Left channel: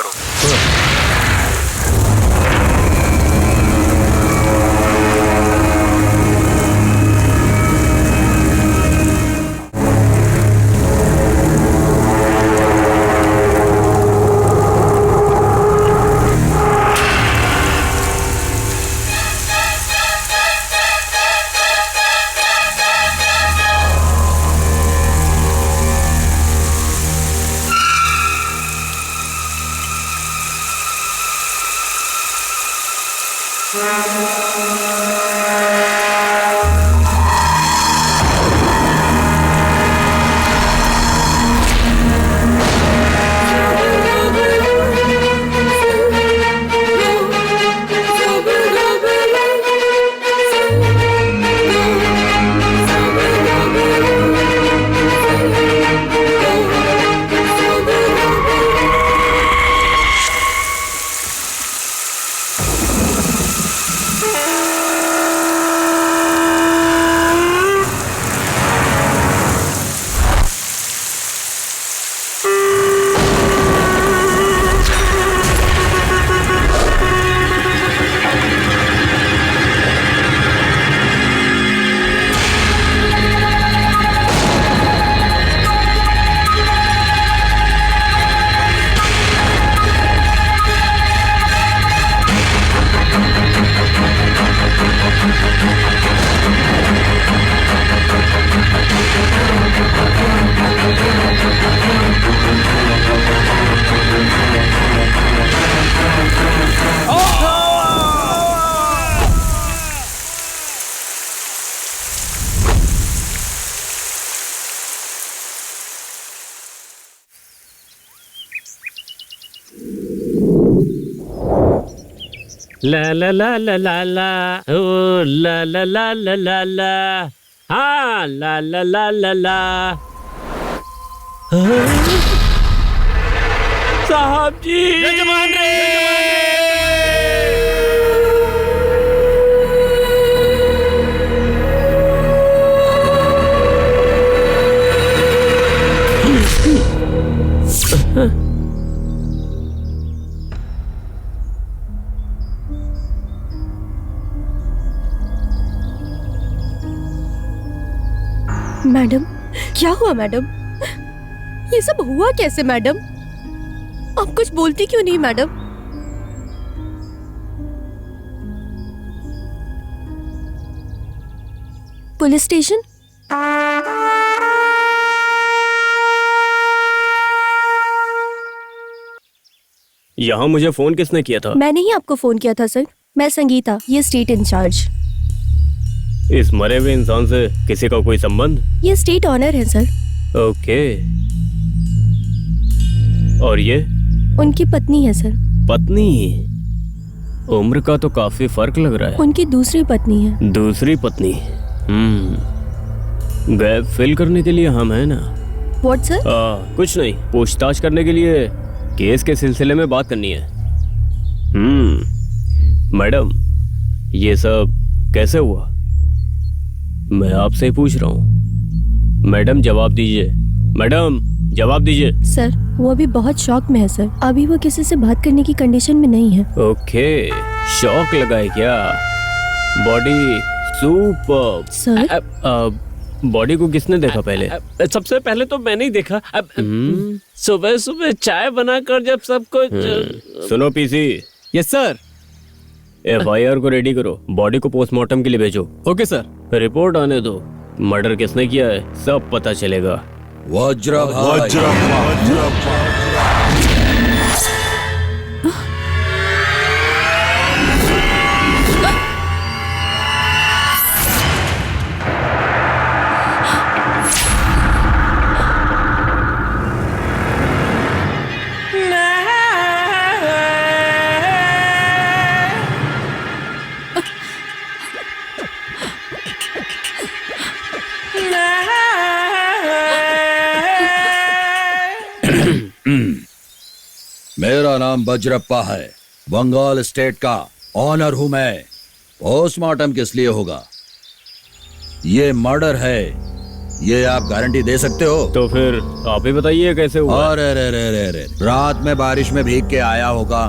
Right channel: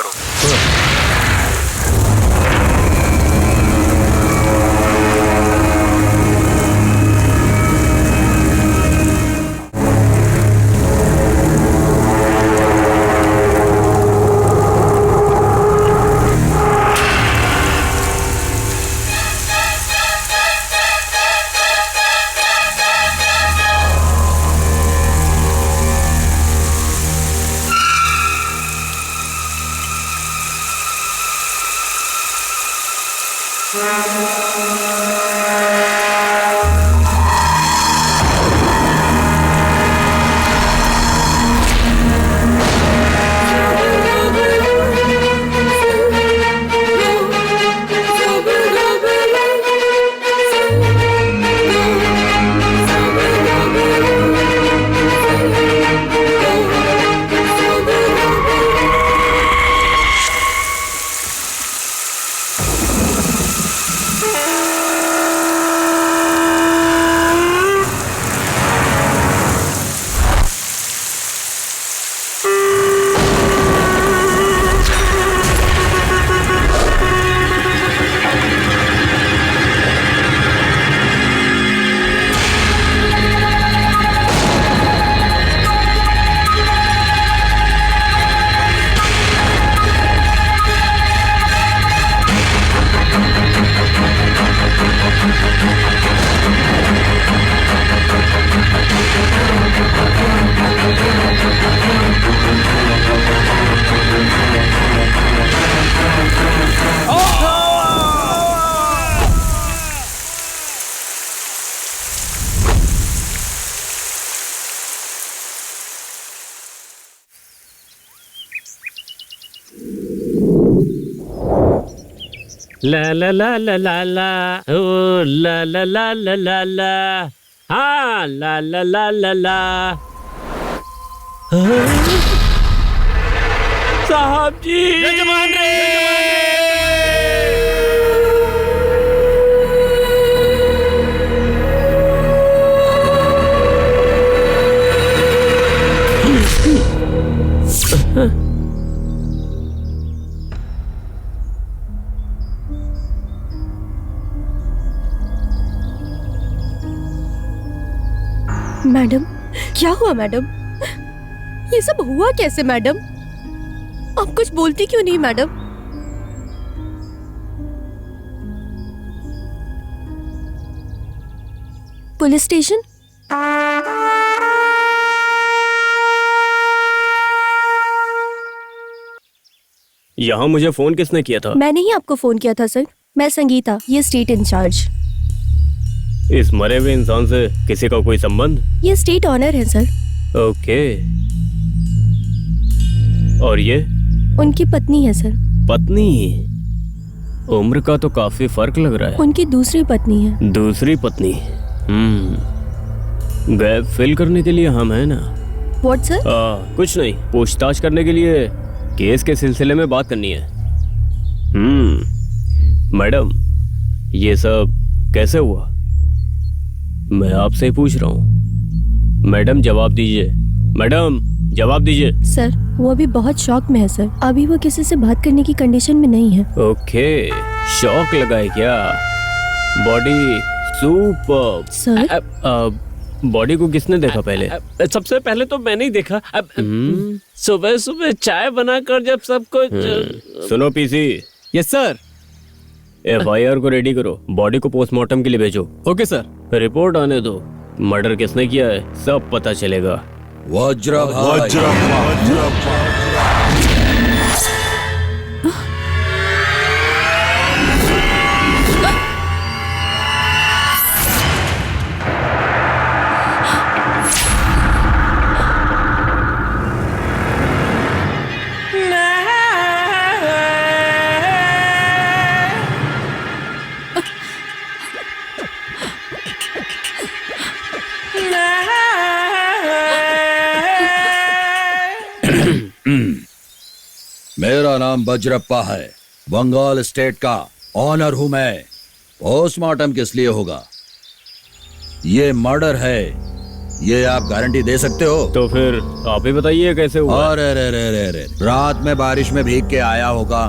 करो। ला ला ला ला ला ला ओ ला ला ला ला ला ला हाँ ला ला ला ला ला साहब जी यजमान रे मैडम, क्या हुआ मैडम? ये सब हुआ कैसे मैडम? आप कुछ बोलती क्यों नहीं मैडम? Police station? यहाँ मुझे फोन किसने किया था? मैंने ही आपको फोन किया था सर। मैं संगीता, ये स्टेट इंचार्ज। इस मरे हुए इंसान से किसी का कोई संबंध? ये स्टेट ऑनर है सर। ओके। और ये? उनकी पत्नी है सर। पत्नी? उम्र का तो काफी फर्क लग रहा है। उनकी दूसरी पत्नी है। दूसरी पत्नी? गैप फिल करने के लिए हम है ना। What sir? कुछ नहीं, पूछताछ करने के लिए केस के सिलसिले में बात करनी है। मैडम, ये सब कैसे हुआ? मैं आपसे ही पूछ रहा हूँ। मैडम जवाब दीजिए। मैडम जवाब दीजिए। सर, वो अभी बहुत शॉक में है सर। अभी वो किसी से बात करने की कंडीशन में नहीं है। ओके, शॉक लगा है क्या? Body super. सर, बॉडी को किसने देखा पहले? सबसे पहले तो मैंने ही देखा। सुबह सुबह चाय बनाकर जब सबको सुनो पीसी। Yes sir. FIR को रेडी करो, बॉडी को पोस्टमार्टम के लिए भेजो। Okay sir. रिपोर्ट आने दो, मर्डर किसने किया है सब पता चलेगा। वज्र भाई। मेरा नाम वज्रप्पा है, बंगाल स्टेट का ऑनर हूं मैं। पोस्टमार्टम किस लिए होगा? ये मर्डर है, ये आप गारंटी दे सकते हो? तो फिर आप ही बताइए कैसे हुआ। अरे रे रे रे रे, रात में बारिश में भीग के आया होगा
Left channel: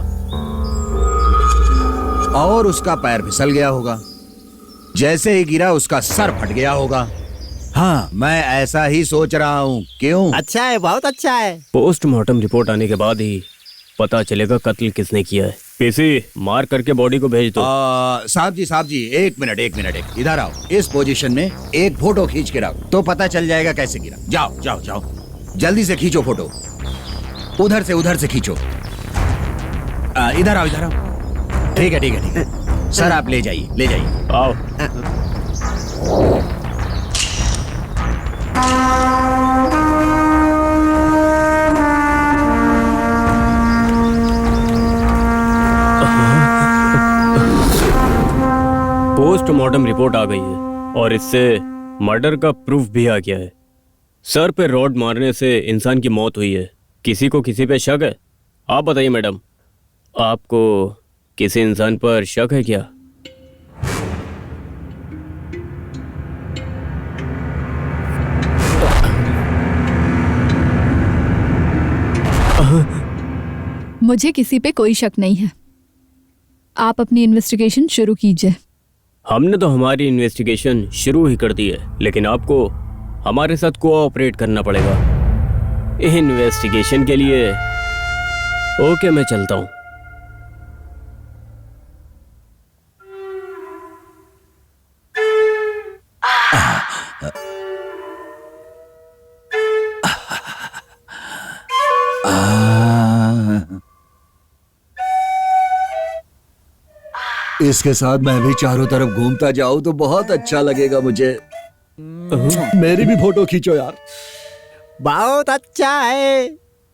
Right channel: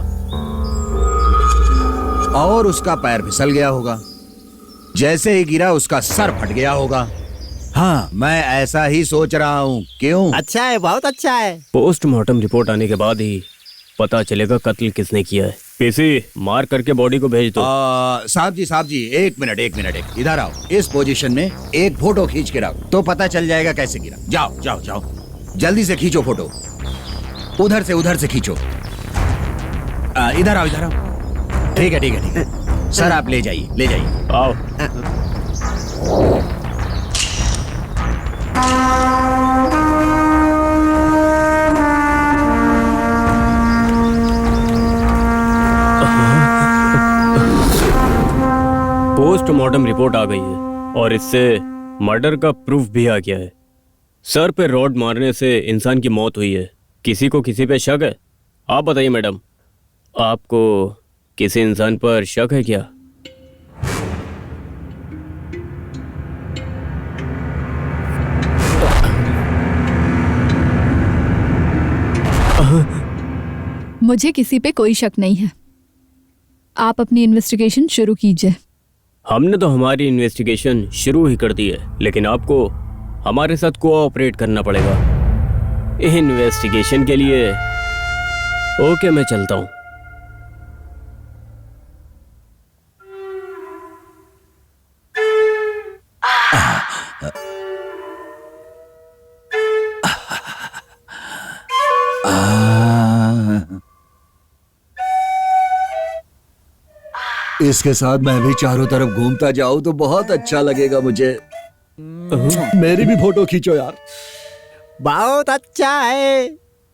और उसका पैर फिसल गया होगा। जैसे ही गिरा उसका सर फट गया होगा। हाँ, मैं ऐसा ही सोच रहा हूँ। क्यों? अच्छा है, बहुत अच्छा है। पोस्टमार्टम रिपोर्ट आने के बाद ही पता चलेगा कत्ल किसने किया है। पीसी, मार करके बॉडी को भेज दो। साहब जी, एक मिनट, इधर आओ। इस पोजीशन में एक फोटो खींच के रखो तो पता चल जाएगा कैसे गिरा। जाओ, जल्दी से खींचो फोटो। उधर से खींचो। इधर आओ। ठीक है। सर आप ले जाइए। आओ। पोस्टमार्टम रिपोर्ट आ गई है और इससे मर्डर का प्रूफ भी आ गया है। सर पे रॉड मारने से इंसान की मौत हुई है। किसी को किसी पे शक है? आप बताइए मैडम, आपको किसी इंसान पर शक है क्या? मुझे किसी पे कोई शक नहीं है। आप अपनी इन्वेस्टिगेशन शुरू कीजिए। हमने तो हमारी इन्वेस्टिगेशन शुरू ही कर दी है, लेकिन आपको हमारे साथ कोऑपरेट करना पड़ेगा इन्वेस्टिगेशन के लिए। ओके, मैं चलता हूँ। इसके साथ मैं भी चारों तरफ घूमता जाऊं तो बहुत अच्छा लगेगा मुझे। मेरी भी फोटो खींचो यार। बहुत अच्छा है।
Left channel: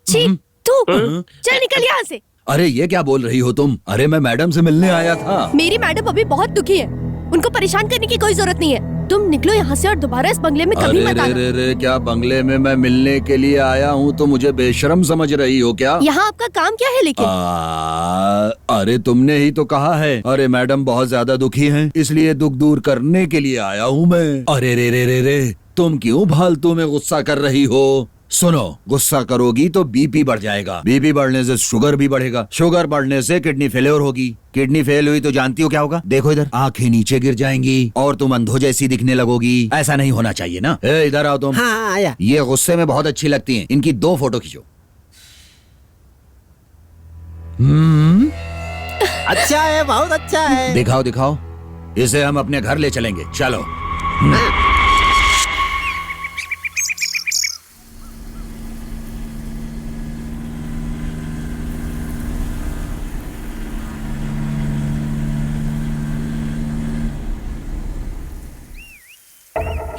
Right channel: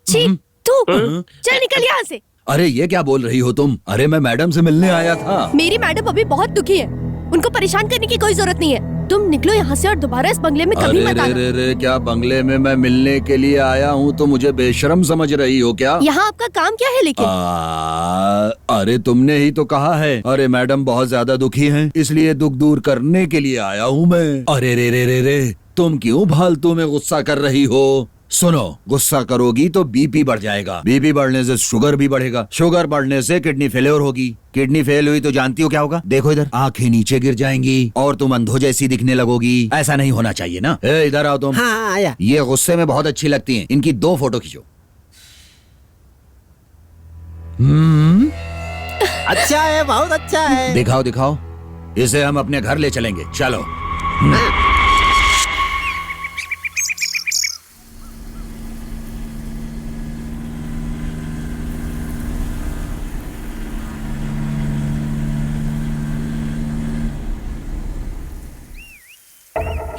छी, तू चल निकल यहाँ से। अरे ये क्या बोल रही हो तुम? अरे मैं मैडम से मिलने आया था। मेरी मैडम अभी बहुत दुखी है, उनको परेशान करने की कोई जरूरत नहीं है। तुम निकलो यहाँ से और दोबारा इस बंगले में कभी मत आना। रे, क्या बंगले में मैं मिलने के लिए आया हूँ तो मुझे बेशरम समझ रही हो क्या? यहाँ आपका काम क्या है लेकिन? अरे तुमने ही तो कहा है। अरे मैडम बहुत ज्यादा दुखी हैं, इसलिए दुख दूर करने के लिए आया हूँ मैं। अरे रे, तुम क्यों फालतू में गुस्सा कर रही हो? सुनो, गुस्सा करोगी तो बीपी बढ़ जाएगा, बीपी बढ़ने से शुगर भी बढ़ेगा, शुगर बढ़ने से किडनी फेलियर होगी, किडनी फेल हुई तो जानती हो क्या होगा? देखो इधर, आंखें नीचे गिर जाएंगी और तुम अंधो जैसी दिखने लगोगी। ऐसा नहीं होना चाहिए ना। इधर आओ तुम। हाँ, आया। ये गुस्से में बहुत अच्छी लगती हैं। इनकी 2 फोटो खींचो। अच्छा है, बहुत अच्छा है। दिखाओ। इसे हम अपने घर ले चलेंगे। चलो।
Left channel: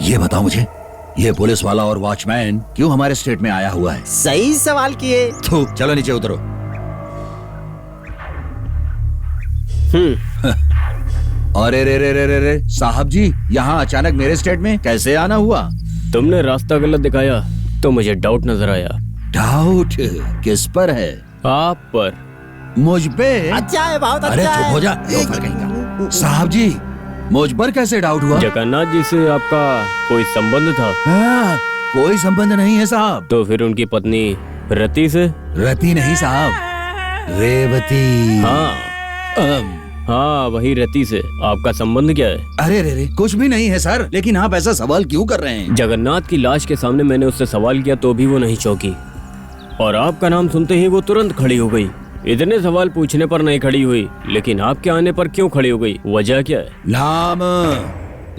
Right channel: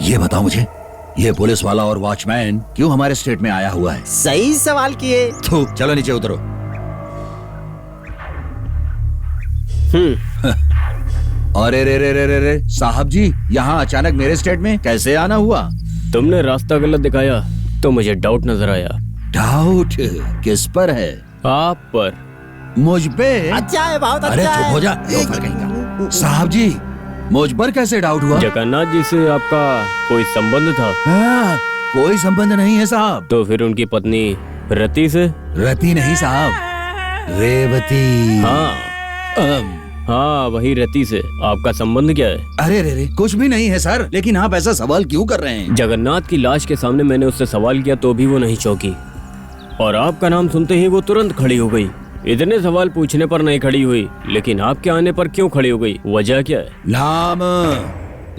ये बताओ मुझे, ये पुलिस वाला और वॉचमैन क्यों हमारे स्टेट में आया हुआ है? सही सवाल किए। चलो नीचे उतरो। अरे रे, साहब जी, यहाँ अचानक मेरे स्टेट में कैसे आना हुआ? तुमने रास्ता गलत दिखाया तो मुझे डाउट नजर आया। डाउट किस पर है? आप पर। मुझ पे? अच्छा है, बहुत अच्छा अरे है। चुप हो जा, लोफर कहीं का। साहब जी, मुझ पर कैसे डाउट हुआ? जगन्नाथ जी से आपका कोई संबंध था? कोई संबंध नहीं है साहब। तो फिर उनकी पत्नी रति से? रति नहीं साहब, रेवती। हाँ, वही रति से आपका संबंध क्या है? अरे रे, कुछ भी नहीं है सर, लेकिन आप ऐसा सवाल क्यों कर रहे हैं? जगन्नाथ की लाश के सामने मैंने उससे सवाल किया तो भी वो नहीं चौंकी, और आपका नाम सुनते ही वो तुरंत खड़ी हो गई। इतने सवाल पूछने पर नहीं खड़ी हुई, लेकिन आपके आने पर क्यों खड़ी हो गई? वजह क्या है?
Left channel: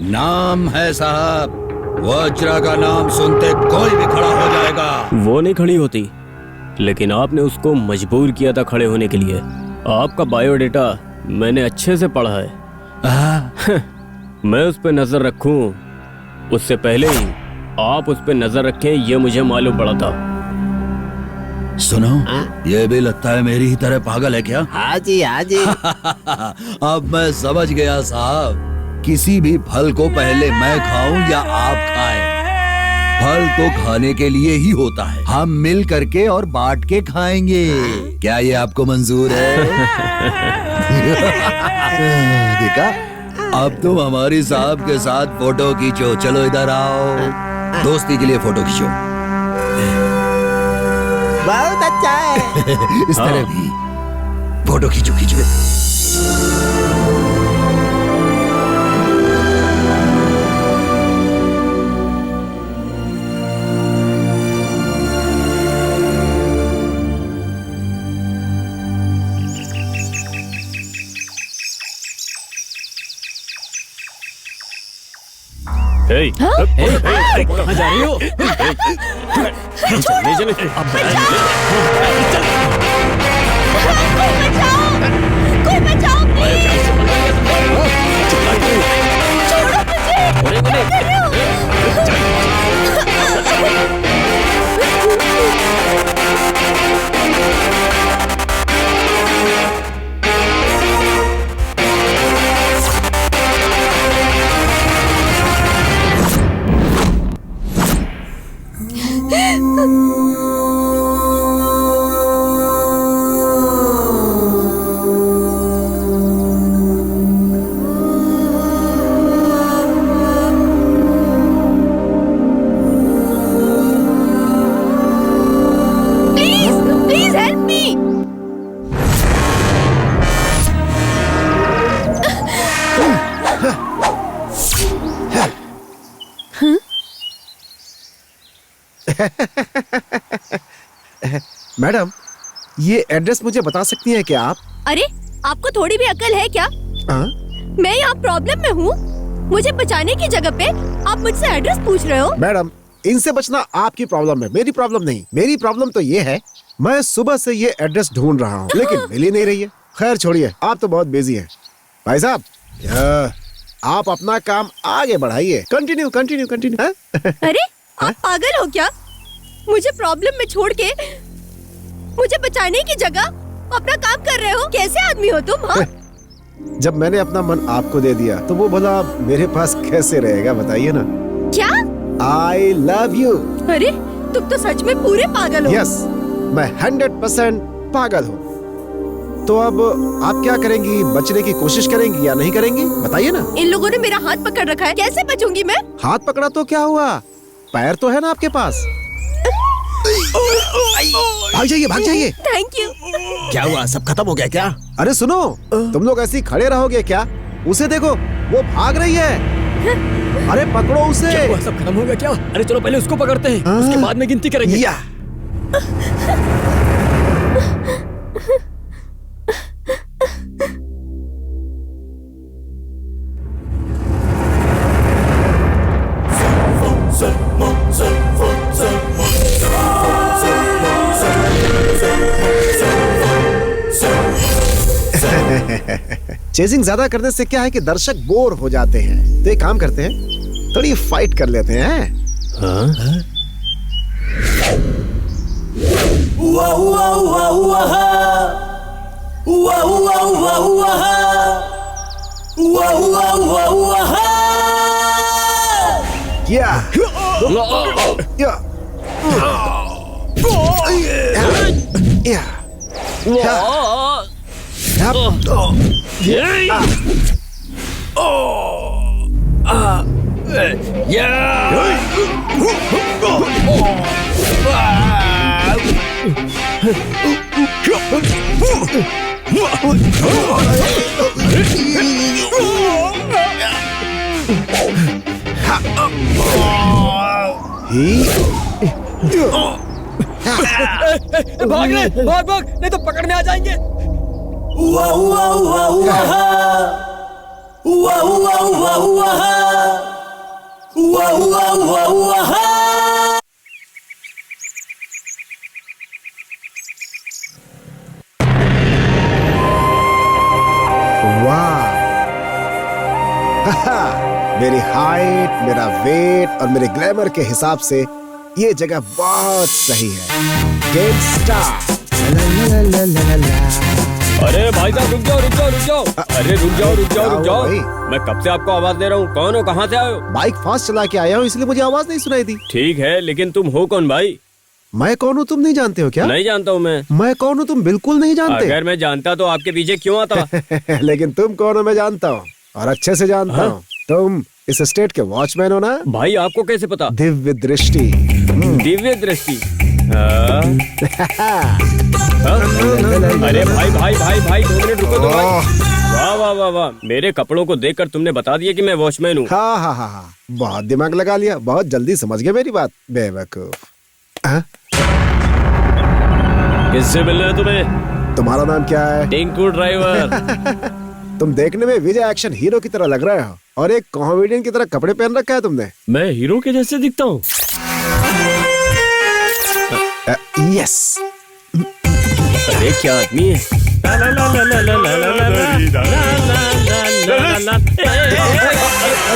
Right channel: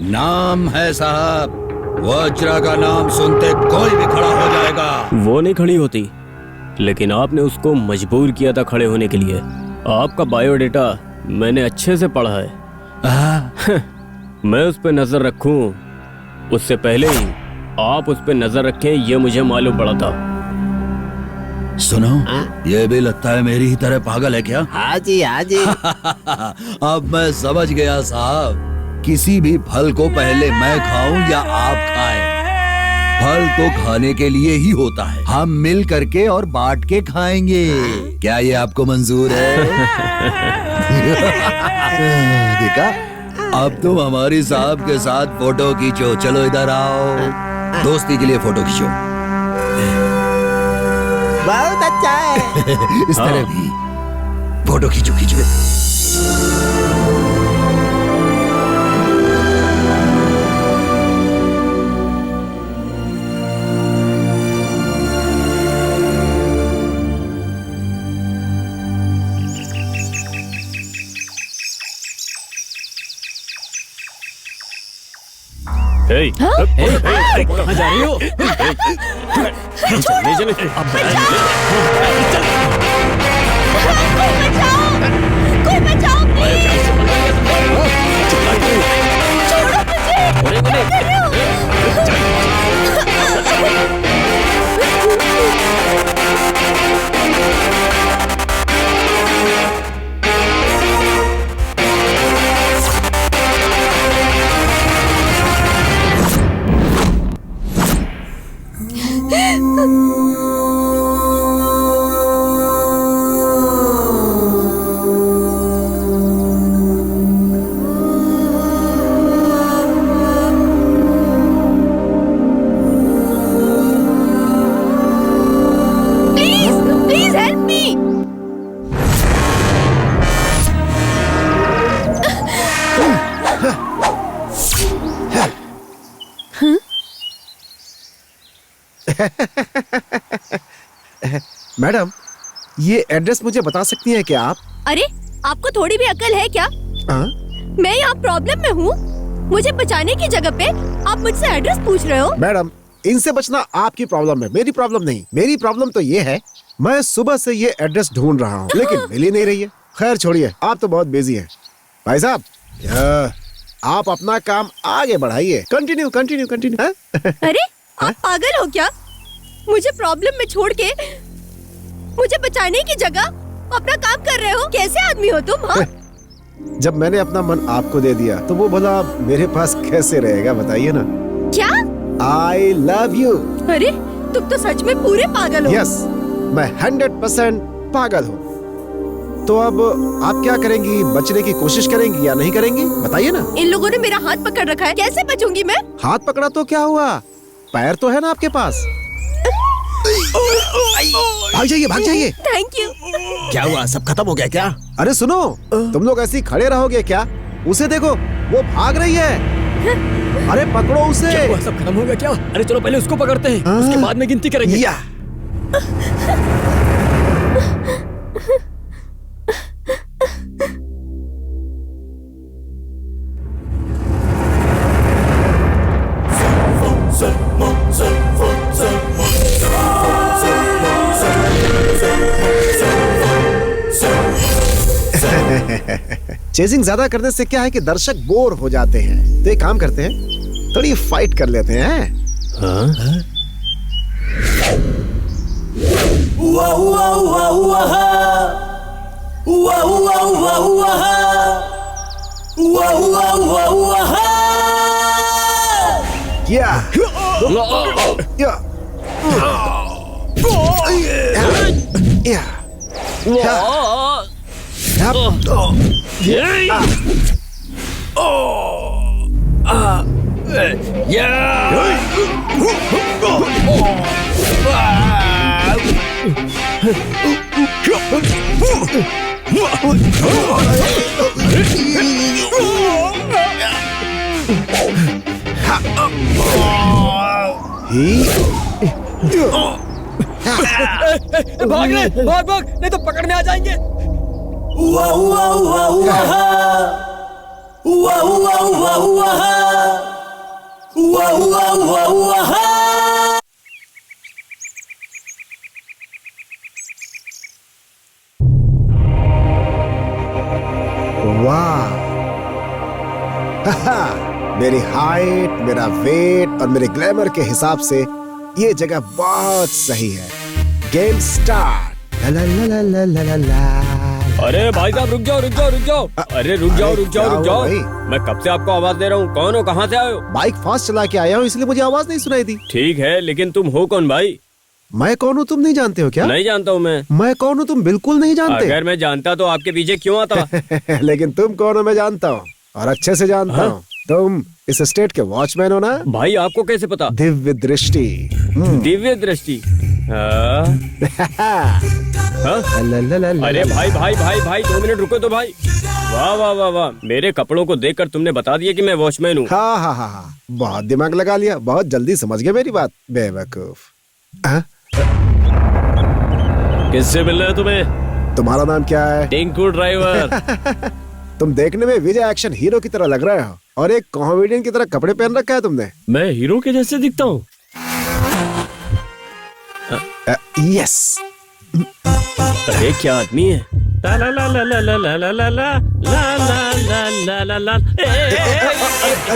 नाम है साहब। वज्रा का नाम सुनते कोई भी खड़ा हो जाएगा। वो नहीं खड़ी होती, लेकिन आपने उसको मजबूर किया था खड़े होने के लिए। आपका बायोडेटा मैंने अच्छे से पढ़ा है। मैं उस पर नजर रखूं उससे पहले ही आप उस पर नजर रखें, ये मुझे मालूम पड़ा था। सुनो, ये भी लगता है मेरी ही तरह पागल है क्या? हाँ जी। अब मैं समझ गया साहब। किसी भी फल को पहले मैं खाऊं या आप खाएं, फल तो खाने के लिए ही होता है। हम मिल करके और बांट के खाएंगे। क्या ये आपको मंजूर है? देखा, अब तुम हमारी साहब के साथ फोटो खींचो। चलो इधर आओ। दोस्ती के लिए फोटो खींचो। बहुत अच्छा है। इस तरह भी फोटो खींचो खींचो। कहाँ जा रही हो? चले चले कोई बचाओ प्लीज। छोड़ो मुझे। क्या कर रहे हो? Please help me. मैडम, ये एड्रेस मुझे बता सकती हैं क्या आप? अरे आपको थोड़ी भी अकल है क्या? हाँ? मैं यहाँ प्रॉब्लम में हूँ। मुझे बचाने की जगह पे आप मुझसे एड्रेस पूछ रहे हो? मैडम, इनसे बचना आपकी प्रॉब्लम है, मेरी प्रॉब्लम नहीं। मेरी प्रॉब्लम तो ये है, मैं सुबह से ये एड्रेस ढूंढ रहा हूँ लेकिन मिल ही नहीं रही है। खैर छोड़िए, आप तो बहुत बिजी हैं। भाई साहब, आप अपना काम आगे बढ़ाइए। Continue continue continue. अरे आप पागल हो क्या? मुझे प्रॉब्लम में छोड़ के मुझे बचाने की जगह अपना काम कर रहे हो? कैसे आदमी हो तुम? हाँ? जब मैंने अपना मन आपको दे दिया तो वो भला मेरे पास कैसे रहेगा, बताइए ना। क्या? I love you. अरे तुम तो सच में पूरे पागल हो। यस, मैं 100% पागल हूँ। तो अब आप क्या करेंगी? बचने की कोशिश करेंगी या नहीं करेंगी, बताइए ना। इन लोगों ने मेरा हाथ पकड़ रखा है, कैसे बचूंगी मैं? हाथ पकड़ा तो क्या हुआ, पैर तो है ना आपके पास। भाग जाइए भाग जाइए। Thank you. क्या हुआ, सब खत्म हो गया क्या? अरे सुनो, तुम लोग ऐसे ही खड़े रहोगे क्या? उसे देखो, वो भाग रही है। अरे पकड़ो उसे। क्या हुआ, सब खत्म हो गया क्या? अरे चलो पहले उसको पकड़ते हैं, उसके बाद में गिनती करेंगे। या चेजिंग ज्यादा करने से क्या है कि दर्शक बोर हो जाते हैं। तो एक काम करते हैं, थोड़ी फाइट कर लेते हैं। या या भाग ले, भाग भाग, नहीं तो पकड़ने आ जाएंगे। वाह, मेरी हाइट, मेरा वेट और मेरे ग्लैमर के हिसाब से ये जगह बहुत सही है। Game start. ला ला ला ला ला ला ला। अरे भाई साहब रुक जाओ रुक जाओ रुक जाओ। अरे रुक जाओ रुक जाओ रुक जाओ। भाई? मैं कब से आपको आवाज दे रहा हूँ, कौन हो, कहाँ से आए हो? बाइक फास्ट चला के आया हूँ इसलिए मुझे आवाज नहीं सुनाई दी। ठीक है, लेकिन तुम हो कौन भाई? मैं कौन हूँ तुम नहीं जानते हो क्या? नहीं जानता हूँ मैं कौन हूँ तुम बिल्कुल नहीं जानते। अगर मैं जानता तो आपके पीछे क्यों आता? लेकिन तुम कौन हो मैं जानता हूँ, और अच्छे से जानता हूँ। तुम इस स्टेट के वॉचमैन हो ना? भाई आपको कैसे पता? दिव्य दृष्टि। दिव्य दृष्टि। हाँ? हाँ? अरे भाई भाई भाई भाई 2 मिनट रुको तो भाई। वाह वाह वाह वाह, मेरे कपड़ों को देखकर तुमने बता दिया कि मैं वॉचमैन हूँ। हाँ हाँ हाँ हाँ, बहुत दिमाग लगा लिया, बहुत जल्दी समझ गया मेरी बात, बेवकूफ। हाँ? किससे मिलना है तुम्हें? तुम्हारा नाम क्या है? टिंकू ड्राइवर। तुम देखने में विजय एक्शन हीरो की तरह लग रहे हो और एक कॉमेडियन की तरह कपड़े पहन रखा है तुमने। मैं हीरो के जैसे दिखता हूँ? यस। अरे क्या आदमी है। ला ला ला ला ला ला ला ला ला ला ला ला ला ला ला।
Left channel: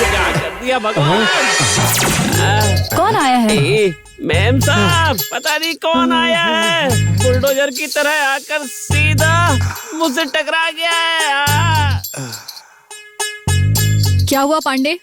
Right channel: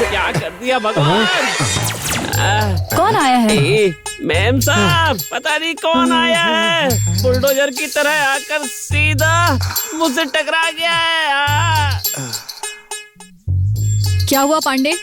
क्या कर दिया भगवान? कौन आया है? मैम साहब, पता नहीं कौन आया है, बुलडोजर की तरह आकर सीधा मुझसे टकरा गया है। क्या हुआ पांडे?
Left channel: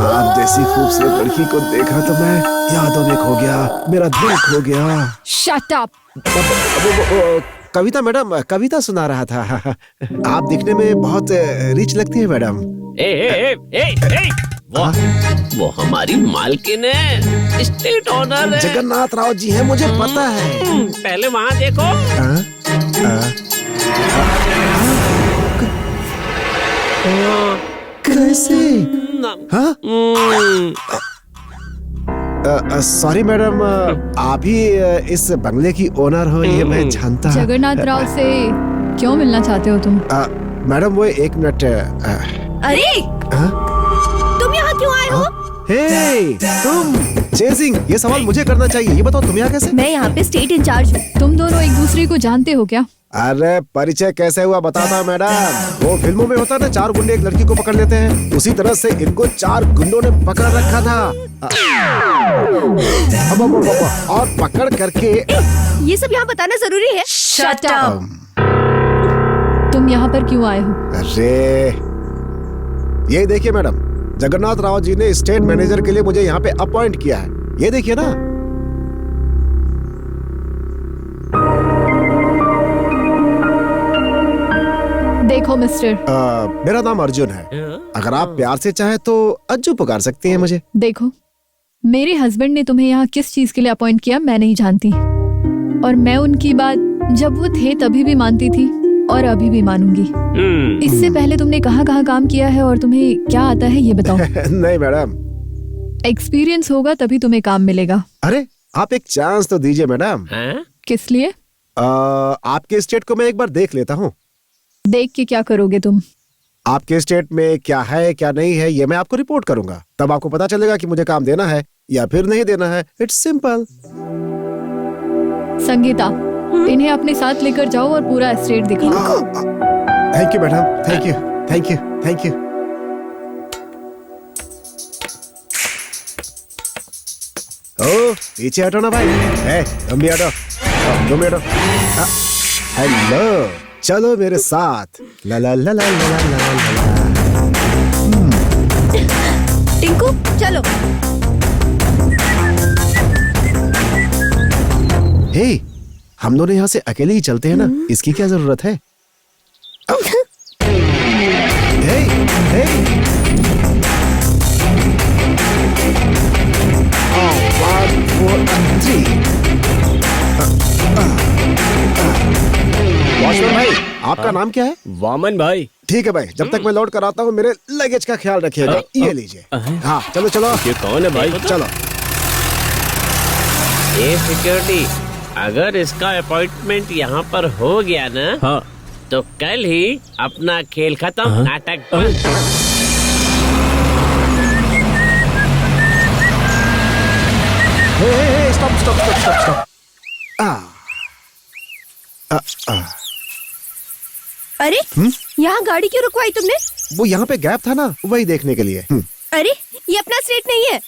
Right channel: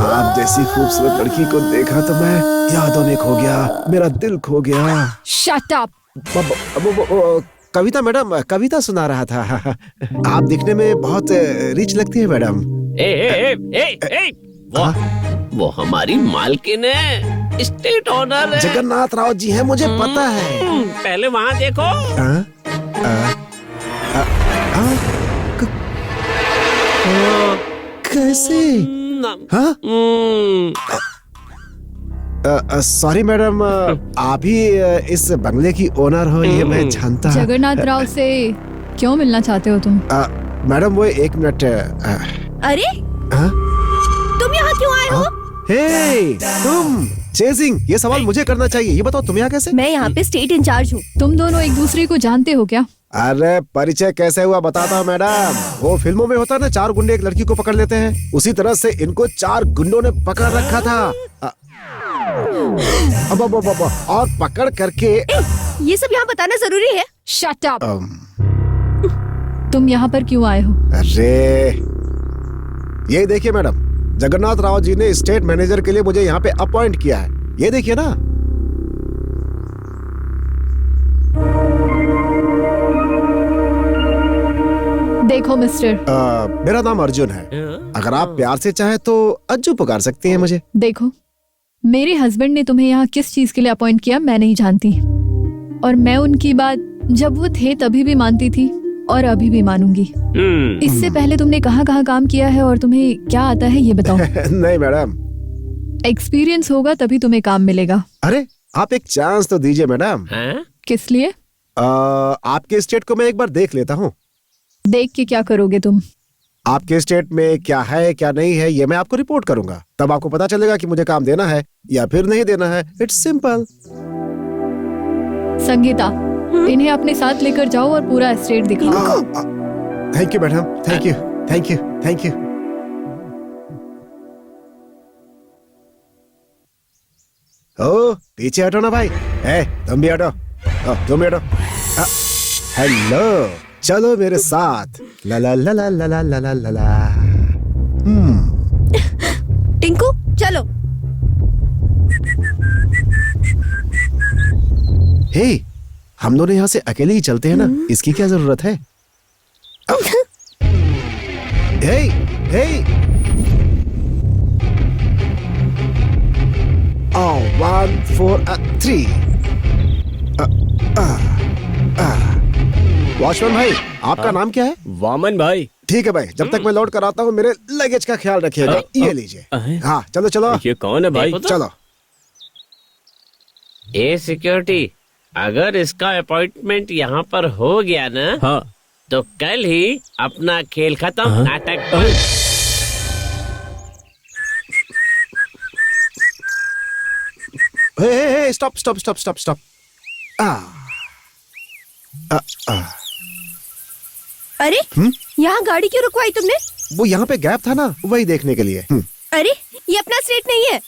आप जैसी खूबसूरत लड़की को देखा तो मैं यादों में खो गया, मेरा दिल खो गया। Shut up. कविता मैडम, कविता सुना रहा था। आप दिखने में बहुत रिच लगती है मैडम। वो हमारी मालकिन है, स्टेट ऑनर है। जगन्नाथ राव जी हैं, मुझे पता है। पहले वहाँ देखो। कैसे? हाँ? सॉरी मैडम, आप ही इस बंगले की ओनर हो ये मैं जानता। जगन्नाथ राव से क्यों मिलना चाहते हो तुम? मैडम वो 1 मिनट। अरे हाँ? तुम यहाँ क्यों आए हो? हे, तुम चेजिंग, ये सवाल मुझे करना चाहिए। ये बताओ तुम यहाँ कैसे? मैं यहाँ पे स्टेट इंचार्ज हूँ। तुम दोनों एक दूसरे को जानते हो क्या? अरे परिचय कैसे हुआ बताता हूँ मैडम। वो फिल्मों में होता है ना, 4 गुंडे एक लड़की को पकड़ लेते हैं, उसी तरह से इनको 4 गुंडों ने पकड़ रखा था। और पकड़ करके। ये सब यहाँ बताना जरूरी है? Shut up. तुम यहाँ पर क्यों आए हो? अरे ये देखिए मैडम, जगन्नाथ राव जी ने स्टेट मैनेजर के लिए मुझे यहाँ पे अपॉइंट किया है। ये देखिए ना। देखो मिस्टर, मेरा नाम अर्जुन है। अगर आप प्यार से चाहे तो अज्जू पुकार सकती हैं मुझे। देखो, मेरे हस्बैंड ने तुम्हें यहाँ किस चीज के लिए अपॉइंट किया मैं नहीं जानती, और मैं उनकी बात जब वो थे तभी भी मानती थी और अभी भी मानूंगी। इससे पहले तुमने कहाँ कहाँ काम किया है और तुम्हें क्या आता है ये बताओ। नहीं मैडम, एक्सपीरियंस होगा तभी तुम्हें काम मिलेगा। अरे आप एक चांस तो दीजिए मैडम। किस लिए? आपके स्टेट को मैं एक बार देख लेता हूँ। देख के क्या करोगे तुम? आपके स्टेट में क्या है क्या नहीं है ये मैं आपको रिपोर्ट करूंगा, तब आपको पता चलेगा कि मुझे काम देना है या फिर नहीं देना है। It's simple. संगीता, इन्हें अपने साथ लेकर जाओ और पूरा एस्टेट दिखाओ। Thank you madam, thank you thank you thank you. ओ पीछे हटो ना भाई। तुम भी हटो, तुम भी हटो। हेलो, चलो मेरे साथ। ला ला ला ला ला ला ला ला ला। टिंकू चलो। हे, हम दोनों यहाँ से अकेले ही चलते हैं ना, इसकी क्या जरूरत है? हे, हे। 1 4 3। वॉचमैन भाई, आपका नाम क्या है? वामन भाई। ठीक है भाई, जब तक मैं लौट कर आता हूँ मेरे लगेज का ख्याल रखिएगा। ये लीजिए। हाँ चलो चलो। ये कौन है भाई? चलो। ए सिक्योरिटी, अगर इसका अपॉइंटमेंट यहाँ पर हो गया ना, हाँ, तो कल ही अपना खेल खत्म, नाटक बंद। Hey, stop stop stop stop stop. अरे यहाँ गाड़ी क्यों रुकवाई तुमने? वो यहाँ पे गैप था ना, वही देखने के लिए। अरे ये अपना स्टेट नहीं है।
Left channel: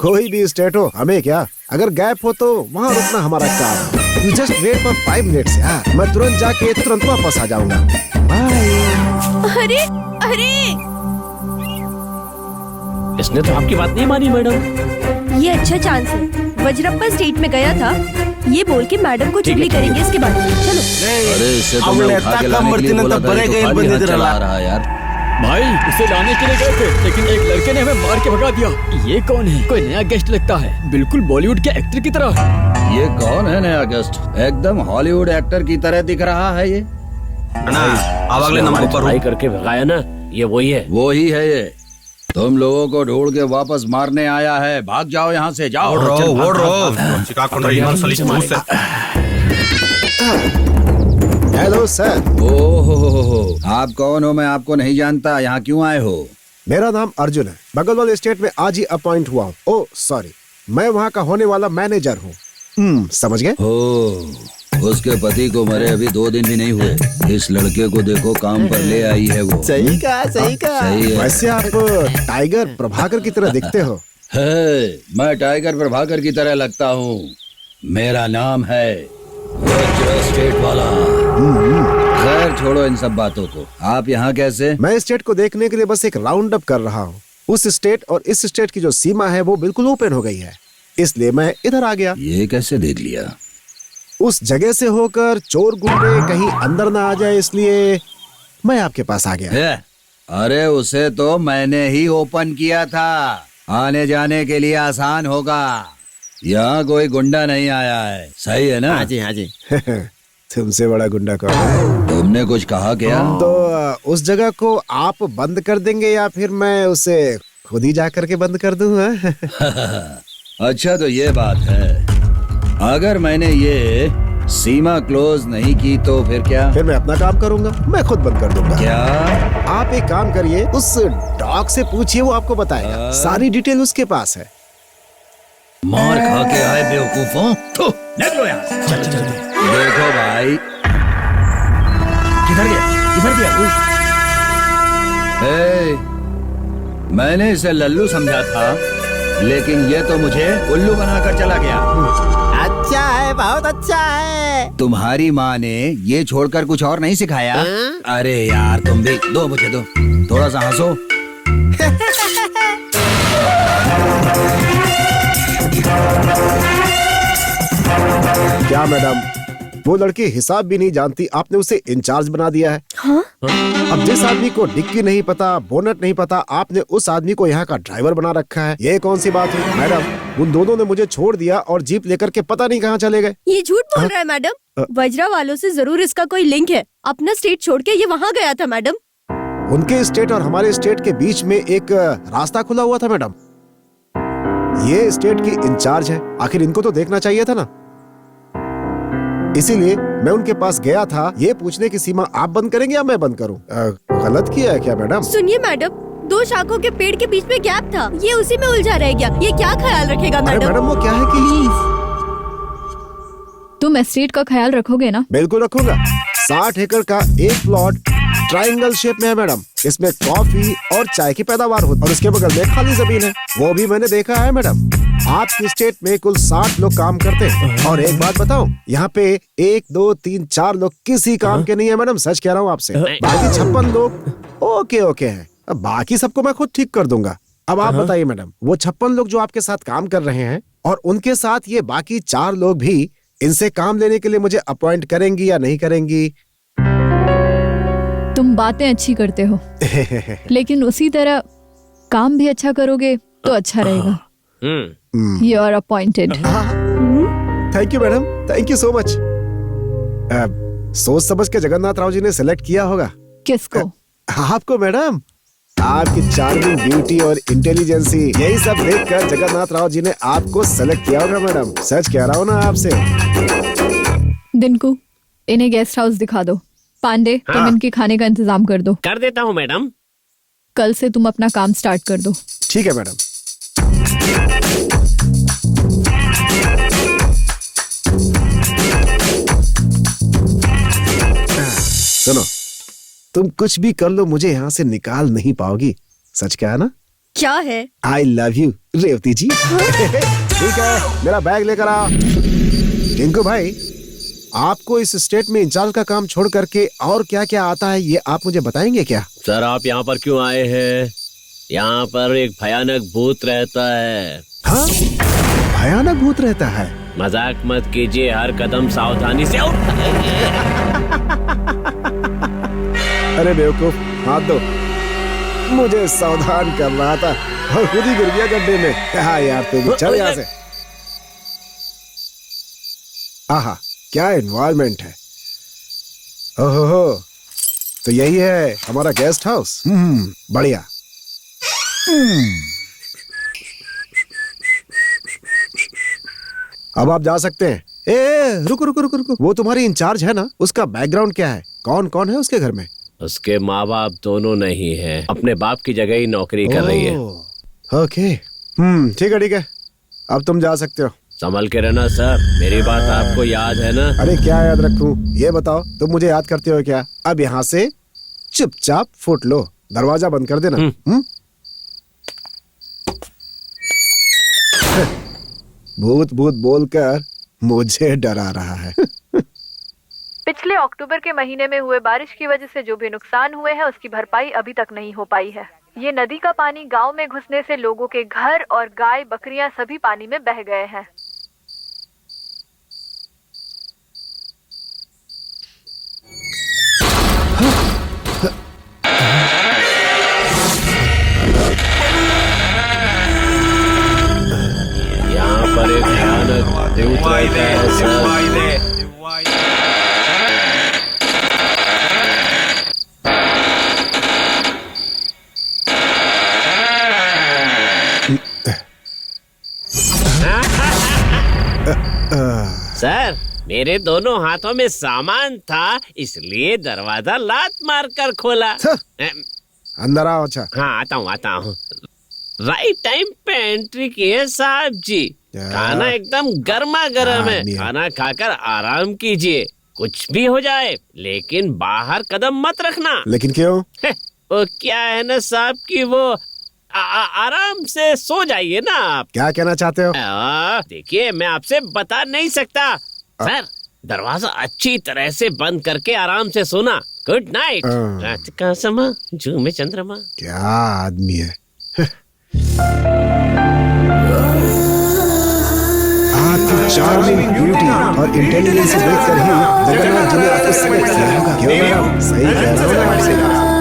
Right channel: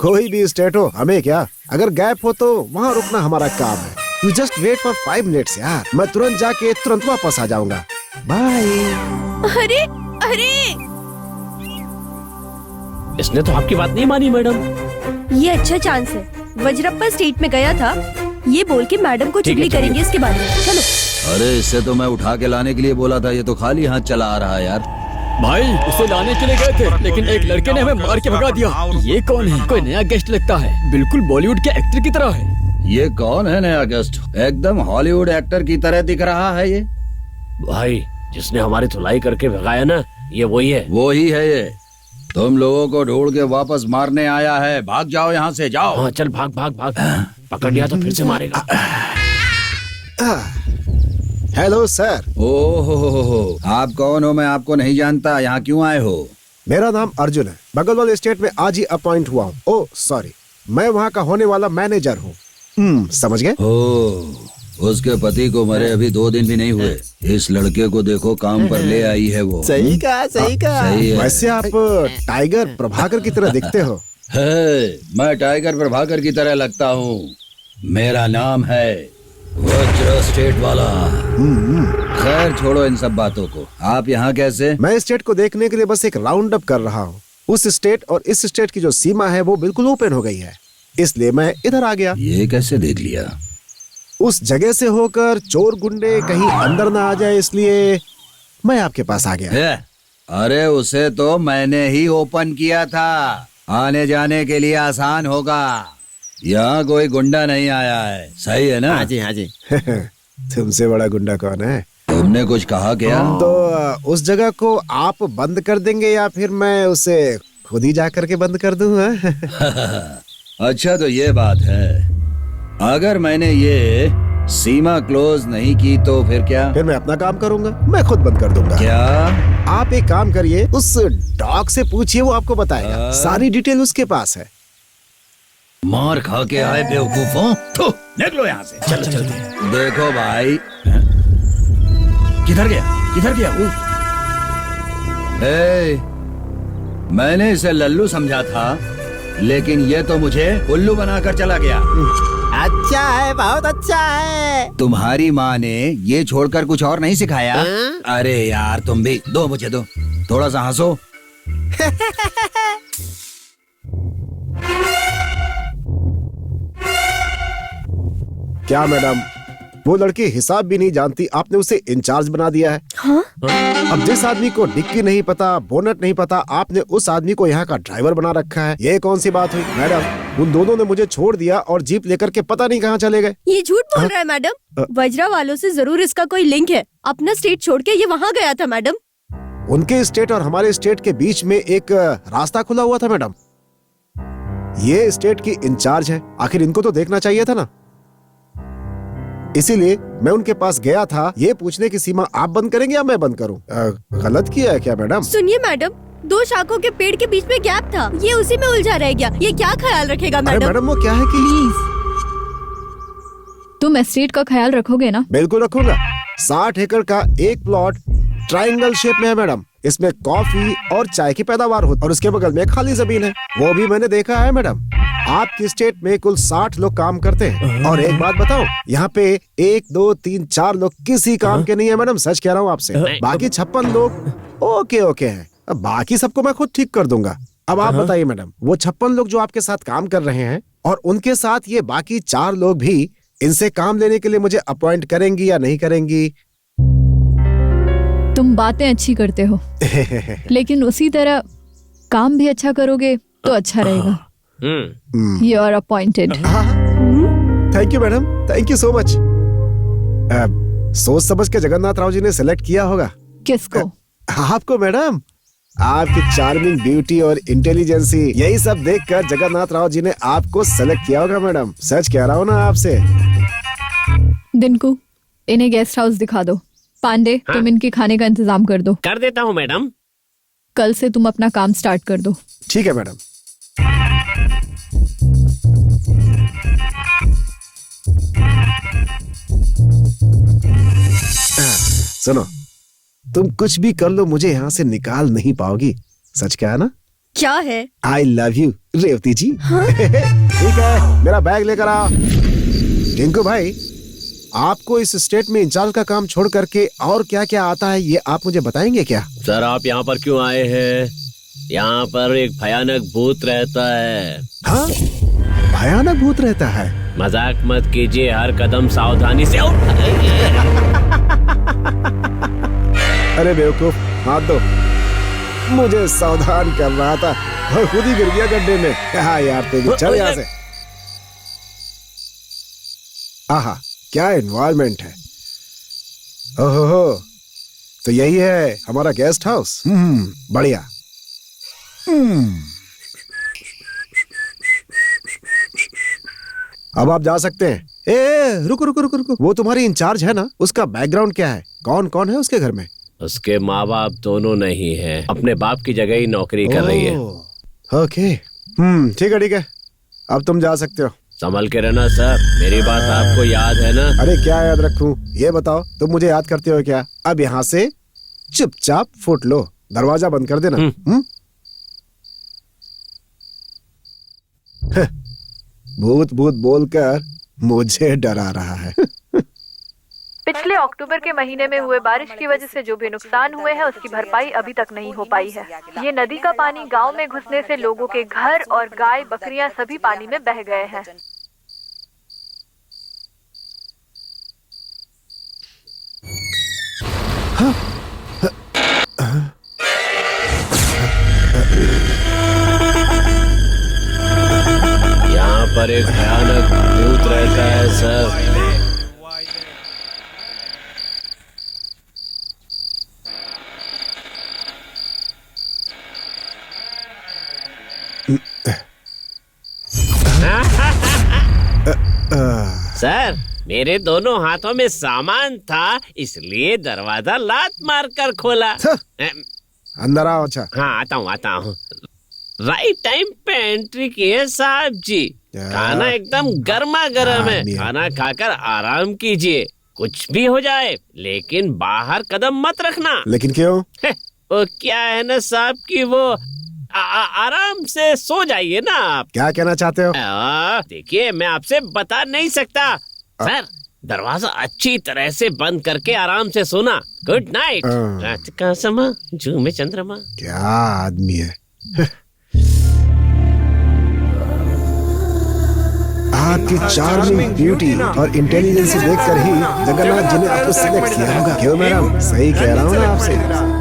कोई भी स्टेट हो, हमें क्या। अगर गैप हो तो वहाँ रुकना हमारा काम है। You just wait for 5 minutes यार, मैं तुरंत जाके तुरंत वापस आ जाऊंगा। बाय। अरे अरे, इसने तो आपकी बात नहीं मानी मैडम। ये अच्छा चांस है। वज्रप्पा स्टेट में गया था, ये बोल के मैडम को चुगली करेंगे इसके बारे में। चलो। अरे इससे तो मैं उठा के लाने के लिए बोला था, ये तो खाली हाथ चला आ रहा है यार। भाई उसे लाने के लिए गए थे, लेकिन एक लड़के ने हमें मार के भगा दिया। ये कौन है? कोई नया गेस्ट लगता है, बिल्कुल बॉलीवुड के एक्टर की तरह। ये कौन है नया गेस्ट? एकदम हॉलीवुड एक्टर की तरह दिख रहा है ये। भाई इसने हमारी धुलाई करके भगाया ना, ये वही है। वो ही है ये। तुम लोगों को ढूंढ के वापस मारने आया है। भाग जाओ यहाँ से, जाओ। हाँ, चल भाग भाग भाग। पकड़ लिया तो पुलिस मारेगा। Hello sir. ओहो, आप कौन हो? मैं आपको नहीं जानता। यहाँ क्यों आए हो? मेरा नाम अर्जुन है, बगल वाले स्टेट में आज ही अपॉइंट हुआ हूँ। ओह सॉरी, मैं वहाँ का होने वाला मैनेजर हूँ। समझ गए? ओह, उसके पति को मरे अभी 2 दिन भी नहीं हुए। इस लड़के को देखो, काम पर ले आई है वो। सही कहा, सही कहा। सही है। वैसे आप टाइगर प्रभाकर की तरह दिखते हो। है, मैं टाइगर प्रभाकर की तरह लगता हूँ। मेरा नाम है वज्र स्टेट वाला। खैर छोड़ो इन सब बातों को। आप यहाँ कैसे? मैं स्टेट को देखने के लिए बस एक राउंड अप कर रहा हूँ। उस स्टेट और इस स्टेट की जो सीमा है वो बिल्कुल ओपन हो गई है, इसलिए मैं इधर आ गया। ये कैसे देख लिया? उस जगह से होकर चोर गुंडे कहीं अंदर ना आ जाए, इसलिए मैं आपके पास आ गया। है? अरे उसे तो मैंने ही ओपन किया था, आने जाने के लिए आसान होगा। यहाँ कोई गुंडा नहीं आया है, सही है ना? हाँ जी, हाँ जी। तुमसे बड़ा गुंडा कौन है? तुमने कुछ कहा क्या? तो उस जगह को आप बंद कर देंगे या फिर मैं उसे खुद ही जा करके बंद कर दूं? अच्छा तो ये बात है, अगर मैंने ये सीमा क्लोज नहीं की तो फिर क्या? फिर मैं अपना काम करूंगा, मैं खुद बंद कर दूंगा। क्या? आप एक काम करिए, उस डॉग से पूछिए, वो आपको बताएगा। सारी डिटेल उसके पास है। मार खा के आए बेवकूफों, निकलो यहाँ से। चल चल। देखो भाई, किधर गया? किधर गया? मैंने इसे लल्लू समझा था, लेकिन ये तो मुझे उल्लू बनाकर चला गया। अच्छा है, बहुत अच्छा है। तुम्हारी माँ ने ये छोड़कर कुछ और नहीं सिखाया? अरे यार तुम भी दो, मुझे दो, थोड़ा सा हंसो। क्या मैडम, वो लड़की हिसाब भी नहीं जानती, आपने उसे इंचार्ज बना दिया है। हाँ? अब जिस आदमी को डिक्की नहीं पता, बोनट नहीं पता, आपने उस आदमी को यहाँ का ड्राइवर बना रखा है। ये कौन सी बात हुई मैडम? उन दोनों ने मुझे छोड़ दिया और जीप लेकर के पता नहीं कहाँ चले गए। ये झूठ बोल रहा है मैडम। वज्रा वालों से जरूर इसका कोई लिंक है। अपना स्टेट छोड़ के ये वहाँ गया था मैडम। उनके स्टेट और हमारे स्टेट के बीच में एक रास्ता खुला हुआ था मैडम। ये स्टेट की इंचार्ज है, आखिर इनको तो देखना चाहिए था ना। इसीलिए मैं उनके पास गया था, ये पूछने की सीमा आप बंद करेंगे या मैं बंद करूं? गलत किया है क्या मैडम? सुनिए मैडम, 2 शाखों के पेड़ के बीच में गैप था, ये उसी में उलझा रह गया। ये क्या ख्याल रखेगा अरे मैडम? मैडम वो क्या है कि प्लीज तुम एस्टेट का ख्याल रखोगे ना? बिल्कुल रखूंगा। 60 एकड़ का एक प्लॉट ट्रायंगल शेप में है मैडम। इसमें कॉफी और चाय की पैदावार होती है और उसके बगल में खाली जमीन है, वो भी मैंने देखा है मैडम। आपकी स्टेट में कुल 60 लोग काम करते हैं और एक बात बताओ, यहाँ पे 1 2 3 4 लोग किसी काम के नहीं है मैडम, सच कह रहा हूँ आपसे। बाकी 56 लोग ओके हैं, अब बाकी सबको मैं खुद ठीक कर दूंगा। अब आप बताइए मैडम, वो 56 लोग जो आपके साथ काम कर रहे हैं और उनके साथ ये बाकी 4 लोग भी इनसे काम लेने के लिए मुझे अपॉइंट करेंगी या नहीं करेंगी? तुम बातें अच्छी करते हो लेकिन उसी तरह काम भी अच्छा करोगे तो अच्छा रहेगा। You are appointed. Thank you madam, thank you so much. सोच समझ के जगन्नाथ राव जी ने सिलेक्ट किया होगा। किसको? आपको मैडम। आपकी चार्मिंग ब्यूटी और इंटेलिजेंसी, यही सब देखकर जगन्नाथ राव जी ने आपको सेलेक्ट किया होगा मैडम, सच कह रहा हूँ ना आपसे। दिनकू, इन्हें गेस्ट हाउस दिखा दो। पांडे, तुम इनके खाने का इंतजाम कर दो। कर देता हूँ मैडम। कल से तुम अपना काम स्टार्ट कर दो। ठीक है मैडम। सुनो, तुम कुछ भी कर लो, मुझे यहाँ से निकाल नहीं पाओगी, सच क्या है ना? क्या है? आई लव यू रेवती जी। ठीक है, मेरा बैग लेकर आ। टिंकू भाई, आपको इस स्टेट में इंचार्ज का काम छोड़ करके और क्या क्या आता है, ये आप मुझे बताएंगे क्या? सर, आप यहाँ पर क्यों आए हैं? यहाँ पर एक भयानक भूत रहता है। हाँ, भयानक भूत रहता है? मजाक मत कीजिए, हर कदम सावधानी से उठाइए। अरे बेवकूफ, हाथ दो। मुझे सावधान कर रहा था और खुद ही गिर गया गड्ढे में। हाँ यार, तेरी चल यहाँ से। आहा, क्या एनवायरनमेंट है। ओहो, तो यही है हमारा गेस्ट हाउस। बढ़िया। अब आप जा सकते हैं। ए, रुको रुको रुको रुको, वो तुम्हारी इंचार्ज है ना, उसका बैकग्राउंड क्या है? कौन कौन है उसके घर में? उसके माँ बाप दोनों नहीं हैं, अपने बाप की जगह ही नौकरी कर रही है। ओके, ठीक है ठीक है, अब तुम जा सकते हो। संभल के रहना सर, मेरी बात आपको याद है ना? अरे क्या याद रखूं, ये बताओ, तुम मुझे याद करते हो क्या? अब यहाँ से चुपचाप फुट लो, दरवाजा बंद कर देना। भूत भूत बोलकर मुझे डरा रहा है। पिछले अक्टूबर के महीने में हुए बारिश की वजह से जो भी नुकसान हुए हैं उसकी भरपाई अभी तक नहीं हो पाई है। ये नदी का पानी गांव में घुसने से लोगों के घर और गाय बकरियां सभी पानी में बह गए हैं। यहाँ पर एक भयानक भूत रहता है सर। सर, मेरे दोनों हाथों में सामान था, इसलिए दरवाजा लात मार कर खोला। अंदर आओ। अच्छा, हाँ आता हूँ। राइट टाइम पे एंट्री की है साहब जी। खाना एकदम गर्मा गर्म है, खाना खाकर आराम कीजिए। कुछ भी हो जाए लेकिन बाहर कदम मत रखना। लेकिन क्यों? वो क्या है ना साहब कि वो आराम से सो जाइए ना आप। क्या कहना चाहते हो? देखिए, मैं आपसे बता नहीं सकता। सर, दरवाजा अच्छी तरह से बंद करके आराम से सोना। Good night. रात का समा, जू में चंद्रमा। क्या आदमी है। आपकी चार्मिंग ब्यूटी और इंटेलिजेंस देखकर ही जगन्नाथ जी ने आपको सिलेक्ट किया होगा। क्यों मैडम, सही कह रहा हूँ ना आपसे?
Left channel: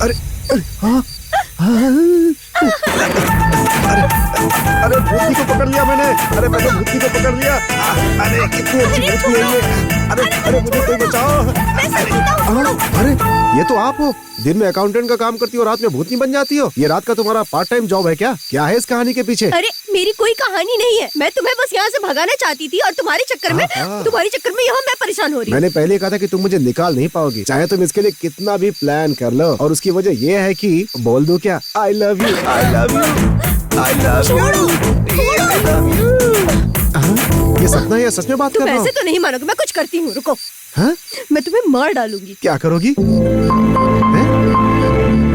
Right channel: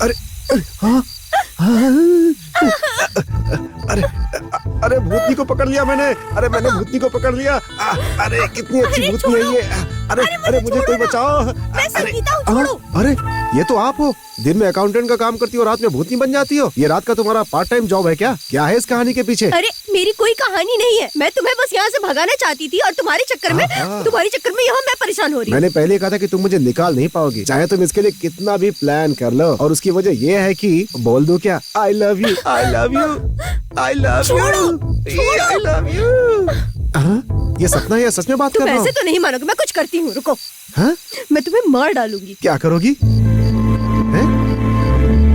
अरे हाँ अरे भूतनी को पकड़ लिया मैंने। अरे मैंने भूतनी को पकड़ लिया। अरे कितनी अच्छी भूतनी है ये। अरे मुझे कोई बचाओ। अरे ये तो आप हो, दिन में अकाउंटेंट का काम करती हो, रात में भूतनी बन जाती हो। ये रात का तुम्हारा पार्ट टाइम जॉब है क्या? क्या है इस कहानी के पीछे? अरे मेरी कोई कहानी नहीं है, मैं तुम्हें बस यहाँ से भगाना चाहती थी और तुम्हारे चक्कर में यहाँ मैं परेशान हो रही हूँ। मैंने पहले कहा था कि तुम मुझे निकाल नहीं पाओगी, चाहे तुम इसके लिए कितना भी प्लान कर लो। और उसकी वजह ये है कि बोल दो क्या, I love you, I love you, I love you, I love you. ये सपना है या सच में बात कर रहा हूँ? ऐसे तो नहीं मानोगे, मैं कुछ करती हूँ, रुको। हाँ? मैं तुम्हें मार डालूंगी। क्या करोगी? हैं?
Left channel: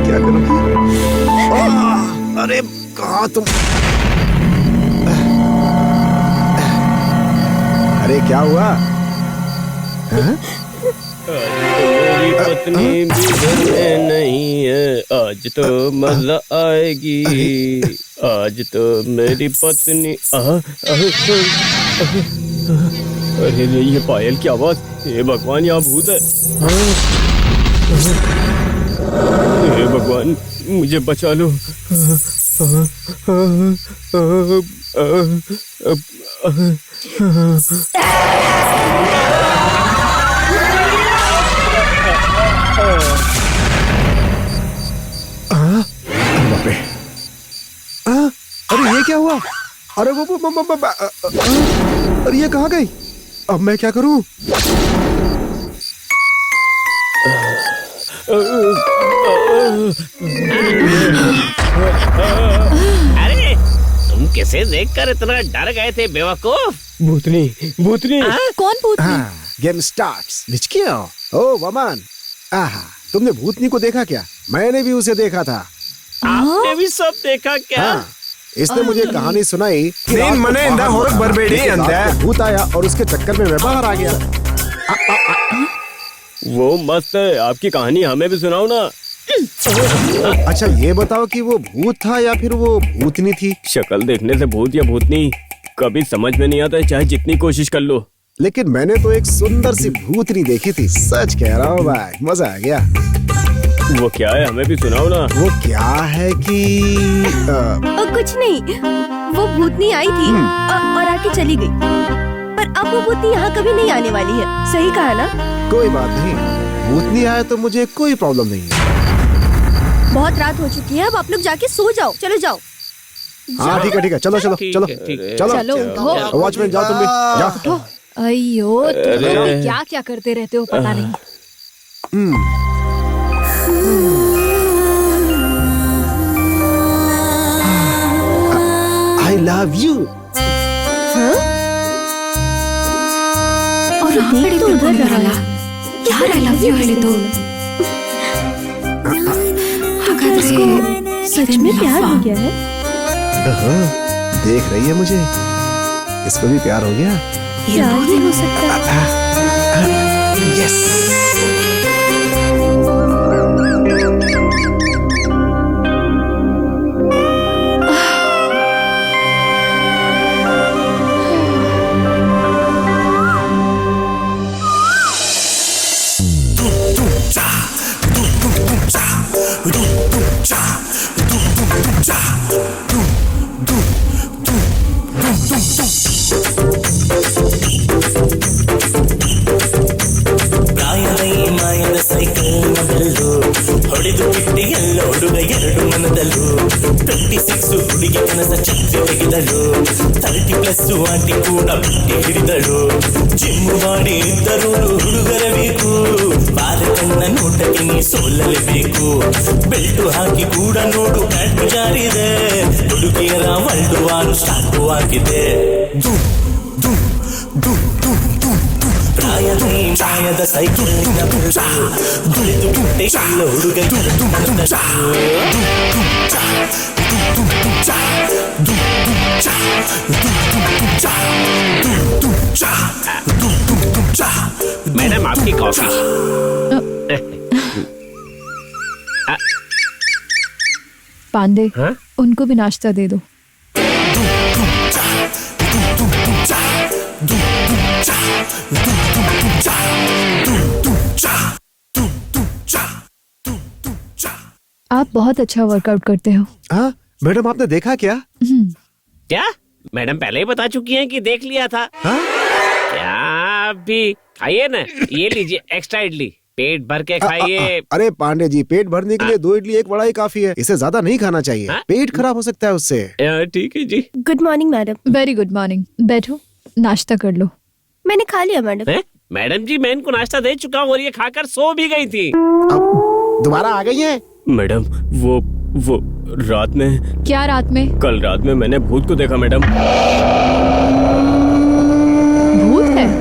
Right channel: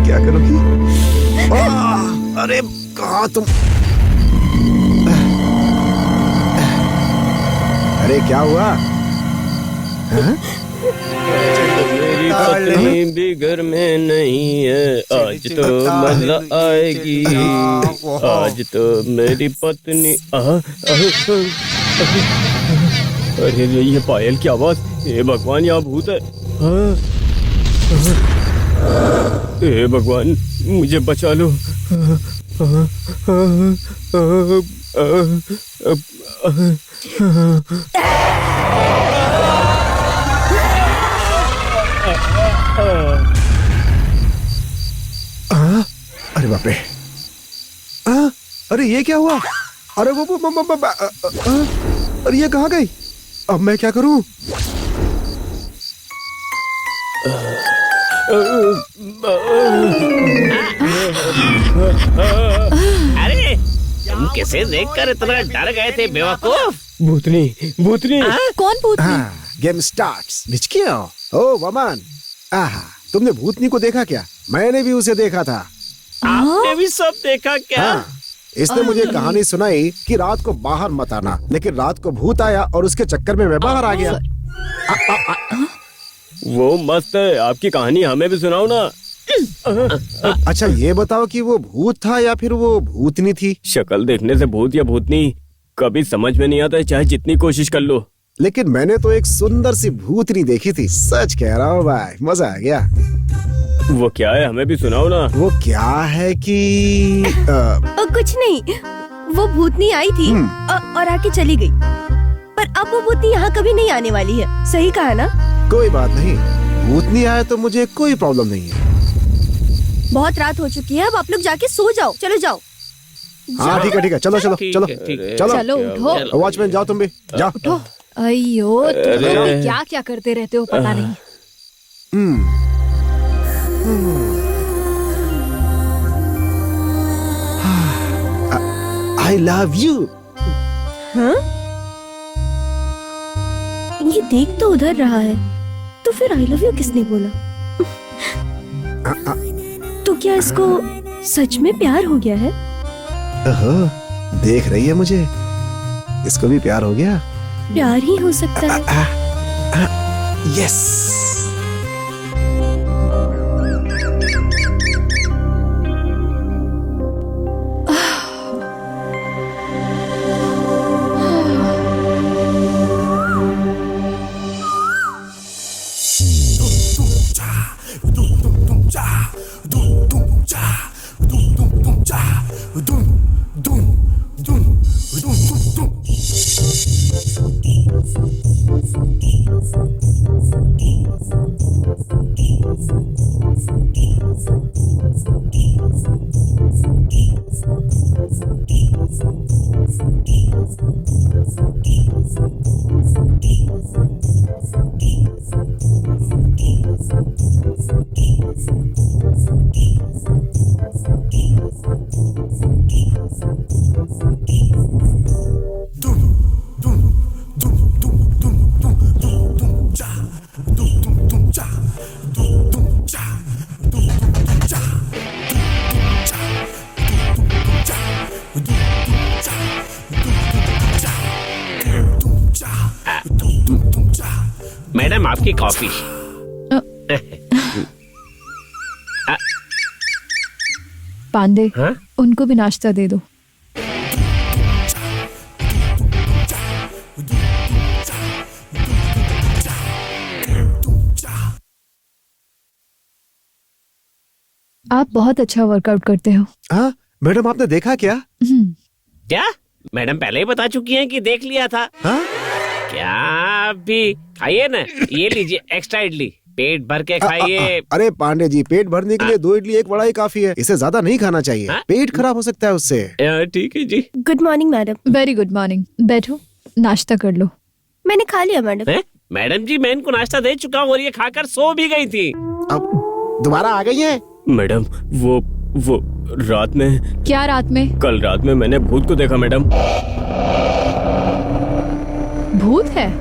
क्या करोगी? अरे कहाँ तुम? अरे क्या हुआ? हाँ? मेरी पत्नी भी घर में नहीं है, आज तो मजा आएगी। आज तो मेरी पत्नी अरे रे, ये पायल की आवाज। हे भगवान, यहाँ भूत है। हे भगवान, मुझे बचा लो। अरे बाप रे! अरे ये क्या हुआ? अरे वो अरे ये कहाँ गई? अब मैं क्या करूं? अरे तुम किसे देखकर इतना डर गए थे बेवकूफ? भूतनी, भूतनी। कौन भूतनी? Game starts. ओ वमन, तुमने भूतनी को देखा क्या? मैंने भी उसे देखा था। आपने भी सब देखा क्या? हाँ, इसने मुझे कहानी सुनाई कि रात को बाहर मत आना, लेकिन रात को भूत आया और उसके चक्कर में मैं बाहर आ गया। वो मस्त है, आपकी कहानी हमें भी सुनाओ ना। अच्छा ये बताओ कि वो भूत था या फिर वो भूतनी थी? शक्ल देखने से भूत या भूतनी कभी समझ में नहीं आता है, चाहे जितनी कोशिश कर लो। लेकिन मैंने तो एक सुंदर सी भूतनी देखी थी, सच कह रहा हूँ भाई, मजा आ गया। वो क्या है, हमें भी सुनाओ ना। वो क्या है कि कुछ नहीं, वो भूतनी आई थी और आके चली गई, पर अब वो भूतनी यहाँ कभी नहीं आने वाली है। सही कहा ना? कोई बात नहीं, भूतनी आए तो मुझे कोई प्रॉब्लम नहीं है। बहुत रात हो चुकी है, अब आप लोग जाके सो जाओ। चलो जाओ। हाँ ठीक है, चलो चलो ठीक चलो है, ठीक है। चलो। चलो उठो। वॉचमैन जाओ, तुम भी जाओ। अयो, तुम क्या क्या करते रहते हो पता नहीं। I love you. और देख तो उधर रहा है, तो फिर आई लव यू किसने बोला? तो क्या इसको सच में प्यार हो गया है? देख रही है मुझे, इसको भी प्यार हो गया। प्यार ही हो सकता है। यस। Cha मैडम आपकी कॉफी। पांडे, हाँ? उनको भी नाश्ता दे दो। आप बहुत अच्छा वर्कआउट करते हो। हाँ मैडम, आपने देखा क्या? क्या मैडम पहले ही बता चुकी हैं कि देख लिया था। हाँ क्या भी खाइए ना, ये लीजिए एक्स्ट्रा इडली, पेट भर के खाइए। अरे पांडे जी, पेट भरने के लिए 2 इडली 1 वड़ा ही काफी है, इसे ज्यादा नहीं खाना चाहिए। हाँ? पेट खराब हो सकता है उससे। ठीक है जी। Good morning madam. Very good morning. बैठो, नाश्ता कर लो। मैंने खा लिया मैडम। मैडम जी मैं इनको नाश्ता दे चुका हूँ और ये खाकर सो भी गई थी। अब दोबारा आ गई है? मैडम वो रात में, क्या रात में? कल रात में मैंने भूत को देखा मैडम। भूत है?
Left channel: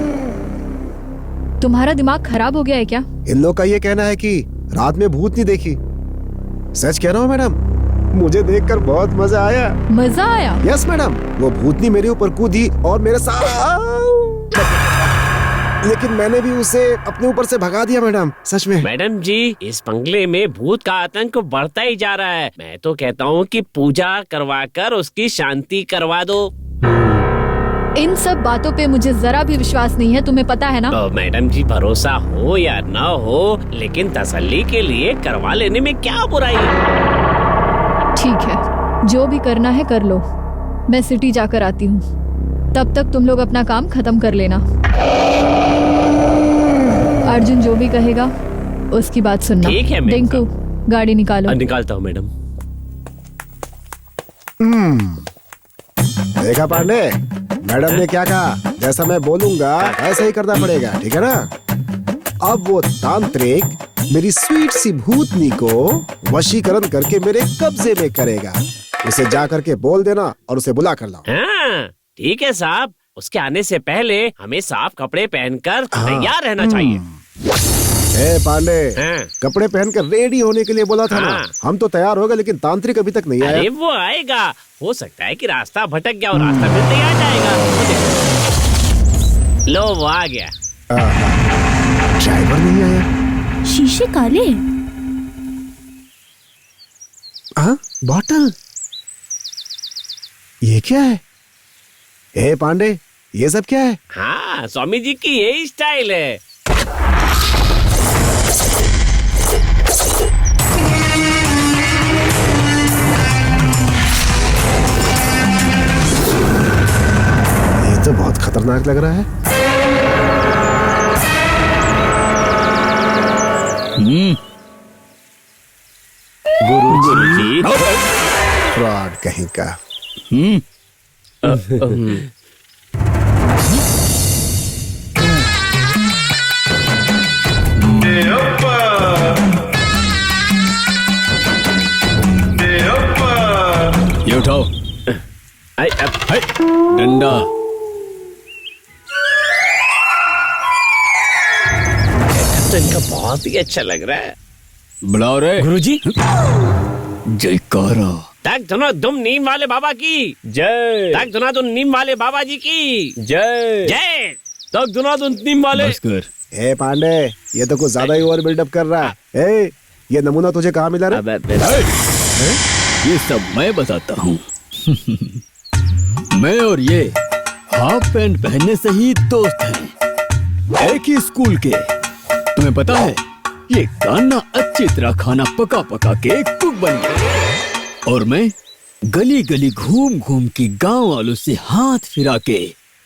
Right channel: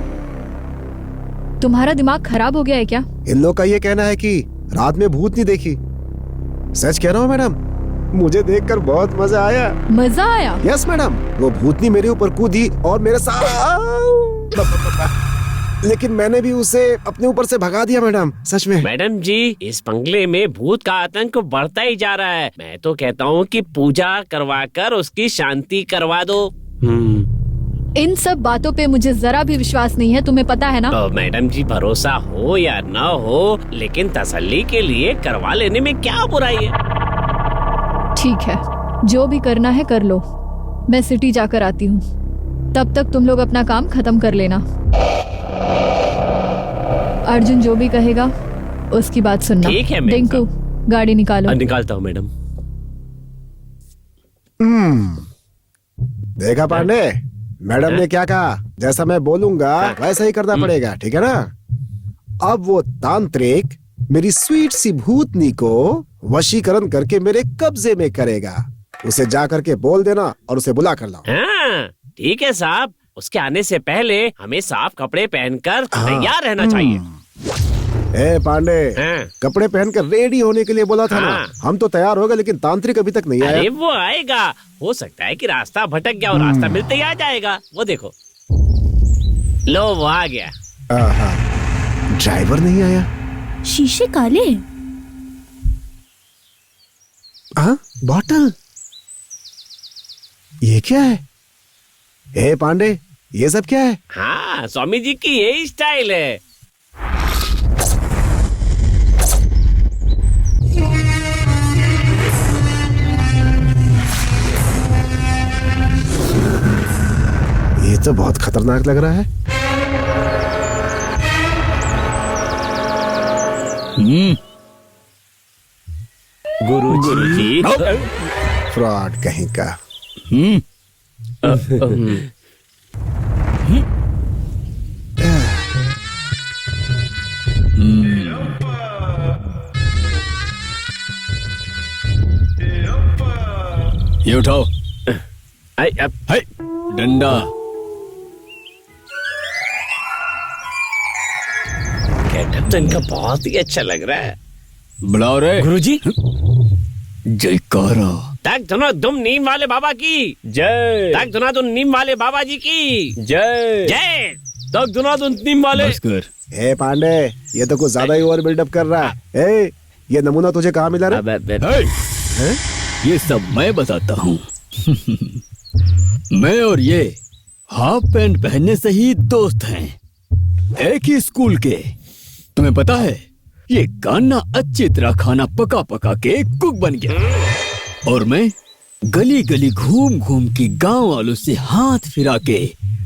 तुम्हारा दिमाग खराब हो गया है क्या? इन लोग का ये कहना है कि रात में भूत नहीं देखी। सच कह रहा हूँ मैडम, मुझे देखकर बहुत मजा आया। मजा आया? यस मैडम, वो भूतनी मेरे ऊपर कूदी और मेरे साथ, लेकिन मैंने भी उसे अपने ऊपर से भगा दिया मैडम। सच में मैडम जी इस बंगले में भूत का आतंक बढ़ता ही जा रहा है। मैं तो कहता हूँ कि पूजा करवाकर उसकी शांति करवा दो। इन सब बातों पे मुझे जरा भी विश्वास नहीं है, तुम्हें पता है ना? मैडम जी भरोसा हो या ना हो, लेकिन तसल्ली के लिए करवा लेने में क्या बुराई है। ठीक है, जो भी करना है कर लो। मैं सिटी जाकर आती हूँ, तब तक तुम लोग अपना काम खत्म कर लेना। अर्जुन जो भी कहेगा उसकी बात सुनना। ठीक है मैम। डिंकू, गाड़ी निकालो। निकालता हूँ मैडम। देखा पांडे, मैडम ने क्या कहा? जैसा मैं बोलूंगा वैसा ही करना पड़ेगा, ठीक है ना? अब वो तांत्रिक मेरी स्वीट सी भूतनी को वशीकरण करके मेरे कब्जे में करेगा। उसे जा करके बोल देना और उसे बुला कर लाओ। हाँ ठीक है साहब, उसके आने से पहले हमें साफ कपड़े पहनकर तैयार रहना चाहिए। ए पांडे, हाँ। कपड़े पहनकर रेडी होने के लिए बोला था ना। हाँ। हम तो तैयार हो गए, लेकिन तांत्रिक अभी तक नहीं आया। अरे वो आएगा, हो सकता है कि रास्ता भटक गया और रास्ता मिलते ही आ जाएगा। वो देखो, लो वो आ गया। ड्राइवर नहीं आया। शीशे काले हैं। हाँ, बॉटल, ये क्या है? ए पांडे, ये सब क्या है? हाँ स्वामी जी की यही स्टाइल है। ये तो बहुत खतरनाक लग रहा है। गुरुजी। फ्रॉड कहीं का। ये उठाओ। हाय, डंडा। गेटअप तो इनका बहुत ही अच्छा लग रहा है। बुलाओ रे गुरुजी। जयकारा। तक धुनो धुम नीम वाले बाबा की जय। तक धुना धुन नीम वाले बाबा जी की जय। जय। तक धुना धुन नीम वाले। ए पांडे, ये तो कुछ ज्यादा ही ओवर बिल्डअप कर रहा है। ए, ये नमूना तुझे कहाँ मिला रे? ये सब मैं बताता हूँ। मैं और ये हाफ पैंट पहनने से ही दोस्त हैं, एक ही स्कूल के। तुम्हें पता है, ये कान्ना अच्छी तरह खाना पका पका के कुक बन गया, और मैं गली गली घूम घूम के गांव वालों से हाथ फिरा के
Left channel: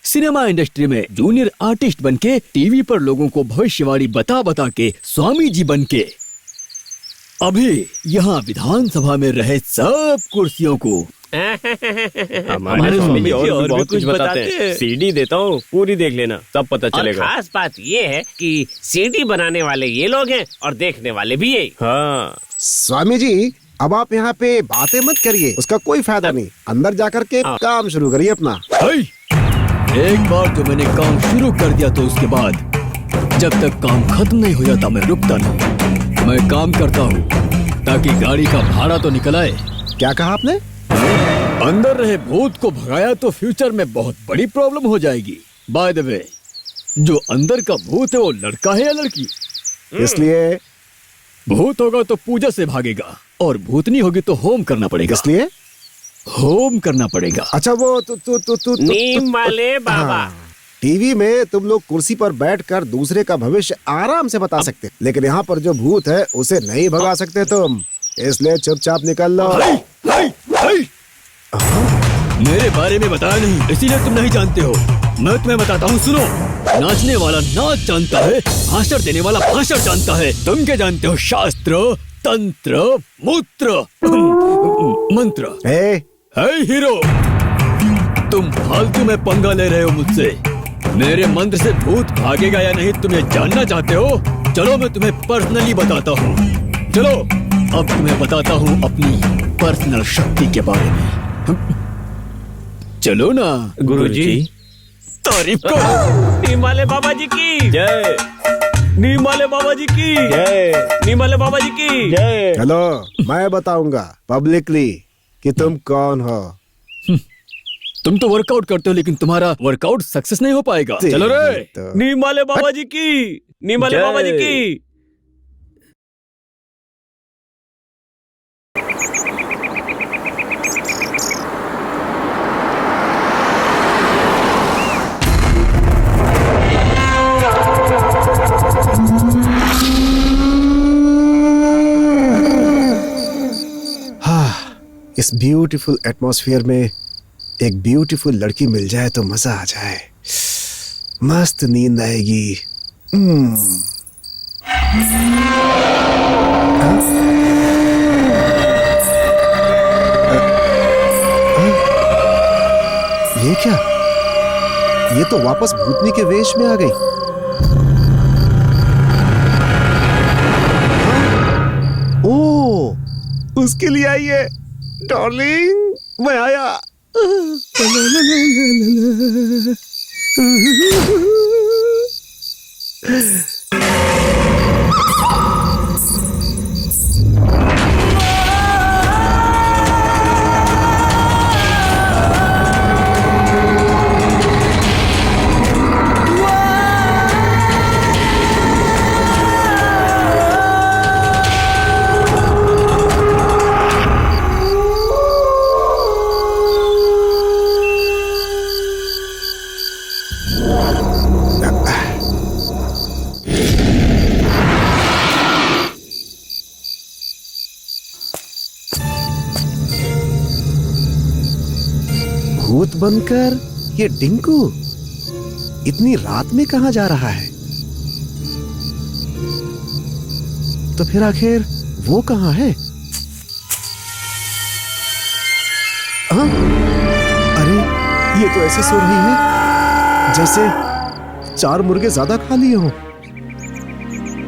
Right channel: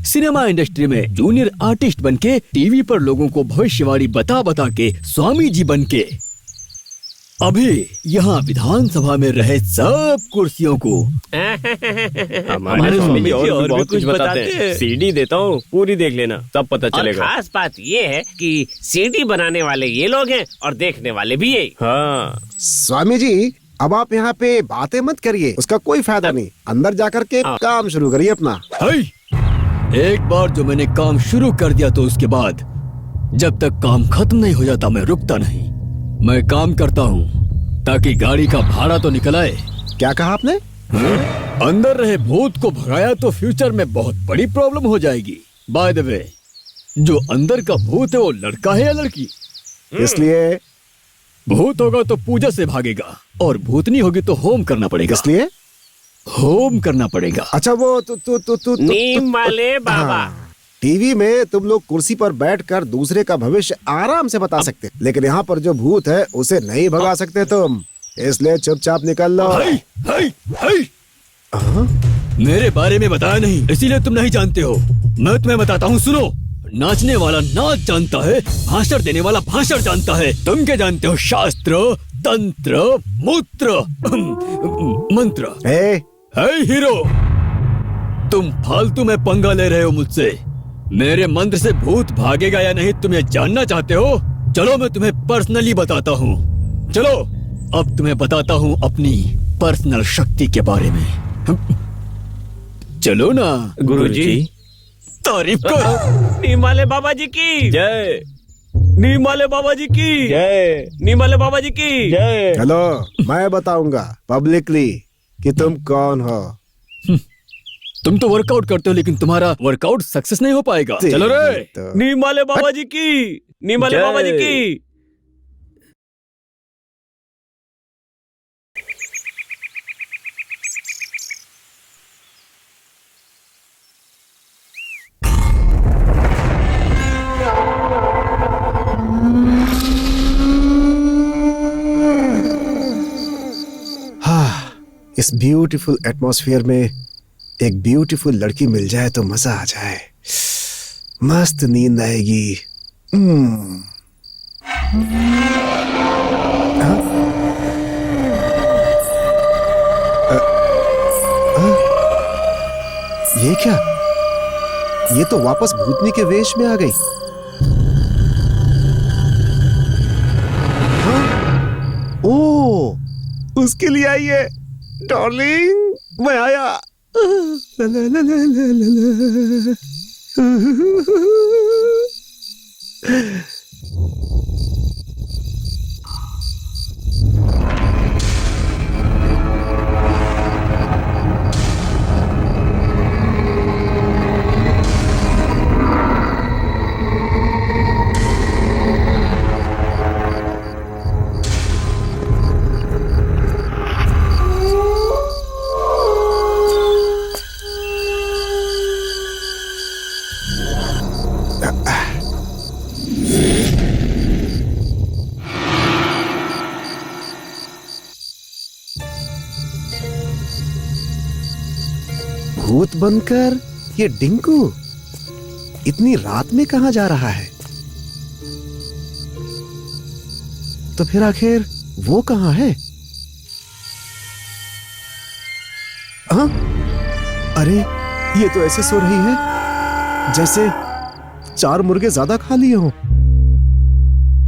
सिनेमा इंडस्ट्री में जूनियर आर्टिस्ट बन के टीवी पर लोगों को भविष्यवाणी बता बता के स्वामी जी बन के अभी यहाँ विधानसभा में रहे सब कुर्सियों को हमारे स्वामी जी और भी बहुत कुछ बताते हैं। सीडी देता हूँ, पूरी देख लेना, सब पता और चलेगा। खास बात ये है कि सीडी बनाने वाले ये लोग हैं और देखने वाले भी यही। हाँ, स्वामी जी, अब आप यहाँ पे बातें मत करिए, उसका कोई फायदा नहीं। अंदर जाकर के काम शुरू करिए अपना। एक बार जो मैंने काम शुरू कर दिया तो उसके बाद जब तक काम खत्म नहीं हो जाता मैं रुकता नहीं। मैं काम करता हूँ ताकि गाड़ी का भाड़ा तो निकल आए। क्या कहा आपने? अंदर रहे भूत को भगाया तो फ्यूचर में बहुत बड़ी प्रॉब्लम हो जाएगी। बाय द वे, जो अंदर का भूत है वो लड़का है या लड़की? इसलिए भूत होगा तो पूजा से भागेगा और भूतनी होगी तो होम करना पड़ेगा। इसलिए होम करना पड़ेगा। अच्छा वो तू नीम वाले बाबा। टीवी में तुम लोग कुर्सी पर बैठकर दूसरे का भविष्य आराम से बता सकते, लेकिन यहाँ पर जो भूत है उसे नहीं भगा सकते तुम, इसलिए चुपचाप निकल लो। मेरे बारे में बताया नहीं, इसीलिए तुम नहीं जानते हो। मैं तुम्हें बताता हूँ, सुनो। नाचने वाला नाच जानता है, भाषण देने वाला भाषण जानता है। तुम क्या जानते हो? शास्त्र, तंत्र, मूत्र, मंत्र। हे हीरो, तुम फालतू में पंगा ले रहे हो मुझसे। मेरे मंत्र से भूत भागेगा या नहीं तुम्हें जानना चाहते हो? चलो मैं तुम्हें पर्सनली बताता हूँ। चलो अब तुम्हें बताता हूँ अपनी पर्सनल शक्ति के बारे में। चलो ना गुरुजी। तारीफ करो। नीम वाले बाबा जी की जय। नीम वाले बाबा जी की जय। नीम वाले बाबा जी की जय। चलो मैं बताऊंगा पब्लिकली कि तुम कौन हो। तुम तो वर्कआउट करते हो लेकिन तुम्हारा वर्कआउट सक्सेस नहीं हो पाएगा। चलो रे। तो नीम वाले बाबा जी की नीम वाले बाबा जी की। इस ब्यूटीफुल एटमॉस्फेयर में एक ब्यूटीफुल लड़की मिल जाए तो मजा आ जाए, मस्त नींद आएगी। ये क्या? ये तो वापस भूतनी के वेश में आ गई। हाँ? ओ, उसके लिए आई है। डार्लिंग मैं आया। भूत बनकर ये डिंकू इतनी रात में कहां जा रहा है? तो फिर आखिर वो कहां है? हाँ? अरे ये तो ऐसे सो रही है जैसे 4 मुर्गे ज्यादा खा लिए हों।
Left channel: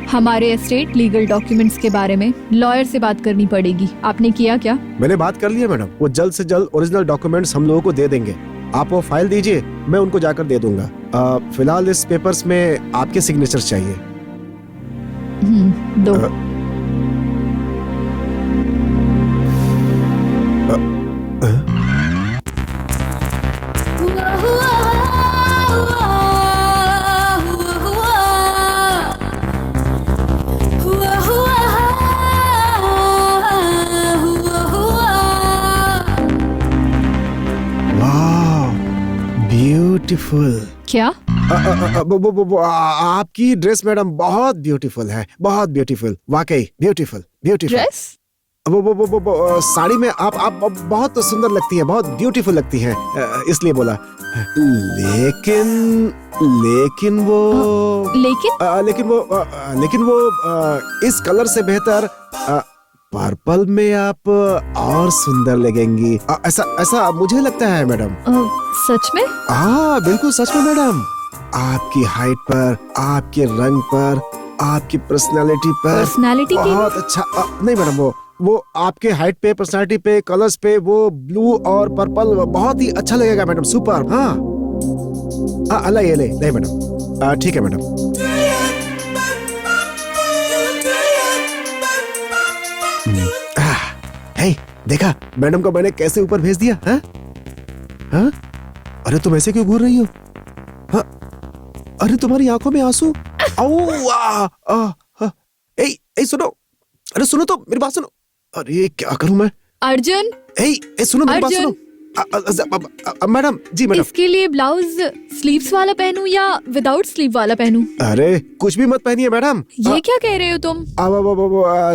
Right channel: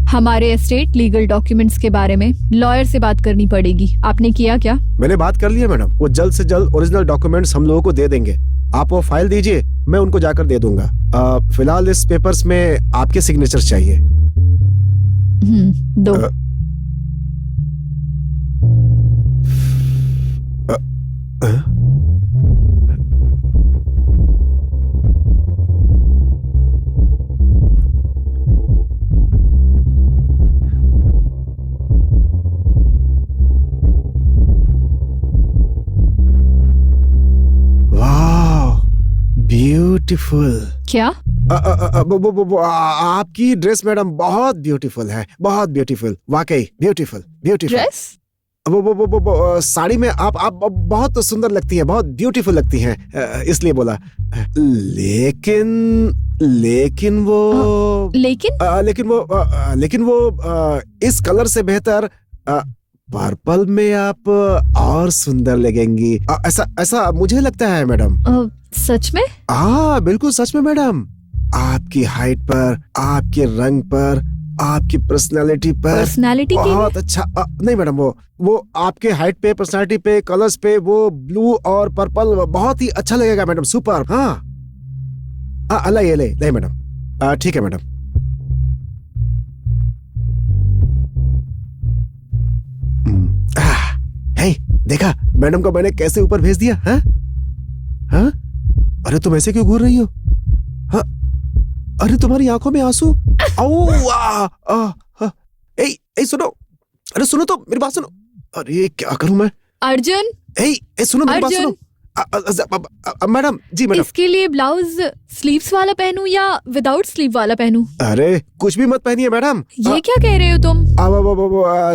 हमारे एस्टेट लीगल डॉक्यूमेंट्स के बारे में लॉयर से बात करनी पड़ेगी। आपने किया क्या? मैंने बात कर ली है मैडम, वो जल्द से जल्द ओरिजिनल डॉक्यूमेंट्स हम लोगों को दे देंगे। आप वो फाइल दीजिए, मैं उनको जाकर दे दूंगा। फिलहाल इस पेपर्स में आपके सिग्नेचर चाहिए। दो। ब्यूटीफुल। क्या? आपकी ड्रेस मैडम बहुत ब्यूटीफुल है, बहुत ब्यूटीफुल, वाकई ब्यूटीफुल ब्यूटीफुल। ड्रेस? वो साड़ी में आप बहुत सुंदर लगती है, बहुत ब्यूटीफुल लगती हैं, इसलिए बोला। लेकिन वो इस कलर से बेहतर पर्पल में आप और सुंदर लगेंगी, ऐसा मुझे लगता है मैडम। सच में? हाँ बिल्कुल सच में मैडम। आपकी हाइट पर, आपके रंग पर, आपकी पर्सनालिटी पर बहुत अच्छा। नहीं मैडम, वो आपके हाइट पे, पर्सनालिटी पे, कलर्स पे वो ब्लू और पर्पल बहुत ही अच्छा लगेगा मैडम। सुपर। हाँ ले मैडम, ठीक है मैडम। देखा मैडम को मैंने कैसे ऊपर भेज दिया? हाँ? अरे तुम ऐसे क्यों घूर रही हो? हाँ? अरे तुम्हारी आंखों में आंसू। ए सुनो, अरे सुनो तो मेरी बात सुनो। अरे क्या करूं मैं? अर्जुन, ए सुनो मेरी बात अर्जुन। सुनो। मैडम जी मैडम। इसके लिए ब्लाउज स्लीव्स वाला पहनूं या विदाउट स्लीव वाला पहनूं? अरे कुछ भी मत पहनिए मैडम। ये क्या कह रहे हो तुम?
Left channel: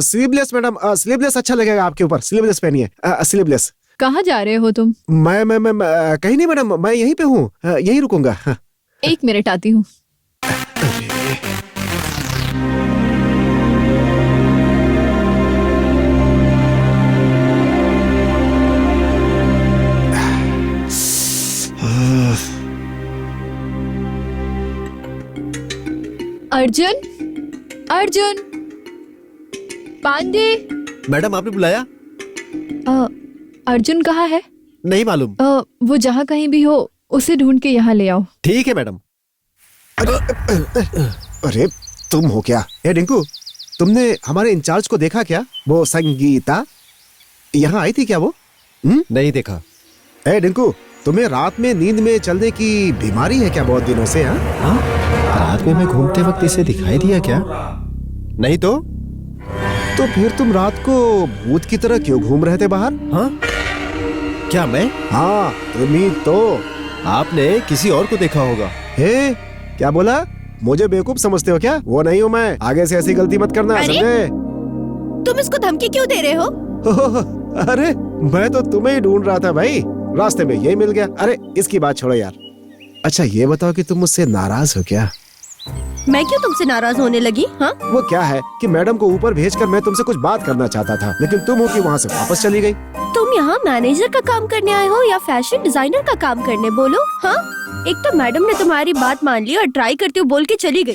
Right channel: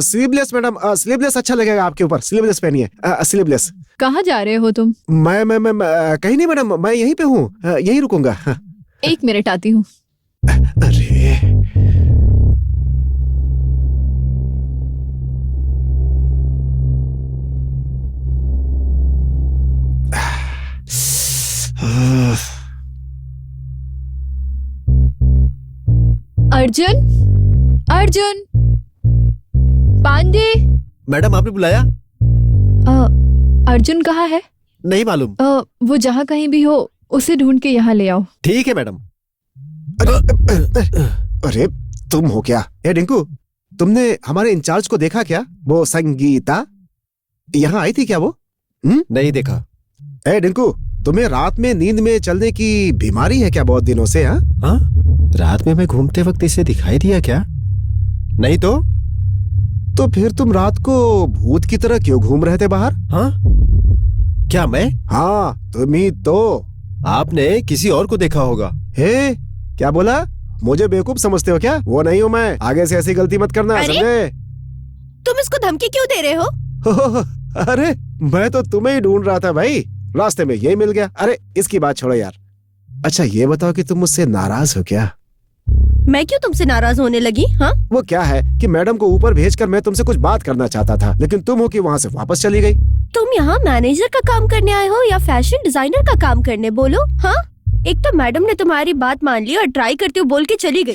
स्लीवलेस मैडम, स्लीवलेस अच्छा लगेगा आपके ऊपर। स्लीवलेस पहनिए, स्लीवलेस। कहाँ जा रहे हो तुम? मैं कहीं नहीं मैडम, मैं यहीं पे हूँ, यहीं रुकूंगा। 1 मिनट आती हूँ। अर्जुन, अर्जुन, पांडे। मैडम आपने बुलाया? अर्जुन कहाँ है? नहीं मालूम। वो जहाँ कहीं भी हो उसे ढूंढ के यहाँ ले आओ। ठीक है मैडम। अरे तुम हो क्या? ए डिंकू, तुमने हमारे इंचार्ज को देखा क्या? वो संगीता यहाँ आई थी क्या वो? नहीं देखा। ए डिंकू, तुम्हें रात में नींद में चलने की बीमारी है क्या बहुत दिनों से? हाँ, रात में मैं घूमते वक्त इसे दिखाई दिया क्या? नहीं तो फिर तुम रात को भूत की तरह क्यों घूम रहे थे बाहर? हाँ, क्या मैं? हाँ तुम ही तो। आपने किसी और को देखा होगा। हे, क्या बोला? मुझे बेवकूफ समझते हो क्या? वो नहीं हूँ मैं। आगे से ऐसी गलती मत करना, अरे? समझे? तुम इसको धमकी क्यों दे रहे हो? अरे मैं तो तुम्हें ही ढूंढ रहा था भाई, रास्ते में यही मिल गया। अरे इसकी बात छोड़ो यार। अच्छा ये बताओ कि तुम मुझसे नाराज हो क्या? मैं क्यों तुमसे नाराज होने लगी? हाँ, वो क्या है कि मैडम को ऊपर भेजकर मैं तुमसे कुछ बात करना चाहता था, लेकिन तुम हो कि वहाँ से वापस चली गई। तुम यहाँ मैनेजर का काम करने आए हो या फैशन डिजाइनर का काम करने? बोलो। हाँ, एक तो मैडम ने तुम्हारी बात मान ली और ट्राई करते हुए बोल के चली गई।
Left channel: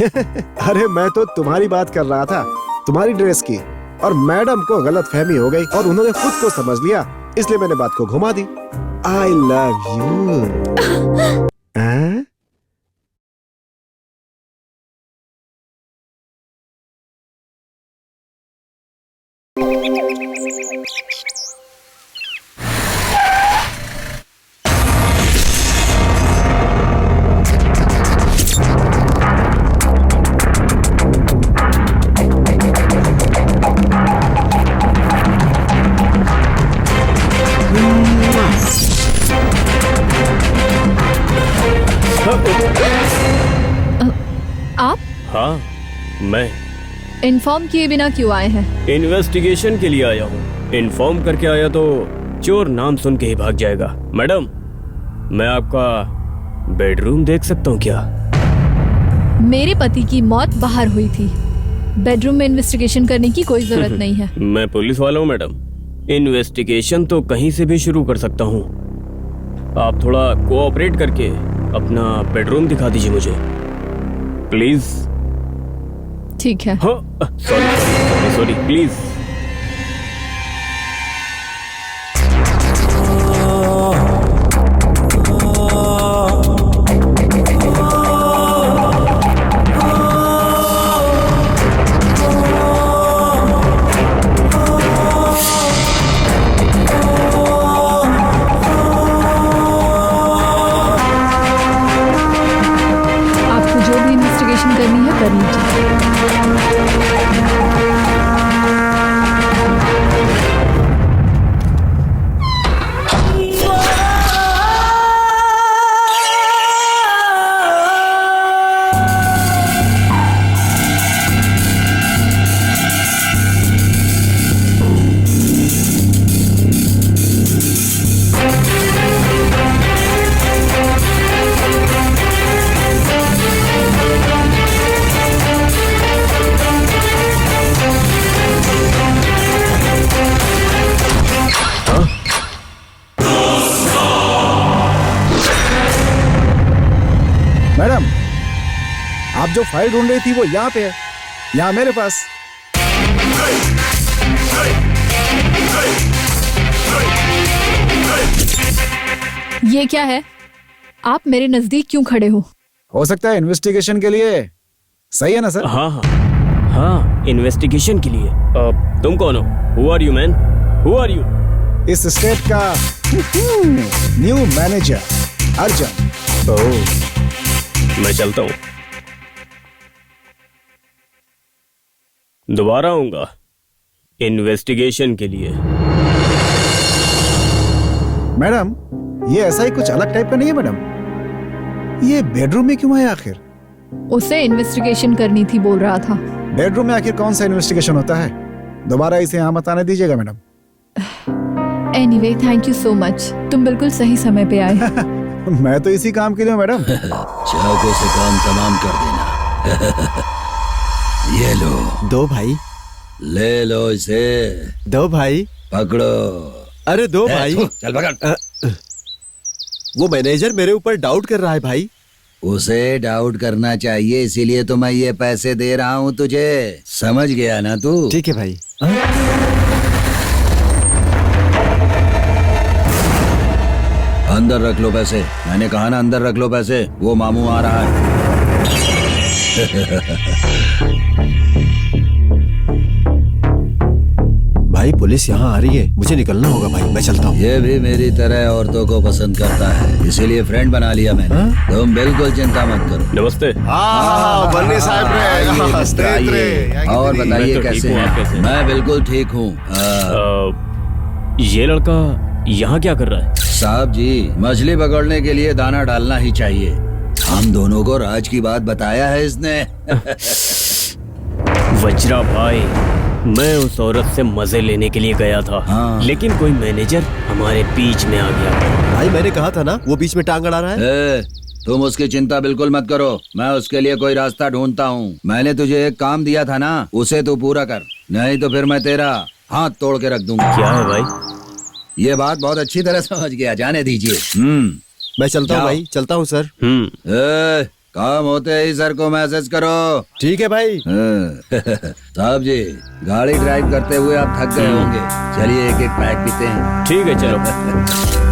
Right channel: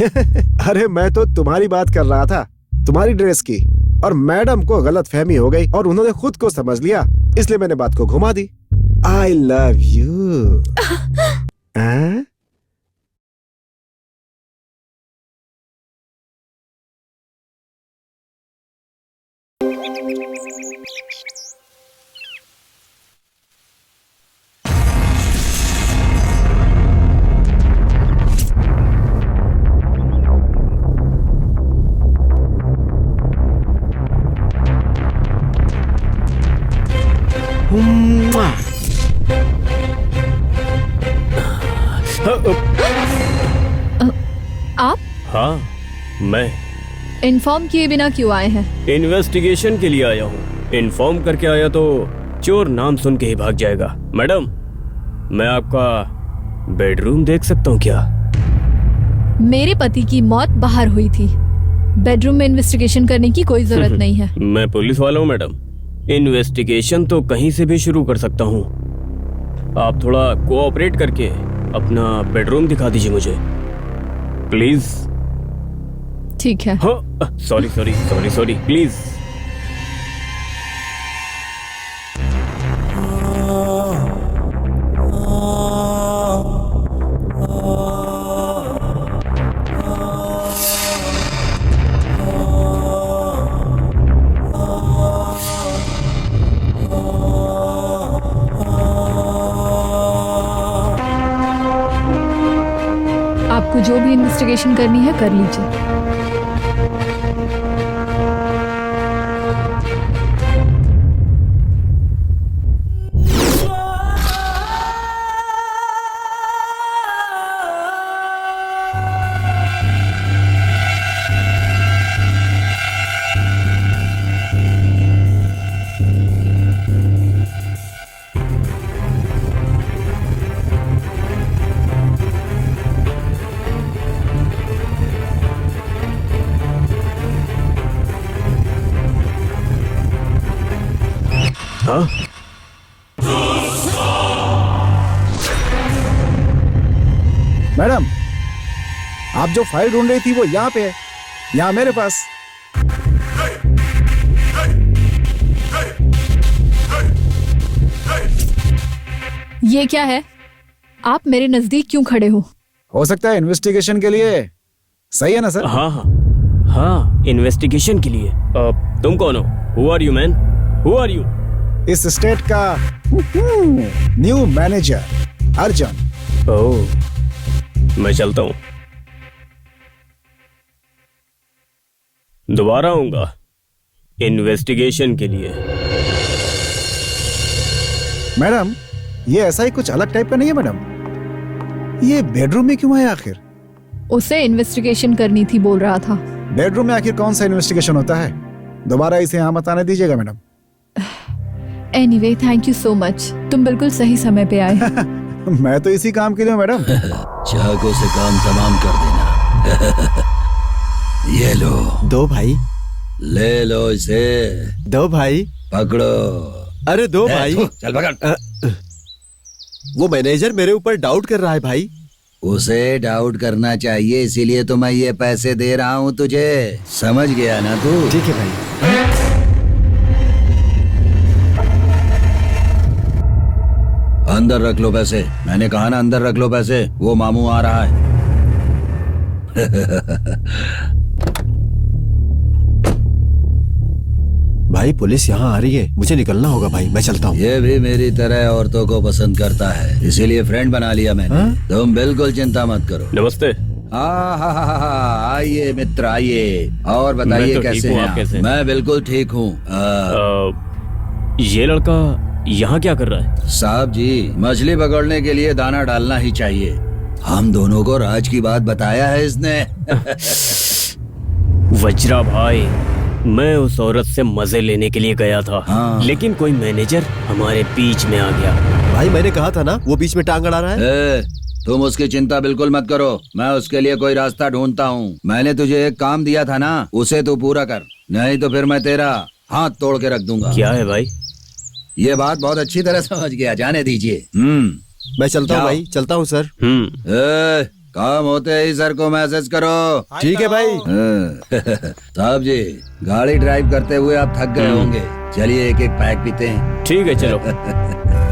अरे मैं तो तुम्हारी बात कर रहा था, तुम्हारी ड्रेस की, और मैडम को गलतफहमी हो गई और उन्होंने खुद को समझ लिया, इसलिए मैंने बात को घुमा दी। I love you। हाँ? आप हाँ, मैं इन्फॉर्म किए बिना क्यों आए हैं? इन्वेस्टिगेशन के लिए आया हूँ। इन्फॉर्म करके आया तो चोर नाम सुन के ही भाग जाएगा। मैडम, मैं आपका बेडरूम देख सकता हूँ क्या? मेरे पति की मौत बाहर हुई थी, बेडरूम में इन्वेस्टिगेशन करने की कोई जरूरत नहीं है। मैं पुलिस वाला हूँ मैडम, इन्वेस्टिगेशन तो कहीं से भी शुरू कर सकता हूँ। आप थोड़ा कोऑपरेट करके अपना बेडरूम दिखा दीजिए मुझे, प्लीज। ठीक है। हाँ, सॉरी प्लीज। आपको जो भी इन्वेस्टिगेशन करनी है कर लीजिए। मैडम, आप जो फाइल ढूंढ रही थी वो यहाँ पे है, यहाँ मेरे पास। ये क्या है? आप मेरे नजदीक क्यों खड़े हो सकता है इन्वेस्टिगेशन के लिए। सही है ना सर? हाँ, इन्वेस्टिगेशन के लिए। तुम कौन हो? Who are you man? Who are you? इस स्टेट का न्यू मैनेजर अर्जुन। ओह, मैं चलता हूँ। दोबारा आऊंगा इन्वेस्टिगेशन के लिए। मैडम, ये ऐसा ही कुछ अलग टाइप का नहीं है मैडम। ये बेडरूम में क्यों है आखिर? उसे इन्वेस्टिगेशन करनी थी बोल रहा था। बेडरूम में आखिर कौन सा इन्वेस्टिगेशन होता है? दोबारा इसे यहाँ मत आने दीजिएगा madam. Anyway, thank you so much. तुम बिल्कुल सही समय पे आए। मैं तो इसी काम के लिए हूँ मैडम। चाकू से काम तमाम कर देना। ये लो। दो भाई। ले लो इसे। दो भाई। पकड़ो। अरे दो भाई। चल पकड़। वो मैनेजर मेरे ऊपर डाउट कर रहा है भाई। उसे डाउट करना चाहिए, इसीलिए तो मैं ये पैसे दे रहा हूँ तुझे। समझ गया ना तू? ठीक है भाई। अंदर रख लो पैसे। मैंने कहा ना अंदर रख लो पैसे। वो मामू आ रहा है। भाई पुलिस यहाँ आ रही है, मुझे निकलना होगा भाई, मैं चलता हूँ। ये भी मेरी तरह औरतों को पसंद करता है, इसीलिए फ्रेंड बना लिया मैंने। तुम बिल्कुल चिंता मत करो। नमस्ते। आइए मिस्टर, आइए। और मैं बताइए तो कैसे ठीक हूँ, हैं आप कैसे आप? हैं? मैं बिल्कुल ठीक हूँ। ये लड़का यहाँ क्या कर रहा है? साहब जी, मछली पकड़ने के लिए दाना डालना ही चाहिए। हम दोनों को राज की बात बताया है इसने। वज्रा भाई, मैं उस औरत से मजे लेने के लिए गया था। हाँ। लेकिन कोई मैनेजर हमारे बीच में आ गया। भाई मैंने कहा था ना, वो बीच में टांग अड़ा रहा है। तुम उसकी चिंता बिल्कुल मत करो, मैं उसके लिए कोई रास्ता ढूंढता हूँ। मैंने तुझे एक काम दिया था ना, उसे तू पूरा कर, नहीं तो फिर मैं तेरा हाथ तोड़ के रख दूंगा। क्या है भाई? ये बात बहुत अच्छी तरह समझ गया, जाने दीजिए। मैं चलता हूँ जाओ। भाई, चलता हूँ सर। काम होते ही सर को मैसेज करो। ठीक है भाई। साहब जी, गाड़ी ड्राइव करते हुए आप थक गए होंगे, चलिए एक एक पैक पीते हैं। ठीक है, चलो।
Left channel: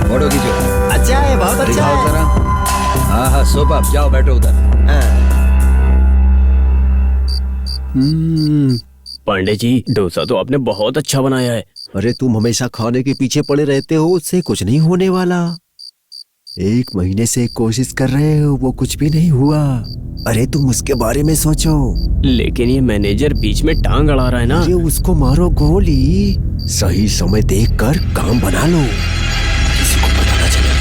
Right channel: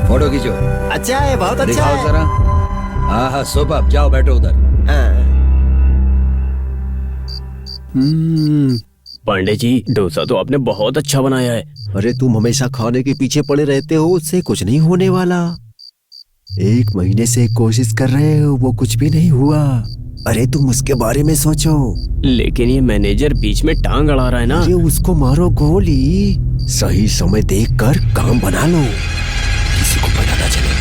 फोटो खींचो। अच्छा है, बहुत अच्छा दिखाओ है। जरा। हाँ हाँ, सुपर, जाओ बैठो उधर। पांडे जी, डोसा तो आपने बहुत अच्छा बनाया है। अरे तुम हमेशा खाने के पीछे पड़े रहते हो, उससे कुछ नहीं होने वाला। 1 महीने से कोशिश कर रहे हो, वो कुछ भी नहीं हुआ। अरे तुम उसके बारे में सोचो। लेकिन ये मैनेजर बीच में टांग अड़ा रहा है ना। अरे उसको मारो गोली। सही समय देखकर काम बना लो, किसी को पता ना चले।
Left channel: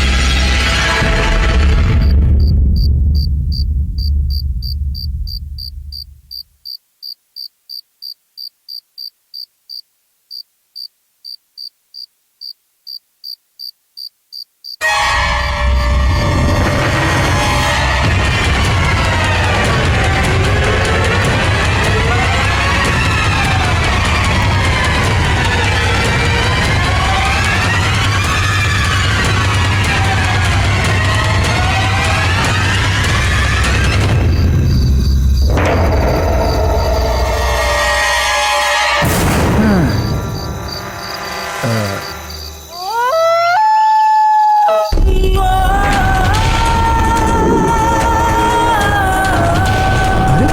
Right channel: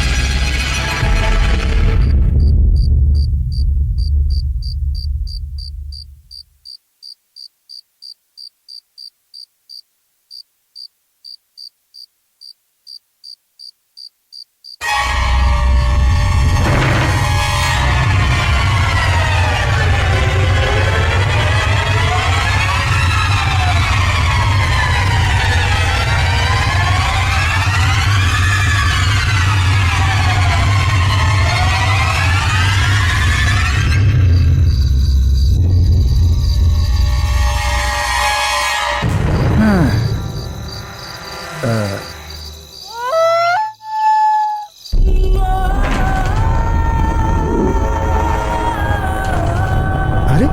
अरे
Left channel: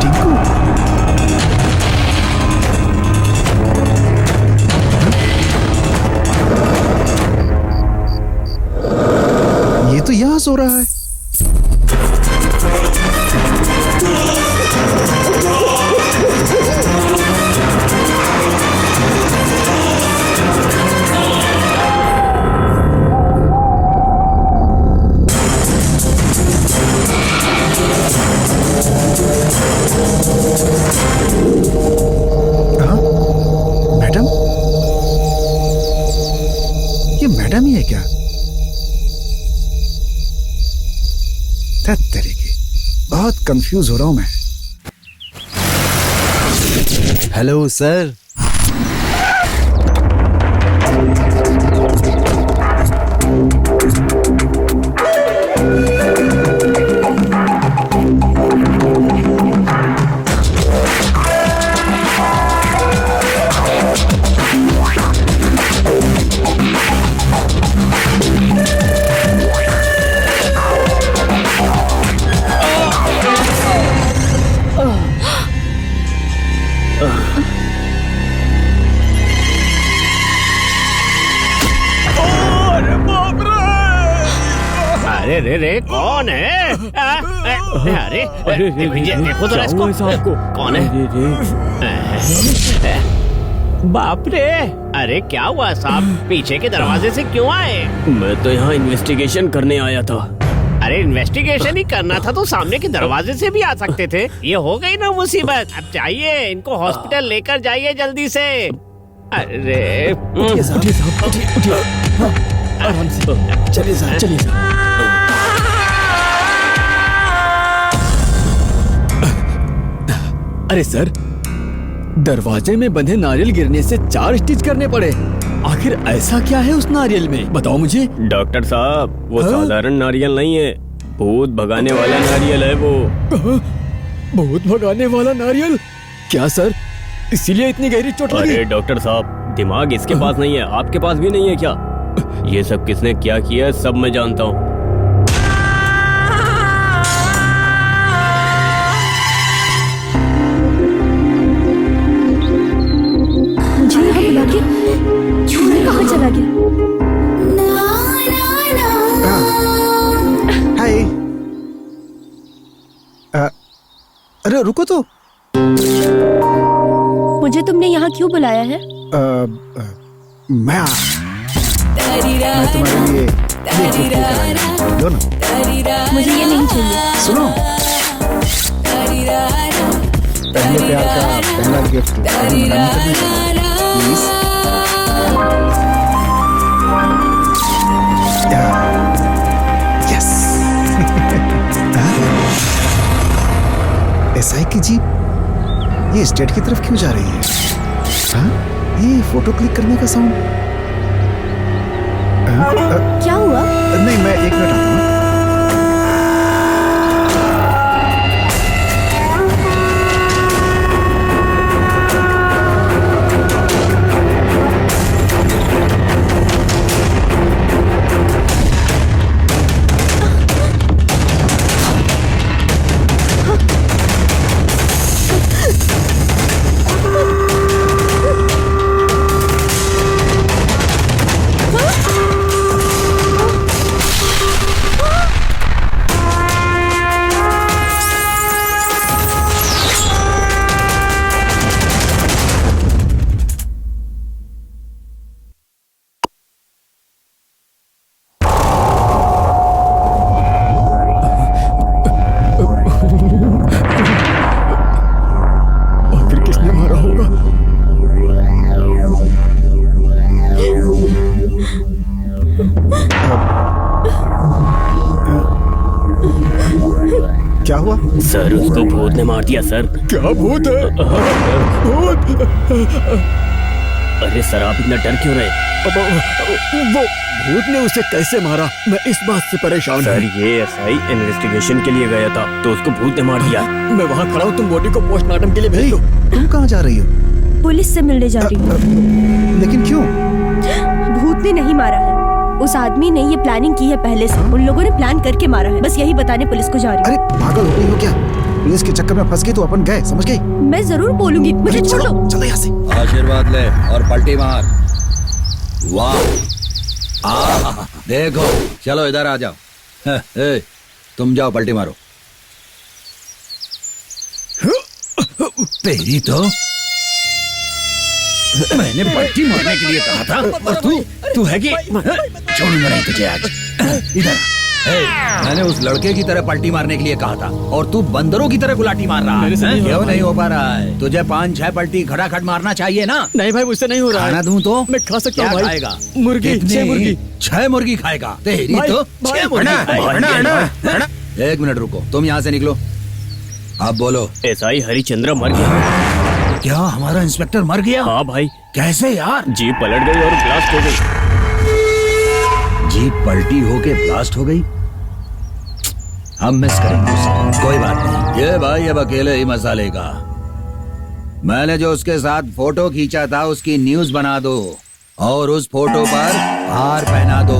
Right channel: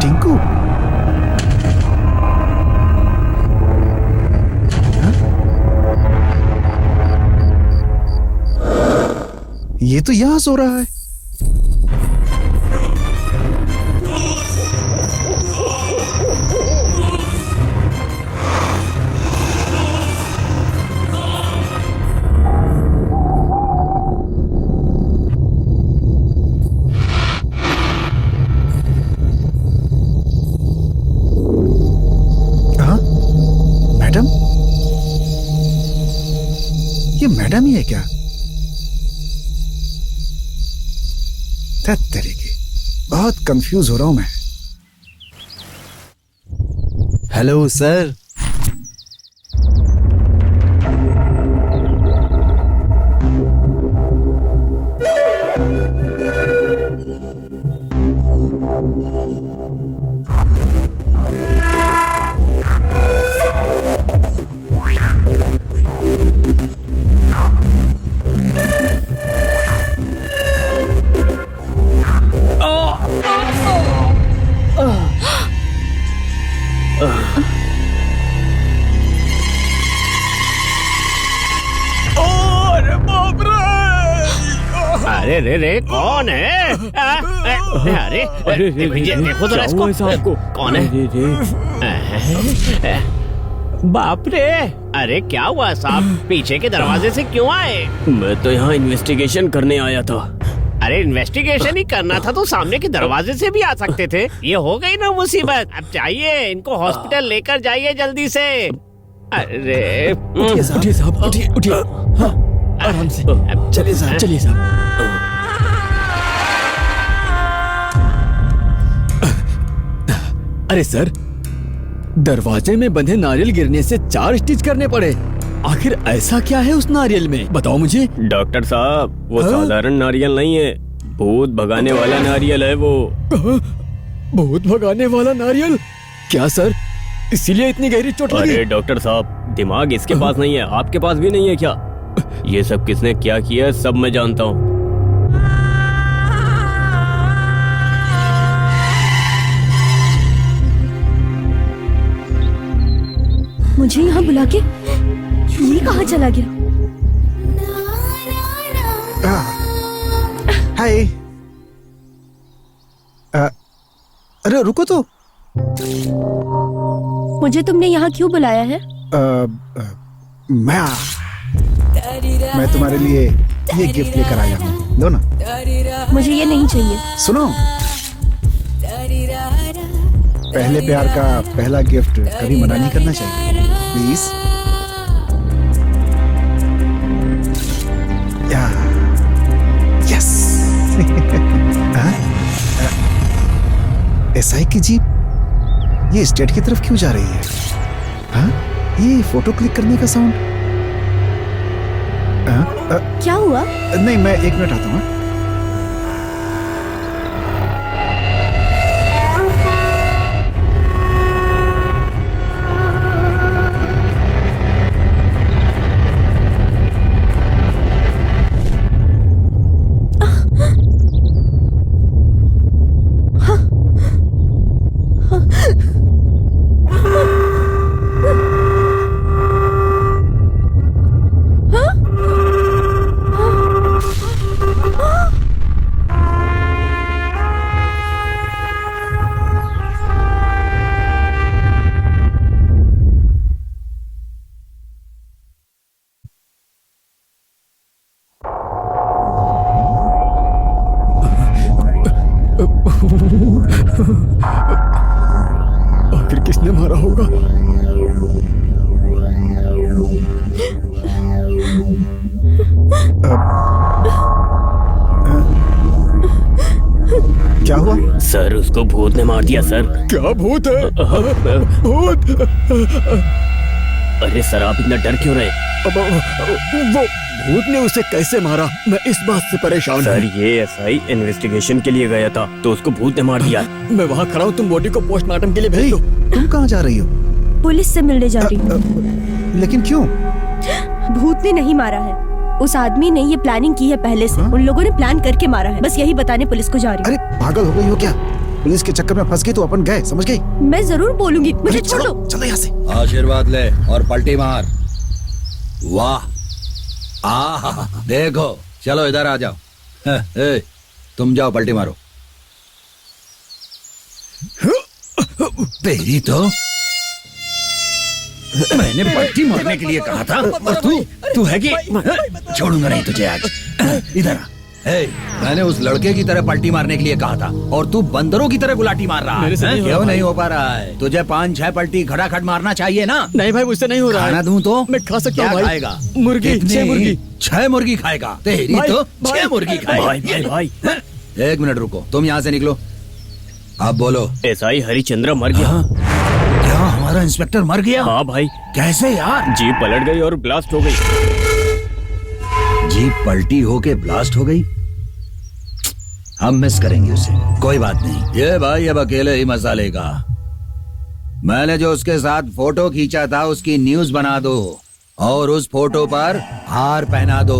टिंकू, हाँ? ये तो यहाँ सो रहा है। हाँ? मैडम, ये मैडम ही है क्या? तरीके, बहुत कंफ्यूज हो रहा हूं मैं। Hello sir. अरे रे रे, कौन है? अरे देखो तो इसको, आपको कौन है? बाप रे, अरे क्या हुआ साहब, पीछे के दरवाजे से क्यों आए? मैं तो यहाँ इन्वेस्टिगेशन करने आया था। अरे इन्वेस्टिगेशन ही करना था तो सामने के दरवाजे से भी आ सकते थे। ये हो गई ना मुसीबत। अब चाहिए इनको हॉस्पिटल लेकर जाइए जल्दी से। अरे उठिए साहब, उठिए। हाँ, आराम से चलिए साहब, चलिए साहब। अरे सर, दरवाजे में बंधे नारियल गिरने से 4 स्टिच करने पड़े। आखिर ऐसा क्या है उस नारियल में, बताओ मुझे। डॉक्टर साहब, वो हाँ? साधारण नारियल नहीं है, भूत भगाने वाला नारियल है वो। भूत भगाने वाला नारियल? क्या सर, इसीलिए इतनी गहरी चोट लगी? अरे डॉक्टर साहब, दिमाग इसके पास नहीं है, आपके पास भी नहीं है क्या? ये सब किसने क्या किया है सब मैं जानता हूँ। मुझे यहाँ बुला के ये कहाँ चला गया? हाय। अरे रुको तो। मुझे तुमने यहाँ क्यों बुलाया है? मैं तुम्हारे लिए ये गिफ्ट लेकर आया हूँ, लो ना। मुझे ये नहीं चाहिए। सुनो, पहले प्यार का पहला गिफ्ट कभी मना नहीं करना चाहिए, प्लीज। यस। एसआई की जीप ये स्टेट की तरफ क्यों जा रही है? हाँ, ये फोटो क्लिक करने का साउंड। क्या हुआ? नहीं, मैं 1 मिनट आता हूँ। आखिर किसने मारा होगा? क्या हुआ? सर, उसको भूत ने मार दिया सर। क्या भूत है? भूत? अरे सर, आप इतना डर क्यों रहे? वो भूत ने उसे कैसे मारा, मैं इस बात से परेशान हूँ। सर, ये एसआई इन्वेस्टिगेशन के लिए गया था तो उसको भूत ने मार दिया। मैं वहाँ खड़ा हूँ, तुम बॉडी को पोस्टमार्टम के लिए भेज दो। तुम कहाँ जा रही हो? पुलिस से मिलने जा रही हूँ। लेकिन क्यों? भूत ने नहीं मारा है, उस आदमी ने ये प्लानिंग की है पहले से। उन लोगों ने प्लान करके मारा है, बस यही बताने पुलिस को जा रही हूँ। अरे पागल हो गई हो क्या? पुलिस के चक्कर में फंस गई तो अपन गए, समझ गई? मैं जरूर बोलूंगी, मुझे छोड़ दो। चलो यहाँ से। आशीर्वाद ले और पलटी मार। वाह, देखो, चलो इधर आ जाओ। तुम जाओ, पलटी मारो। तेरी तो मैंने पलटी मारने के लिए कहा था और तू है कि छोड़ूंगा नहीं तुझे आज। इधर मैंने उस लड़के की तरह पलटी मारने के लिए कहा था और तू बंदरों की तरह गुलाटी मार रहा है। क्यों नहीं हो पा रहा है? तुझे 5-6 पलटी खड़ाखड़ मारना चाहिए ना। नहीं भाई, मुझसे नहीं हो रहा है। खाना दूं तो मैं खा सकता हूँ भाई। खाएगा? मुर्गी, 6 मुर्गी। 6 मुर्गी खाएगा? तेरी तो 6 मुर्गी खाएगा। 1 मिनट रुको, तुम यहाँ से निकलो। अब बोलो। एसआई हरिचंद्र मर गया। क्या हमारा इंस्पेक्टर मर गया? हाँ भाई। कैसे यार? जीप पलट गई और ब्लास्ट हो गई। जीप पलटी होके ब्लास्ट हो गई? हम मिस करेंगे उसे, कोई बात नहीं। ये भाई अब अकेले ही मजा लेगा। मैंने जो उसके साथ फोटो खींचा था उसकी न्यूज बना दो और उस फोटो पर हार पहना दो।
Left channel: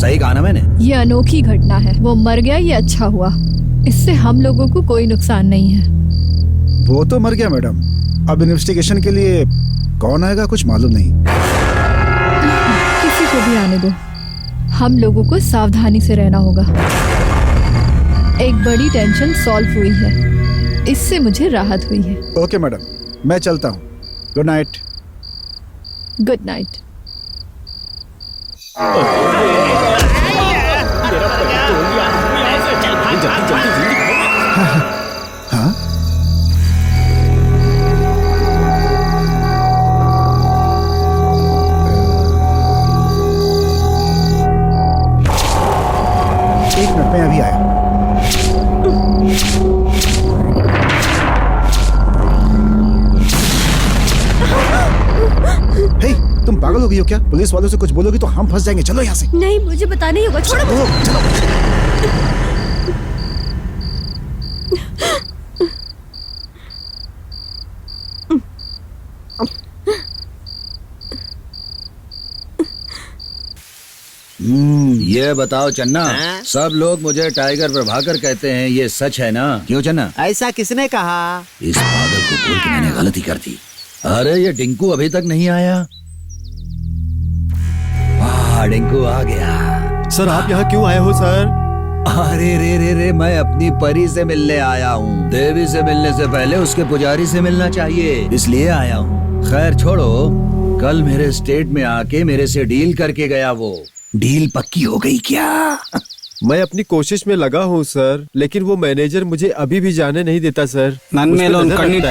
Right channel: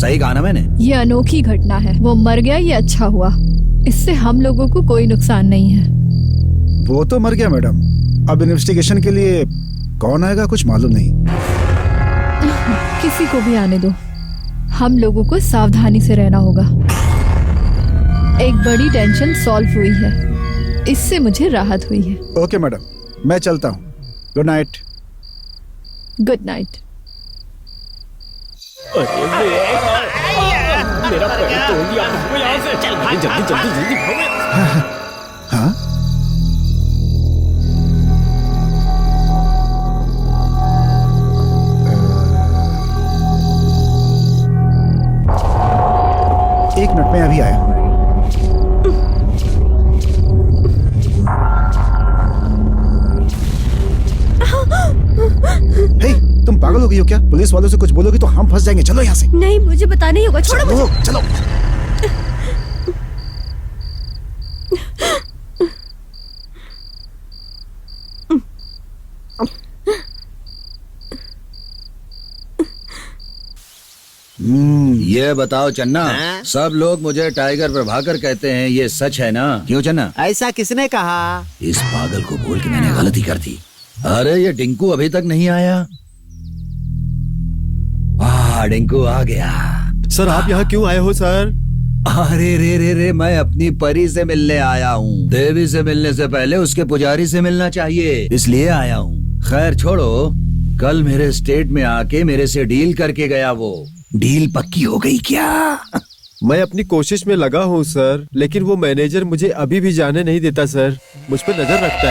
सही कहा ना मैंने? ये अनोखी घटना है, वो मर गया ये अच्छा हुआ, इससे हम लोगों को कोई नुकसान नहीं है। वो तो मर गया मैडम, अब इन्वेस्टिगेशन के लिए कौन आएगा कुछ मालूम नहीं। किसी को भी आने दो, हम लोगों को सावधानी से रहना होगा। एक बड़ी टेंशन सॉल्व हुई है, इससे मुझे राहत हुई है। ओके मैडम, मैं चलता हूँ। Good night. Good night. मेरा पैर तोड़ दिया, भागो यहाँ से। चल भाग, जल्दी भाग, जल्दी भाग। जल्दी भागो। हाँ, एक मिनट में अभी आया। हे, तुम पागल हो गई हो क्या? पुलिस वालों से कुछ बोलोगी तो हम फंस जाएंगे। चलो यहाँ से। नहीं, मुझे पता नहीं होगा, छोड़ो मुझे। चलो ये बताओ चन्ना, सब लोग मुझे टाइगर प्रभाकर कहते हैं, ये सच है ना? क्यों चन्ना? ऐसा किसने कहा? इस पागल को बोल के मैंने गलती कर दी। अरे ये डिंकू अभी तक नहीं आया। डिंकू आ गया। सर आप यहाँ क्यों आए हो सर? अरे रे, मैं अपनी परी से मिलने आया हूँ। देवी से मिलने से पहले उसके पुजारी से मिलना चाहिए, इसलिए आया हूँ। खैर छोड़ो, कल मेरे स्टेट में आके मेरे से डील करके गया वो। डील पक्की हो गई क्या? मैं अपनी कोशिश में लगा हूँ सर, लेकिन वो मैनेजर मुझे अभी भी जाने नहीं देता सर। मुझ पर नजर रखता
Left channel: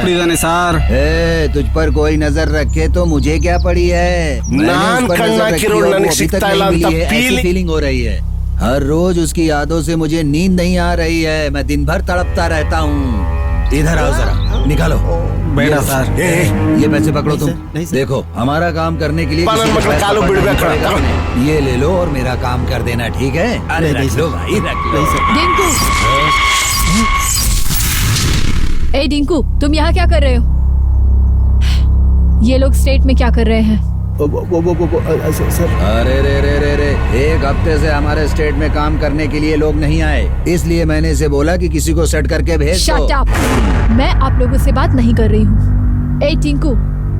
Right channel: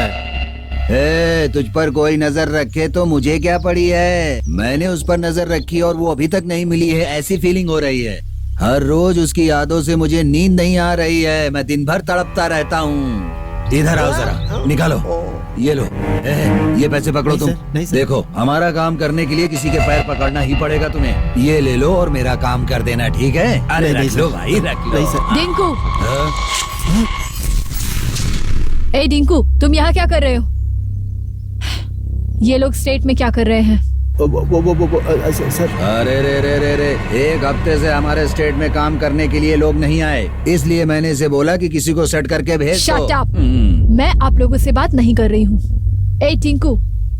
है। तुझ पर कोई नजर रखे तो मुझे क्या पड़ी है? मैंने उस पर नजर रखी और वो अभी तक नहीं मिली है, ऐसी फीलिंग हो रही है। हर रोज उसकी यादों से मुझे नींद नहीं आ रही है, मैं दिन भर तड़पता रहता हूँ। इधर आओ जरा, निकालो ये लो। ये पैसे पकड़ो तुम। देखो, हमारा काम करने के लिए किसी के पैर पकड़ना ही पड़ेगा तुम्हें। ये ले लो और मेरा काम कर देना, ठीक है? अरे रख लो भाई, रख लो। डिंकू, ए डिंकू, तुम यहाँ क्या कर रहे हो? ये लोग स्टेट में क्या कर रहे हैं? सर अरे रे, एक हफ्ते से हमारे स्टेट में काम करने के लिए लोग नहीं आए, इसलिए मैंने इसे बोला कि किसी को सेट करके भेज दो। Shut up! मैं आप लोगों से बात नहीं कर रही हूँ। ए टिंकू,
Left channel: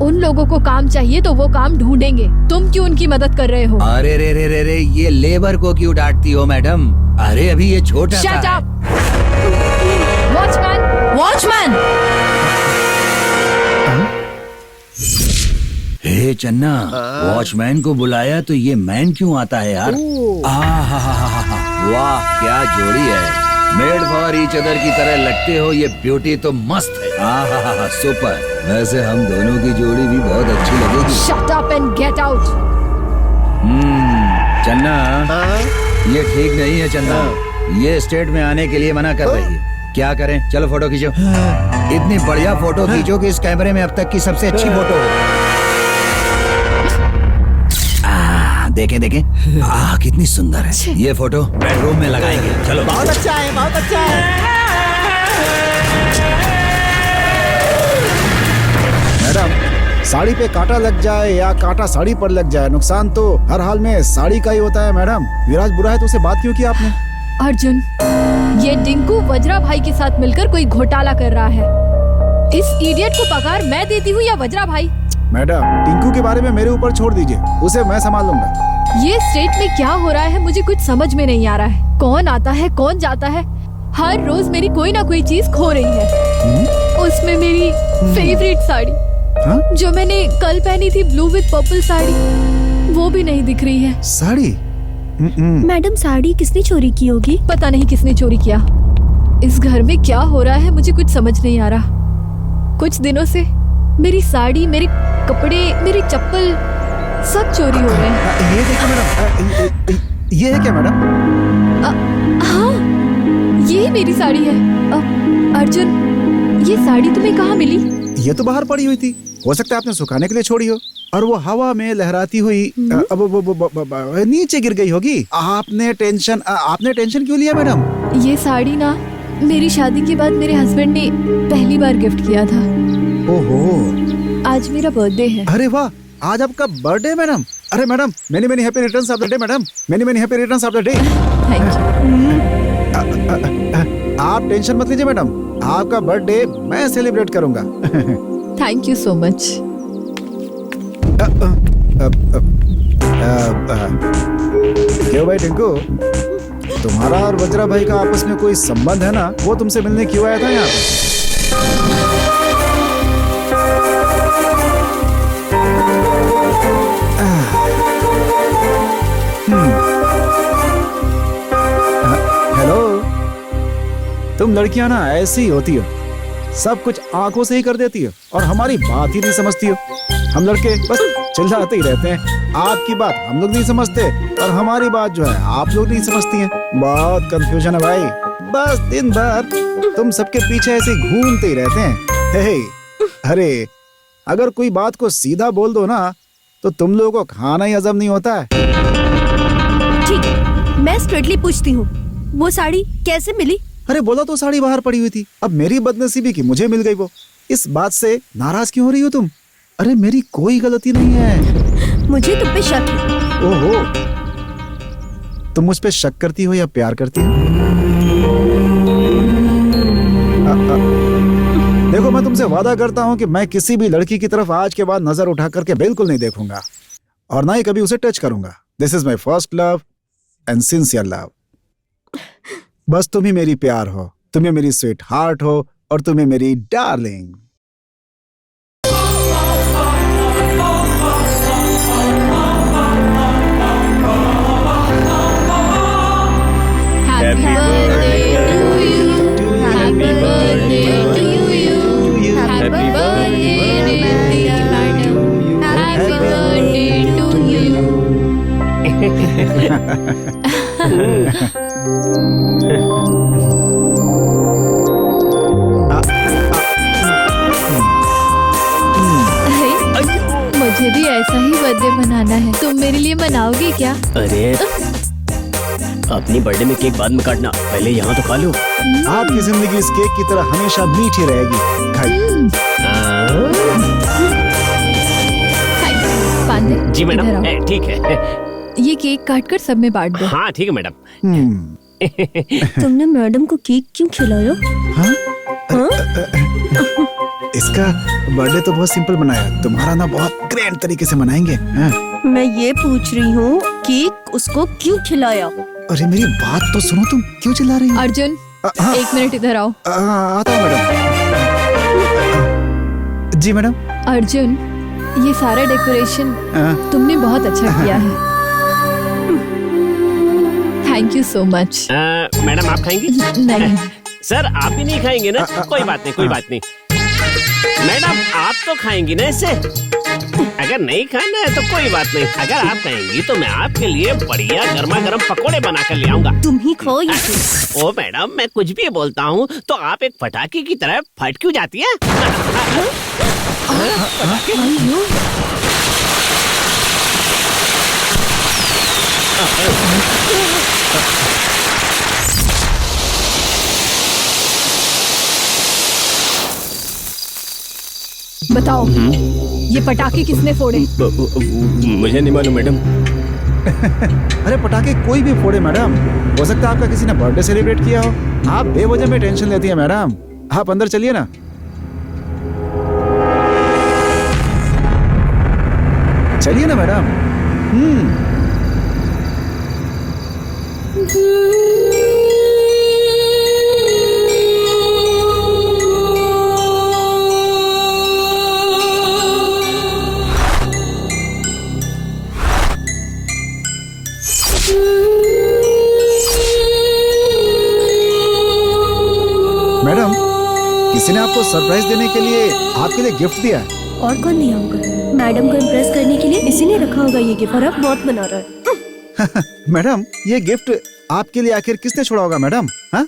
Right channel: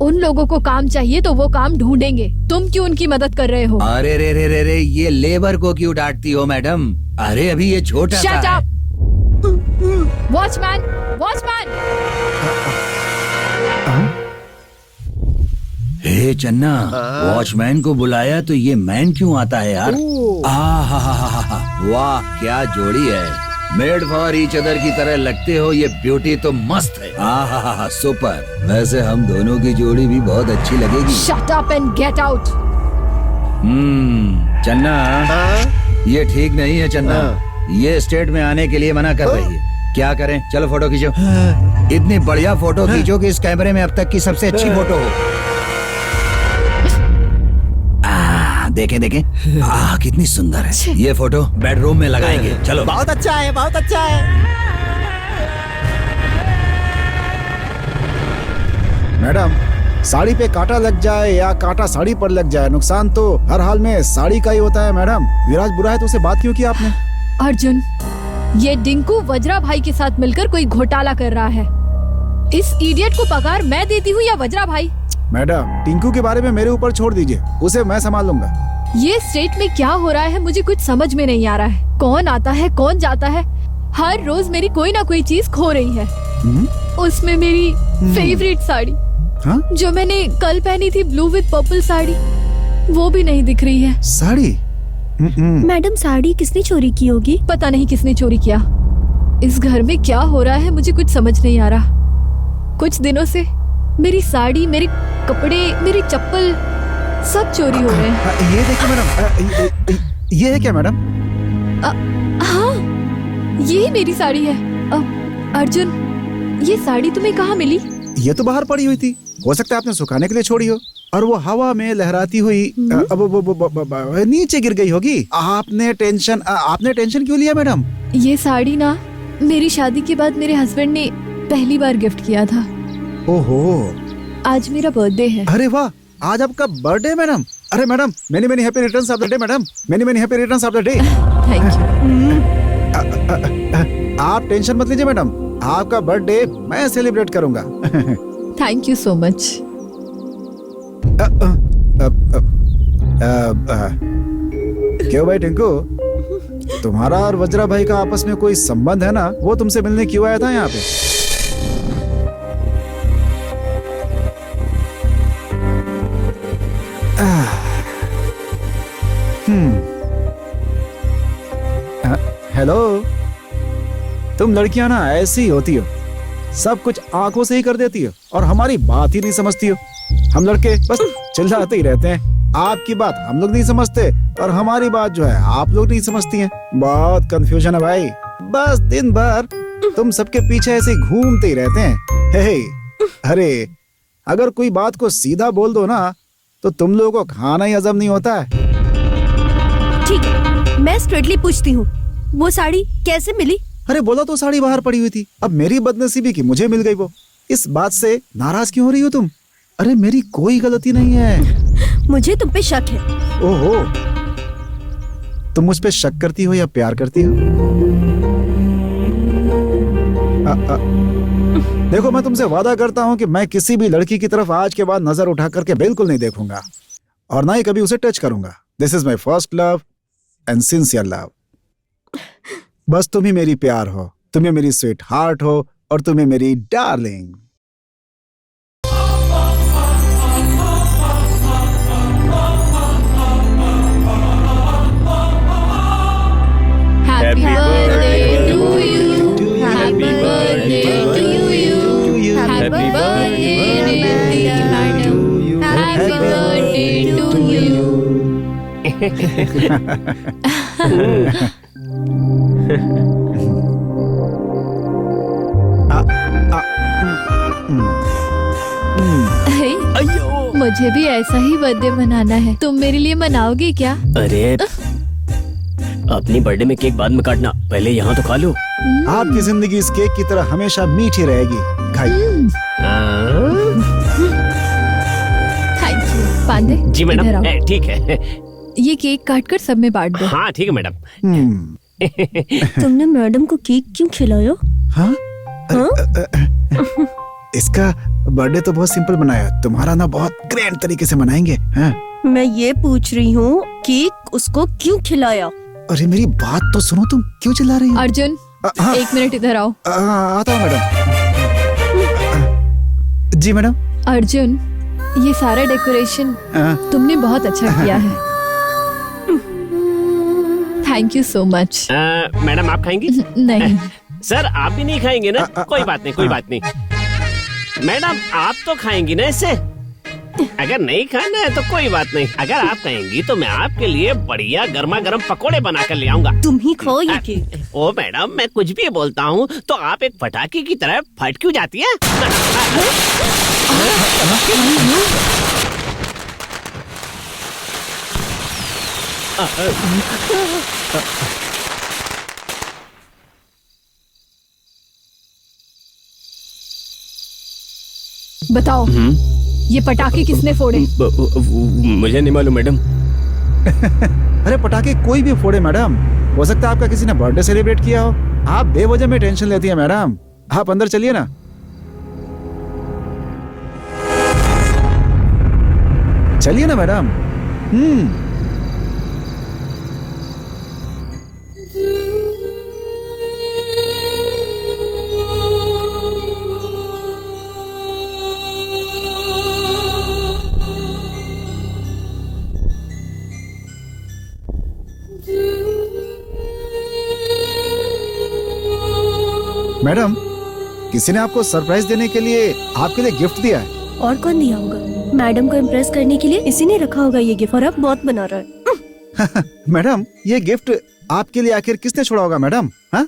उन लोगों को काम चाहिए तो वो काम ढूंढेंगे, तुम क्यों उनकी मदद कर रहे हो? अरे रे, ये लेबर को क्यों डांटती हो मैडम? अरे अभी ये छोटा सा शट है। अप! Watchman, watchman! हे चन्ना, वॉचमैन को बुलाया तो ये मैन क्यों आता है यार? वाह क्या जोड़ी है, मेड फॉर ईच अदर की तरह लगते हो। ये ब्यूटी तो मस्त है। सुपर। वैसे हम दोनों की जोड़ी भी बहुत अच्छी लगेगी। Shut up and get out! चन्ना, ये ठीक नहीं है चन्ना। ये स्टेट में आने के लिए मना कर रही है। क्या करें? चलो फोटो खींचो। इतनी बढ़िया फोटो खींचो कि इस कैमरे में अब तक की सबसे अच्छी फोटो हो। देखें कितनी सुंदर है। ये फोटो बेडरूम में लगाएंगे। चलो। बहुत अच्छा है, बहुत अच्छा है। मैडम, साड़ी पे कांटा लग जाए या कांटा साड़ी पर लग जाए, नुकसान तो हर हाल में साड़ी का ही होता है। मैडम, विराज बुरा है तो उसे बात क्यों की आपने? अर्जुन, ये डिंकू वज्रा भाई के साथ मिलकर कोई घोटाला कर रहा है। इस इडियट को पगार मैं देती हूँ या वज्रा भाई? मैडम, टिंकू के बारे में मेरे ऊपर छोड़ दीजिए, उसे मैं संभाल लूंगा। ये स्टेट में क्या हो रहा है मुझे कुछ समझ में नहीं आ रहा है। कौन आता है, कौन जाता है, हर रोज मेरी कोई ना कोई चीज खो रही है। उसमें मेरी फेवरेट साड़ी, जो मैंने कल पहनी थी, ब्लू विद पर्पल साड़ी, वो भी नहीं दिख रही है। साड़ी? मैडम, साड़ी किसने चोरी की होगी? पता नहीं किसने चोरी किया। इस घर में क्या हो रहा है मुझे कुछ समझ नहीं आ रहा। कुछ दिनों से मेरी साड़ी, मेरे कपड़े, मेरी चप्पल सब चोरी हो रहे हैं। ये देखिए मैडम, ये है क्या मैडम? हाँ, ये मेरी साड़ी है। अर्जुन, ये साड़ी तुम्हें कहाँ मिली? ये तो बाहर पड़ी हुई थी, हो सकता है आपने सुखाने के लिए छोड़ी हो और वो हवा में लहराती हुई नीचे गिर गई होगी। आपने टेंशन क्यों लिया मैडम? ये साड़ी ना मेरी शादी के बाद मेरे हस्बैंड ने पहली बार गिफ्ट किया था। ओहो, आज मेरा बर्थडे है। अरे वाह, आज आपका बर्थडे मैडम? अरे madam, many many happy returns of the day madam, many many happy returns of the day. Thank you. आप टेंशन मत लीजिए मैडम, आपका बर्थडे मैं सेलिब्रेट करूंगा। Thank you so much. क्यों भाई टिंकू, तुम्हारा और वज्रा भाई का आपस में कोई संबंध है ना, वो तुमसे मिलने क्यों आया था यहाँ पे? हेलो, तुम लड़कियां ना ऐसी ही होती हो, सब कुछ आंखों से ही कर देती हो और हमारी बात ही नहीं समझती हो। हम लड़के बस चिल्लाते ही रहते हैं, आपकी बात हम लोग नहीं समझते और हमारी बात जो है आप लोग नहीं समझती हैं। बहुत कंफ्यूजन है भाई, बस दिन भर तुम सबके पीछे ऐसे ही घूमते ही रहते हैं। हे, अरे अगर कोई बात को सीधा बोल दो ना तो तुम लोगों को खाना ही हजम नहीं होता है। ठीक है, मैं स्ट्रेटली पूछती हूँ, वो साड़ी कैसे मिली? अरे बोला तो साड़ी बाहर पड़ी हुई थी, अब मेरी बदनसीबी की मुझे मिल गई वो। इस बात से नाराज क्यों हो रही हो तुम? अरे मेरी कोई गलती नहीं है। मुझे तुम पे शक है। ओहो, तुम मुझ पे शक करती हो या प्यार करती हो? देखो, मैं तुमसे वादा करता हूँ कि मैं किसी भी लड़की की तरफ आज के बाद नजर उठा करके बिल्कुल नहीं देखूंगा और ना ही कभी उसे टच करूंगा। This is my first love and sincere love. बस तुम ही मेरी प्यार हो, तुम्हें मेरी स्वीट हार्ट हो और तुम्हें मेरी darling. Happy birthday to you. Happy birthday to you. Happy birthday, Rittika madam. Happy birthday to you. मुझे भी ऐसा ही बर्थडे मनाना है, तुम मेरे लिए मनाओगे क्या? अरे अपनी बर्थडे में केक बाद में काटना, पहले यहाँ तो खा लो। आपकी जिंदगी इस केक की तरह हमेशा मीठी रहेगी। खाइए। पांडे जी इधर आओ। मैडम, ठीक है। ये केक काट कर सब में बांट दो। हाँ ठीक है मैडम। तुमने मैडम को केक क्यों खिलाया? हाँ? इसका बर्थडे तो बहुत सिंपल बनाया, तुम्हारा ना बहुत ग्रैंड तरीके से मनाएंगे। हाँ? मैं ये पूछ रही हूँ, केक उसको क्यों खिलाया? अरे मेरी बात तो सुनो, तुम क्यों चिल्ला रही हो? अर्जुन, हाँ। 1 मिनट इधर आओ। आता हूँ मैडम। जी मैडम। अर्जुन, ये सारा डेकोरेशन तुमने बहुत अच्छा किया है। Thank you so much. Madam आप खाएंगी? नहीं। सर आप भी नहीं खाएंगे ना? कोई बात नहीं, कोई बात नहीं। मैडम आप तो खाएंगी ना इससे? अगर नहीं खाना है तो कोई बात नहीं, अगर आप कहेंगी तो मैं आपके लिए बढ़िया गर्मा गर्म पकोड़े बना कर ले आऊंगा। तुम ही खाओ ये। ओ मैडम, मैं कुछ भी बोलता हूँ तो आप एक पटाखे की तरह फट क्यों जाती है? बताओ, ये पटाखे किसने फोड़े? मुझे नहीं मालूम मैडम। अरे पटाखे कोई भी फोड़े मैडम, हो सकता है आपका किसी ने बर्थडे सेलिब्रेट किया हो। आप बेवजह में टेंशन लेती है मैडम। आप अंदर चलिए ना। चलिए ना मैडम। मैडम, किसी ने आपको सरप्राइज देने के लिए आपके लिए गिफ्ट दिया है। और कौन दिया होगा? मैडम को इम्प्रेस करने के लिए इसी ने रखा होगा ये गिफ्ट, और अब बहुत बना रहा है। मैडम, ये गिफ्ट आपके लिए आखिर किसने छोड़ा होगा मैडम? हाँ?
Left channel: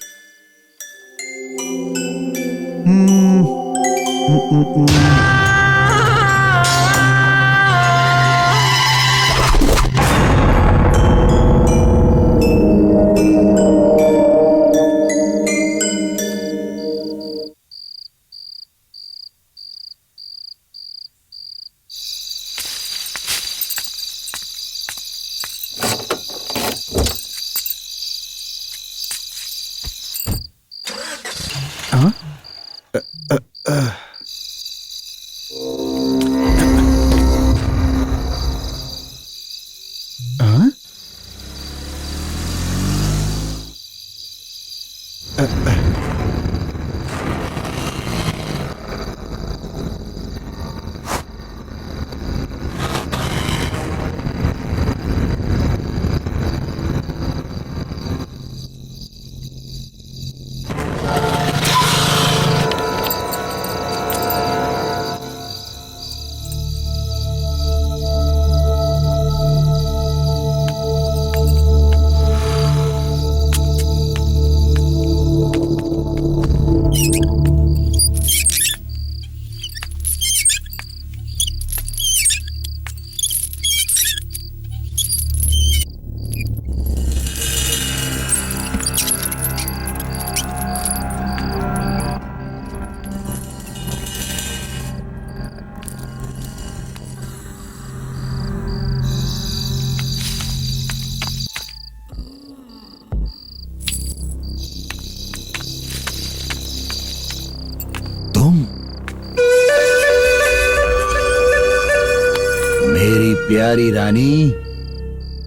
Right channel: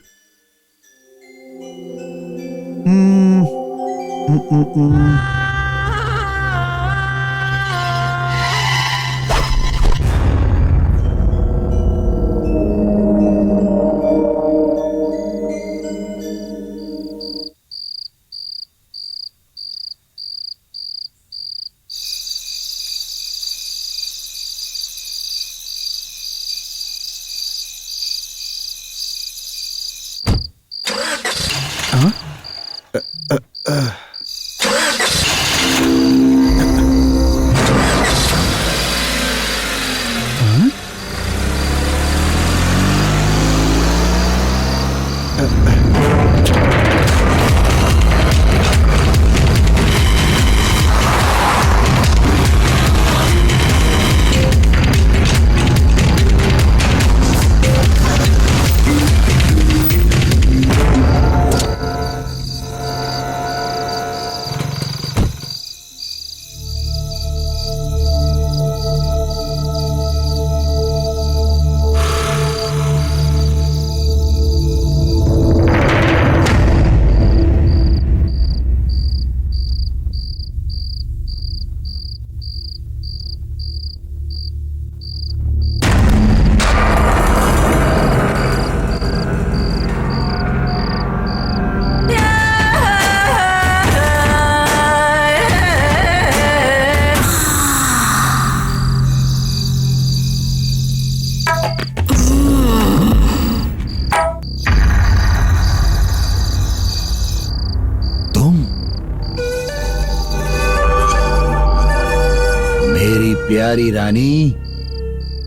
प्यारी रानी,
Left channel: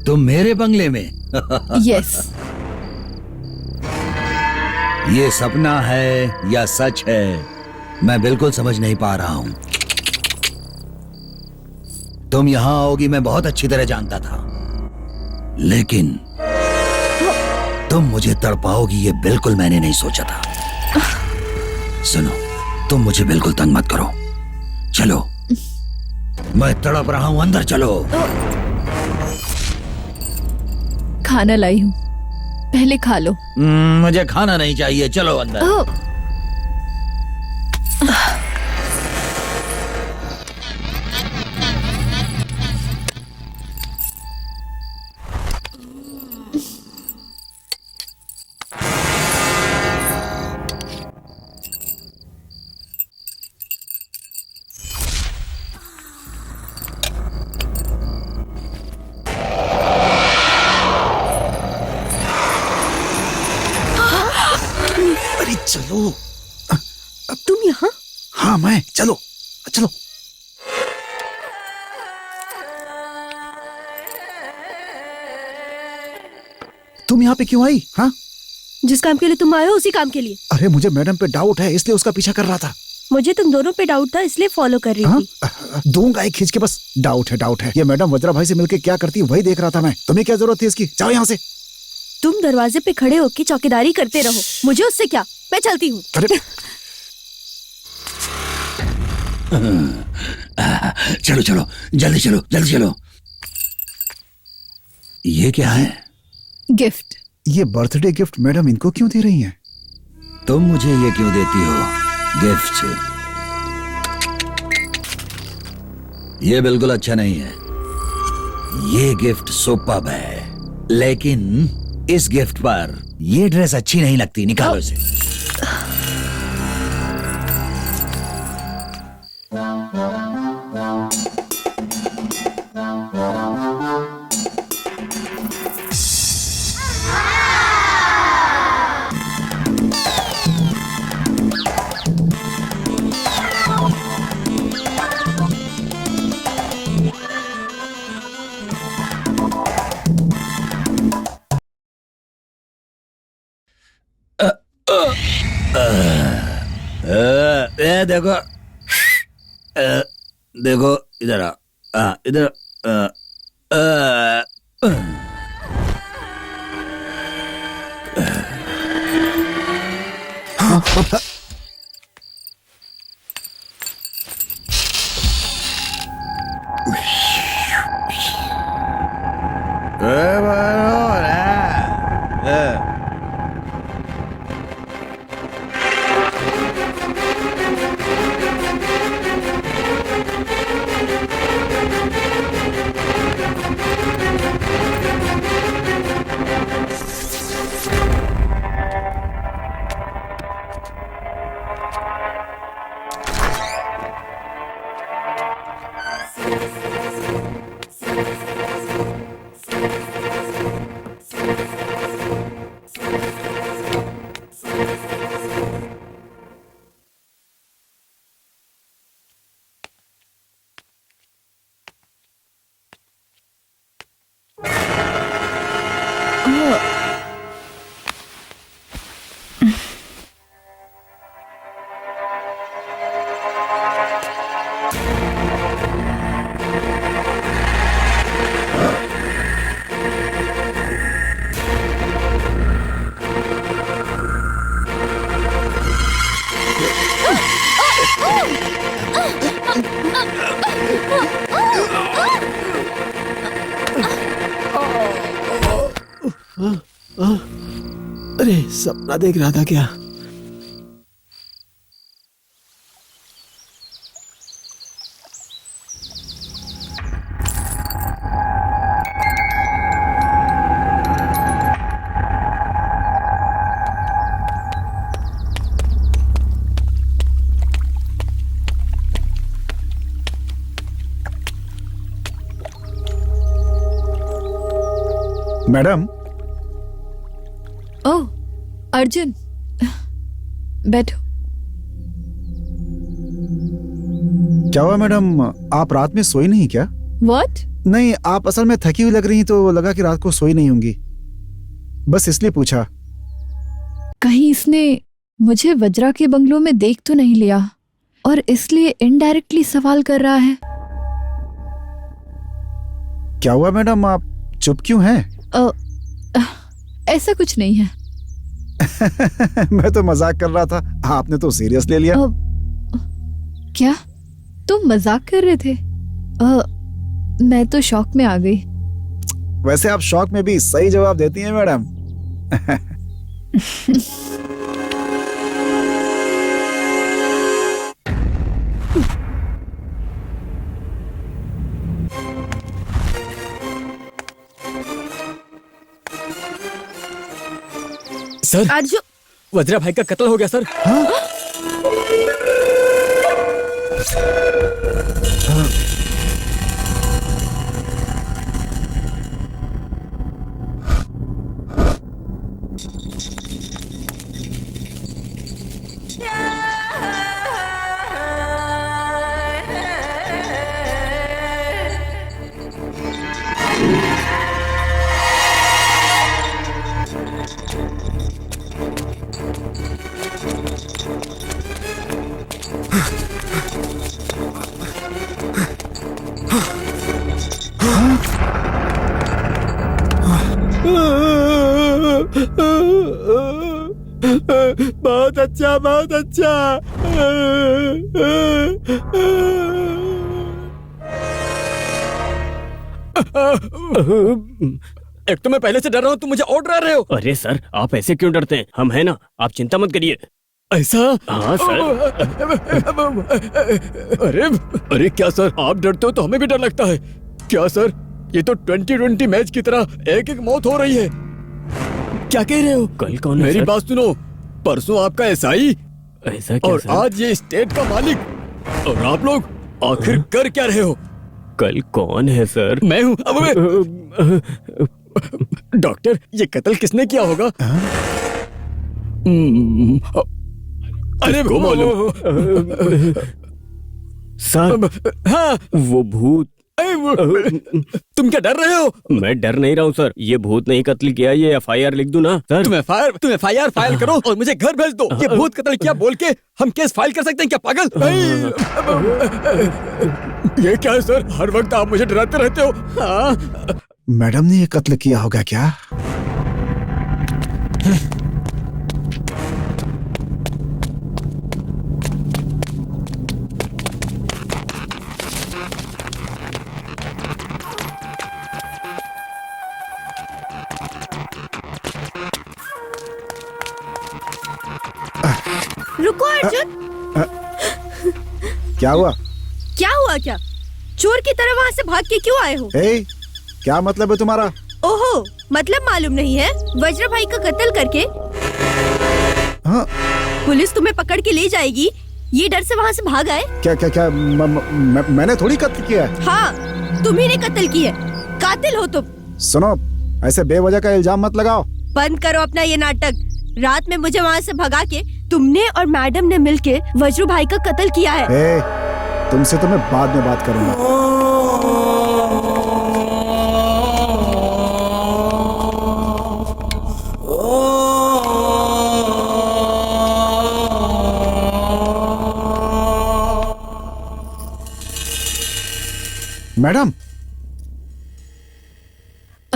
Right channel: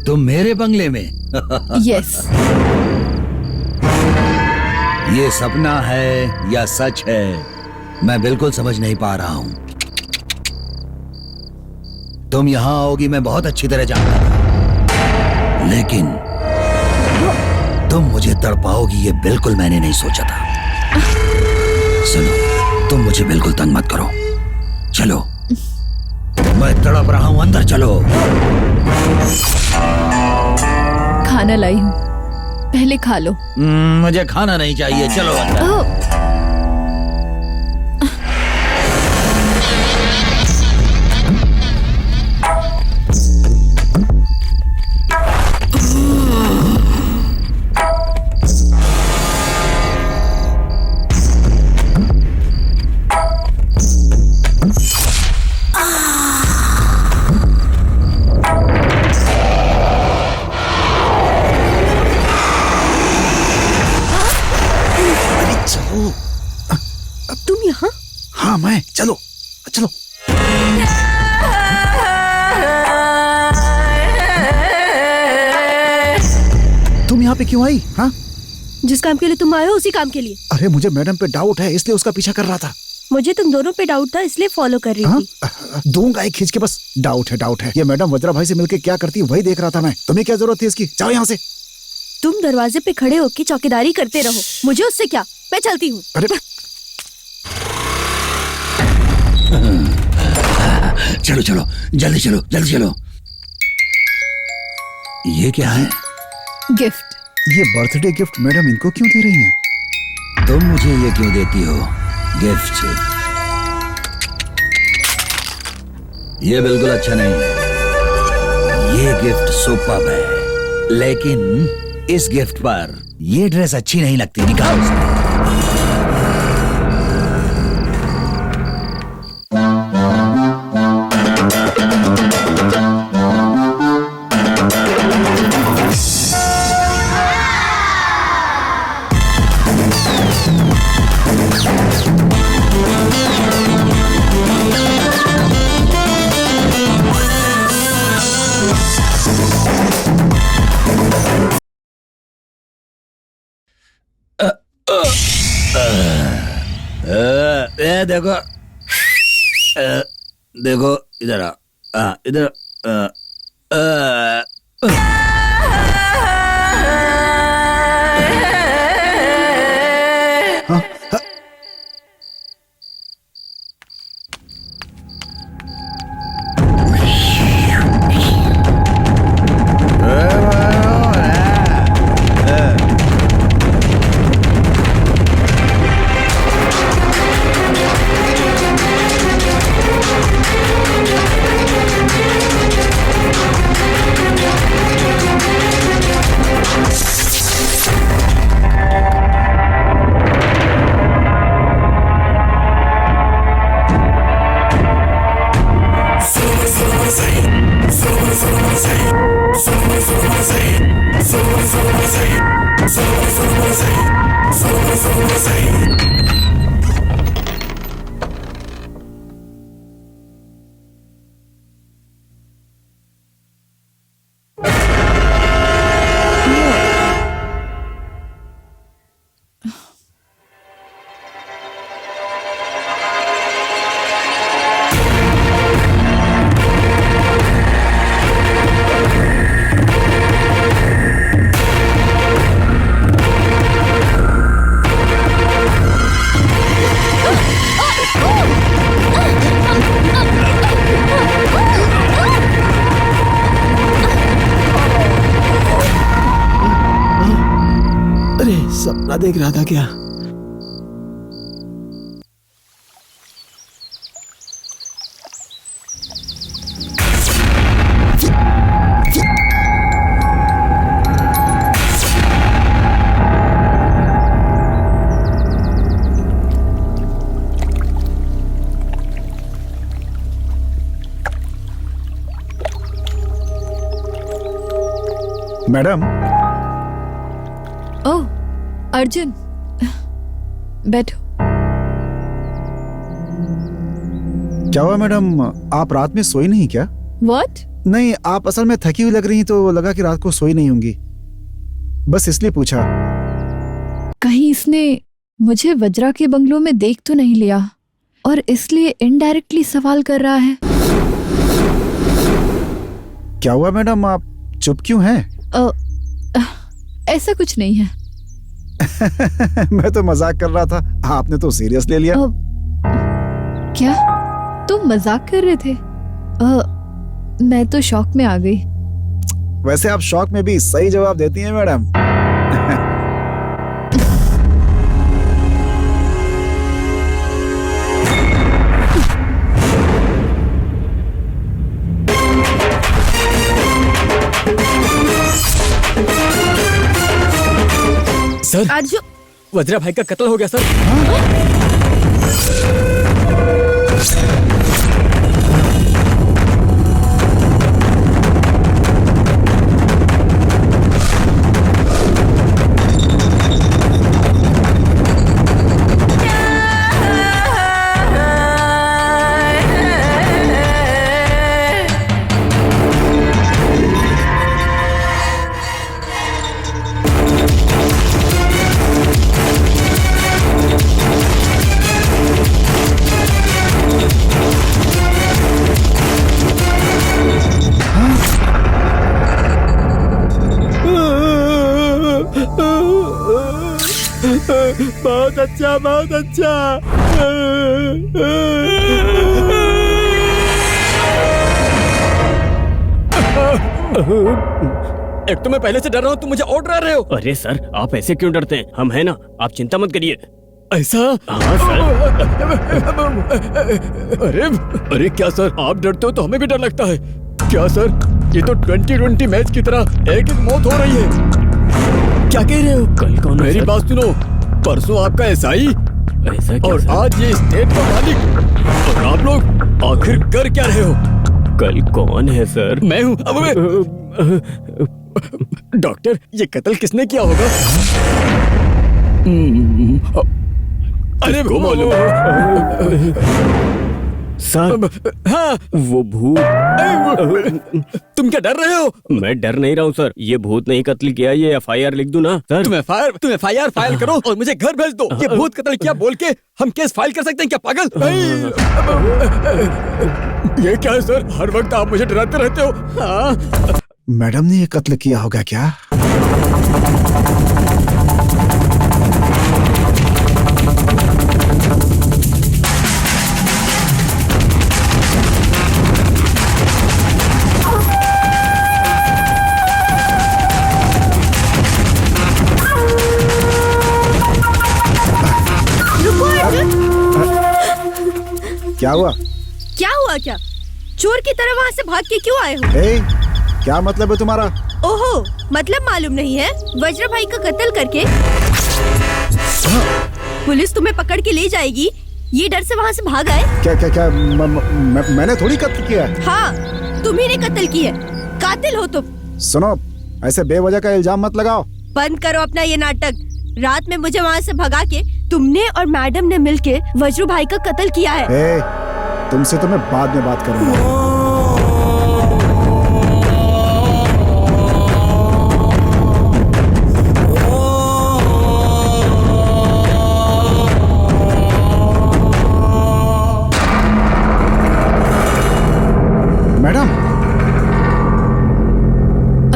तुम मेरे बंगले में? यस। ये सपना है या सच है, मैं बिल्कुल समझ नहीं पा रहा हूं। तुम यहां आओगी मैं बहुत अच्छी तरह जानता था, लेकिन तुम मुझे तड़पाओगी ये बिल्कुल मैंने नहीं सोचा था। सुनो, तुम मुझे बिल्कुल तंग मत करो। चलो, मैं तड़प रहा हूं, अंदर चलो। खाना लाई हूँ, पहले खा लो। मुझे खाना नहीं चाहिए, चलो अंदर। ओह, अरे चलो। अब तुम यहाँ? हाँ मैं, चलो चलो। तुम यहाँ पे क्यों आई? हाँ, जिस काम के लिए तुम आए हो उसी काम के लिए। अरे मुझे मैडम पे डाउट है, इसलिए उसका पीछा कर रहा था। मुझे तुम दोनों पे डाउट था, इसलिए फॉलो कर रही हाँ? थी। दूंगा एक खींच के, बस डाउट है डाउट है। ये मैडम वज्रा भाई से मिलके क्या करती है वही देख रहा था मैं। तुम्हें क्या जरूरत थी इसकी? जाओ यहाँ से। तुम दरवाजे पे खड़े होकर चौकीदारी करते रहो, मुझे उससे क्या, मैं चलती हूँ। अरे चलो चलो, जल्दी चलो, जल्दी चलो। ये क्या है? गिफ्ट। ये बर्थडे गिफ्ट मैडम इनको क्यों दे रही हैं? तुम मुझे ये क्यों देती हो गिफ्ट? ये बिल्कुल अच्छा नहीं है। ये गिफ्ट सुपर्ब है, लेकिन इस गिफ्ट पर ये ड्रेस अच्छी नहीं लगती। निकालो इसे। देखो, देखो इधर आ, इधर। अरे सपना देख रहा था क्या? मैडम। ओह अर्जुन, बैठो। क्या हुआ मैडम, आप रात में सोई नहीं क्या? व्हाट? नहीं, आप असल में थकी हुई लग रही तो लगा कि रात को सोई नहीं होंगी, बस इसलिए पूछा। कहीं इसने मुझे वज्रा के बंगलों में देख तो नहीं लिया और इसलिए इनडायरेक्टली सवाल कर रहा है। क्या हुआ मैडम, आप चुप क्यों हैं? ऐसा कुछ नहीं है। मैं तो मजाक कर रहा था, आपने तो सीरियस ले लिया। क्या तुम मजाक कर रहे थे? मैं तो शॉक में आ गई। वैसे आप शॉक में भी सही जवाब देती हैं मैडम। सर, अर्जुन, वज्रा भाई का कत्ल हो गया सर। बहुत अच्छा, बहुत अच्छा। एक तो मैं पहले से डर रहा हूँ, तुम मुझे और डरा रहे हो। अरे सर, आप ऐसे क्यों डरते हैं? हम हैं ना, आप चिंता मत करिए। ऐसा? हाँ सर। अरे अरे क्या सर, आप डरते हो तो हमें भी डर लगता है। क्या सर, ये तो 2020 मैच की तरह एक एक मौत हो रही है। क्या कह रहे हो? कल कौन? मेरी बात सुनो, परसों आपका एसआई ऐसा क्या और सर? आज ये स्टेट का मालिक, और आप लोग आखिर कर क्या रहे हो? कल कौन है सर? मैं हूँ। डॉक्टर, ये कत्ल किसने किया होगा? अरे किसको मालूम? सर, हाँ, वो भूत। तुम क्या डर रहे हो? मैं डर नहीं रहा हूँ सर, ये भूत नहीं कत्ल किया। ये एफआईआर लिख दूं ना सर? तुम एफआईआर फाइल करो और मुझे घर भेज दो। ये भूत कत्ल किया बोल के हम केस फाइल कर सकते हैं क्या पागल? ये क्या है सर, हर वक्त आप मुझे डराते रहते हो। हाँ? मैडम ने ये कत्ल किया होगा क्या? रुको अर्जुन। क्या हुआ? क्या हुआ क्या? चोर की तरह वहाँ से भाग के क्यों आए हो? ए, क्या मतलब है तुम्हारा? ओहो, मतलब मालूम नहीं है? वज्र भाई का कत्ल करके पुलिस तुम्हें पकड़ के ले जाएगी, ये डर से वहाँ से भाग आए? क्या क्या क्या मैंने थोड़ी कत्ल किया है। हाँ, तुम्ही ने कत्ल किया, कातिल हो तुम। सुनो, ऐसे बेवजह का इल्जाम मत लगाओ। बंद करो अपना ये नाटक। रात में मुझे वहाँ से भगा के तुमने और मैडम ने मिलके वज्रू भाई का कत्ल किया है। ए, तुमसे तो मैं बाद में बात करूंगा। मैडम।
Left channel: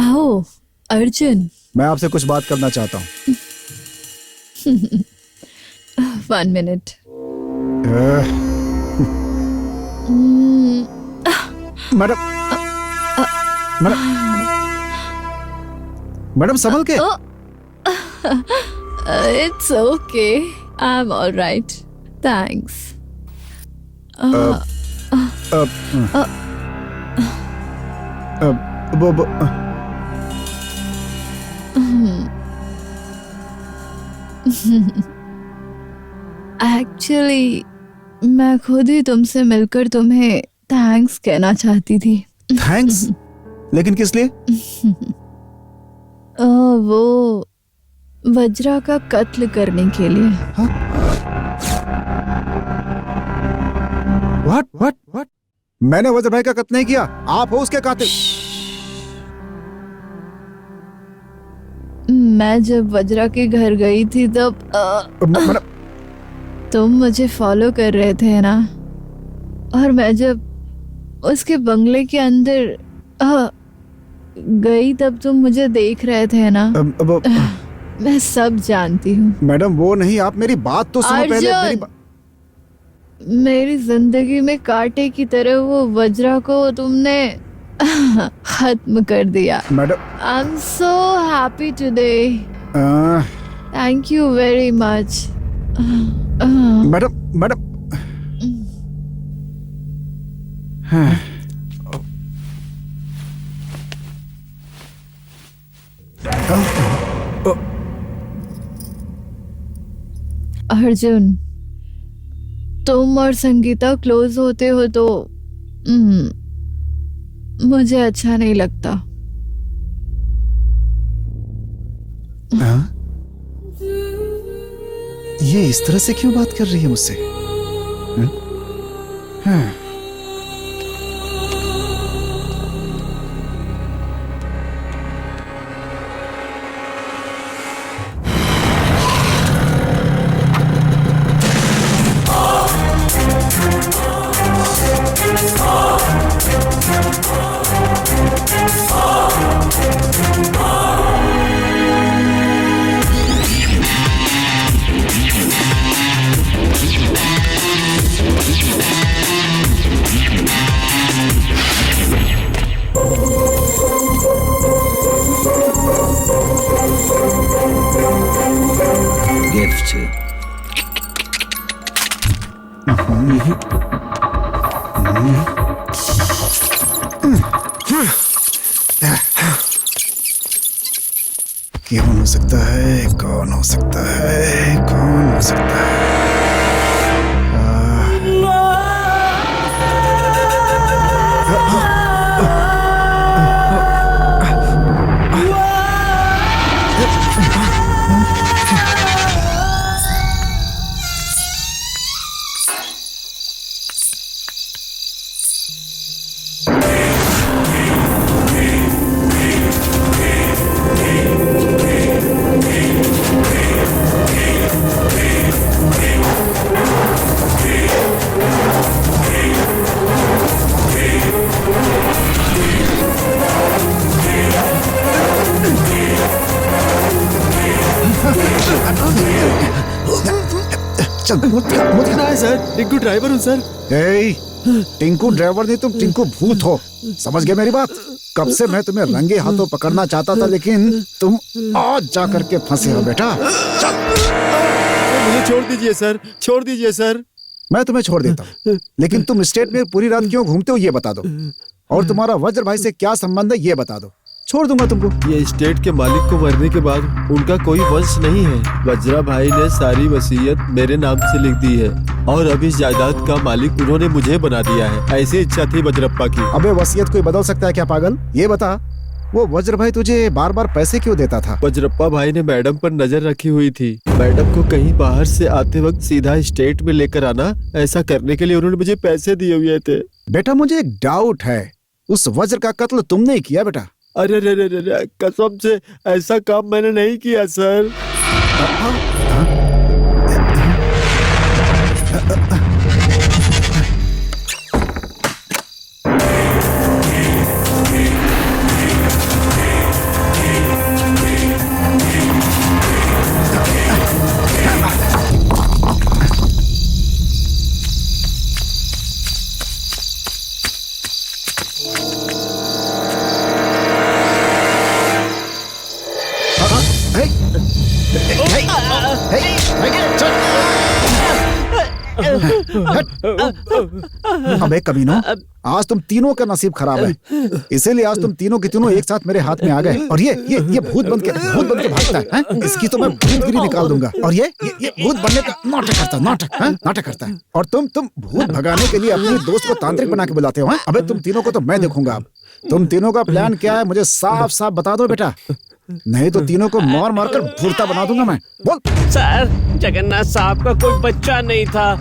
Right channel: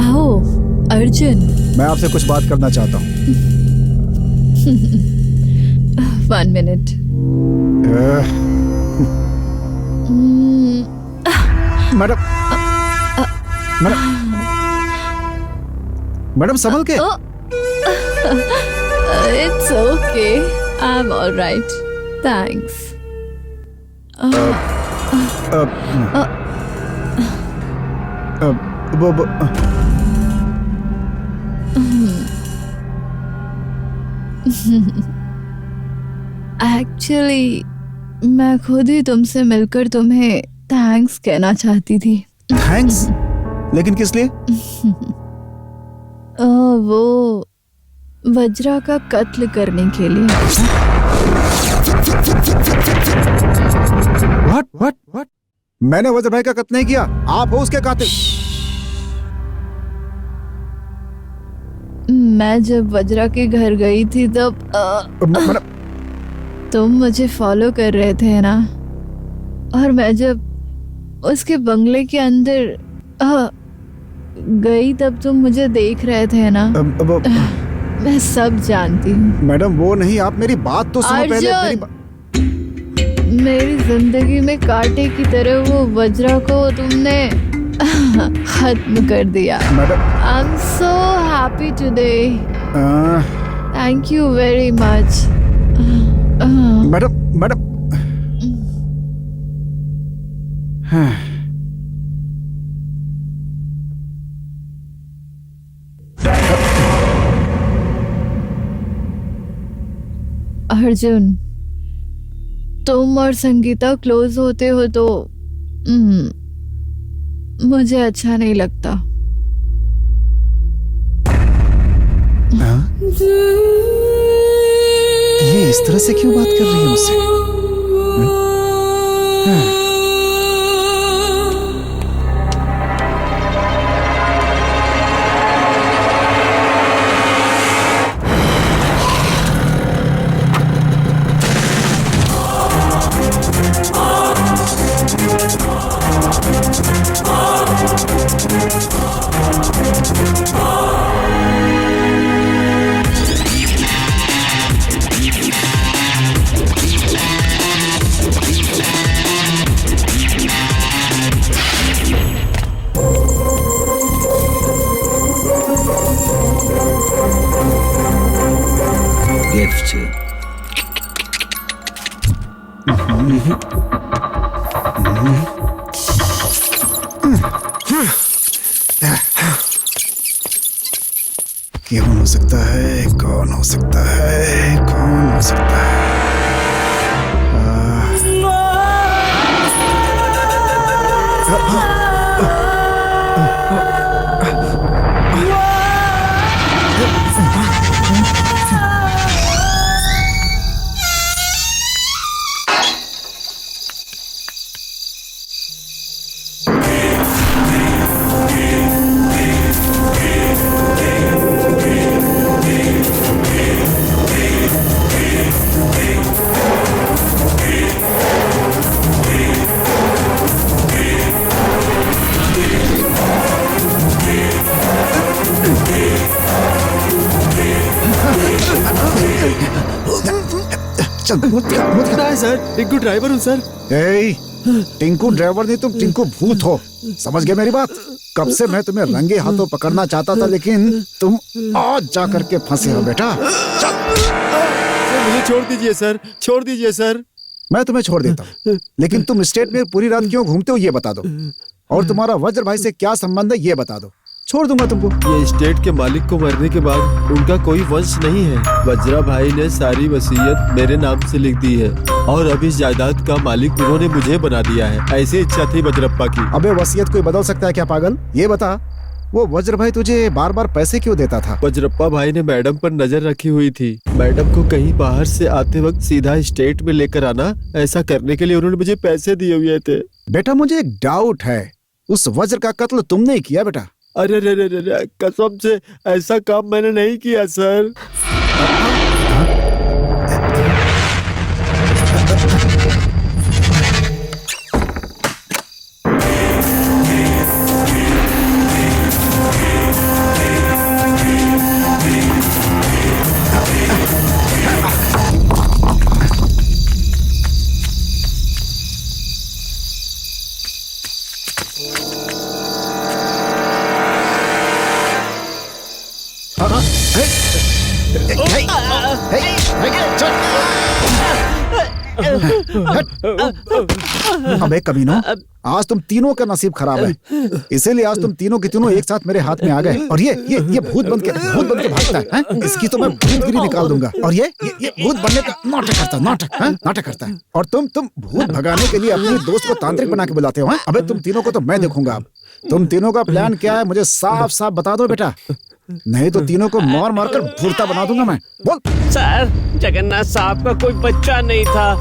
आओ अर्जुन, मैं आपसे कुछ बात करना चाहता हूँ। 1 minute। मैडम, मैडम, मैडम संभल के। It's okay. I'm all right. Thanks. Actually मैं खुद ही तुमसे मिलकर तुम्हें थैंक्स कहना चाहती थी। थैंक्स? लेकिन किस लिए? वो वज्रा का कत्ल करने के लिए। व्हाट? मैंने वज्र भाई का कत्ल नहीं किया, आप हो उसके कातिल। मैं जब वज्रा के घर गई थी तब तुम मुझे फॉलो कर रहे थे ना, और मैं जब उसके बंगले के अंदर गई तब तुम मुझे देख रहे थे ना। मैं सब जानती हूँ। मैडम वो नहीं, आप मेरी बात तो सुनो पहले। मेरी जिंदगी में कांटे की तरह वो वज्रा को तुमने खत्म कर दिया। Madam I am so happy today, thank you very much. Madam madam Arjun, तुम और संगीता क्लोज होते हो तो मुझे अच्छा नहीं लगता। ये इस तरह से क्यों बात कर रही है मुझसे? गिफ्ट। कौन हो सकता है? कौन हो सकता है? कौन हो सकता है? चल मत है सर, टिंकू ड्राइवर हूँ सर। टिंकू ड्राइवर नहीं, तुम टिंकू भूत हो। समझ गए मेरी बात? कब से मैं तुम्हें रंगे हाथों पकड़ना चाहता था, लेकिन तुम आज जा करके फंसे हो बेटा। चल मुझे छोड़ दीजिए सर, छोड़ दीजिए सर। मैं तुम्हें छोड़ देता हूँ, लेकिन तुम स्टेट में पूरी रात क्यों घूमते हो ये बता दो, और तुम्हारा वज्र भाई से क्या संबंध है ये बता दो। छोड़ दूंगा तुमको। ये स्टेट के मालिक को मरने के बाद उनका कोई वंश नहीं है। वज्रा भाई ने सारी वसीयत मेरे नाम से लिख दी है, और अब इस जायदाद का मालिक उन्होंने मुझे बना दिया है। ऐसी इच्छा थी वज्रप्पा की। अबे वसीयत कोई बदल सकता है क्या पागल? ये बता, वो वज्र भाई तुझे बार बार पैसे क्यों देता था? वज्रप्पा भाई ने मैडम पर नजर रखी हुई थी। मैडम को कहीं बाहर से आते वक्त सीधा स्टेट में लेकर आना, ऐसा करने के लिए उन्होंने मुझे पैसे दिए हुए थे। बेटा मुझे एक डाउट है, उस वज्र का कत्ल तुमने किया बेटा? अरे रे रे रे, कसम से ऐसा काम मैंने नहीं किया सर। अबे कमीनों, आज तुम तीनों का नसीब खराब है, इसीलिए आज तुम तीनों के तीनों एक साथ मेरे हाथ में आ गए। और ये भूत बन के भागता है? इसकी तो मैं भूतगिरी निकाल दूंगा। और ये भूत बनने का नाटक करता है। और तुम भूत भगाने के लिए अपने दोस्त को तांत्रिक बना के बुलाते हो। अबे तुम तीनों को तो मैं देखूंगा। अब तुम तीनों का प्लान क्या है मुझे साफ साफ बता दो बेटा, नहीं तो तीनों को मार कर भूरता बना दूंगा मैं। बोल। सर, जगन्नाथ साहब का कोई बच्चा नहीं था,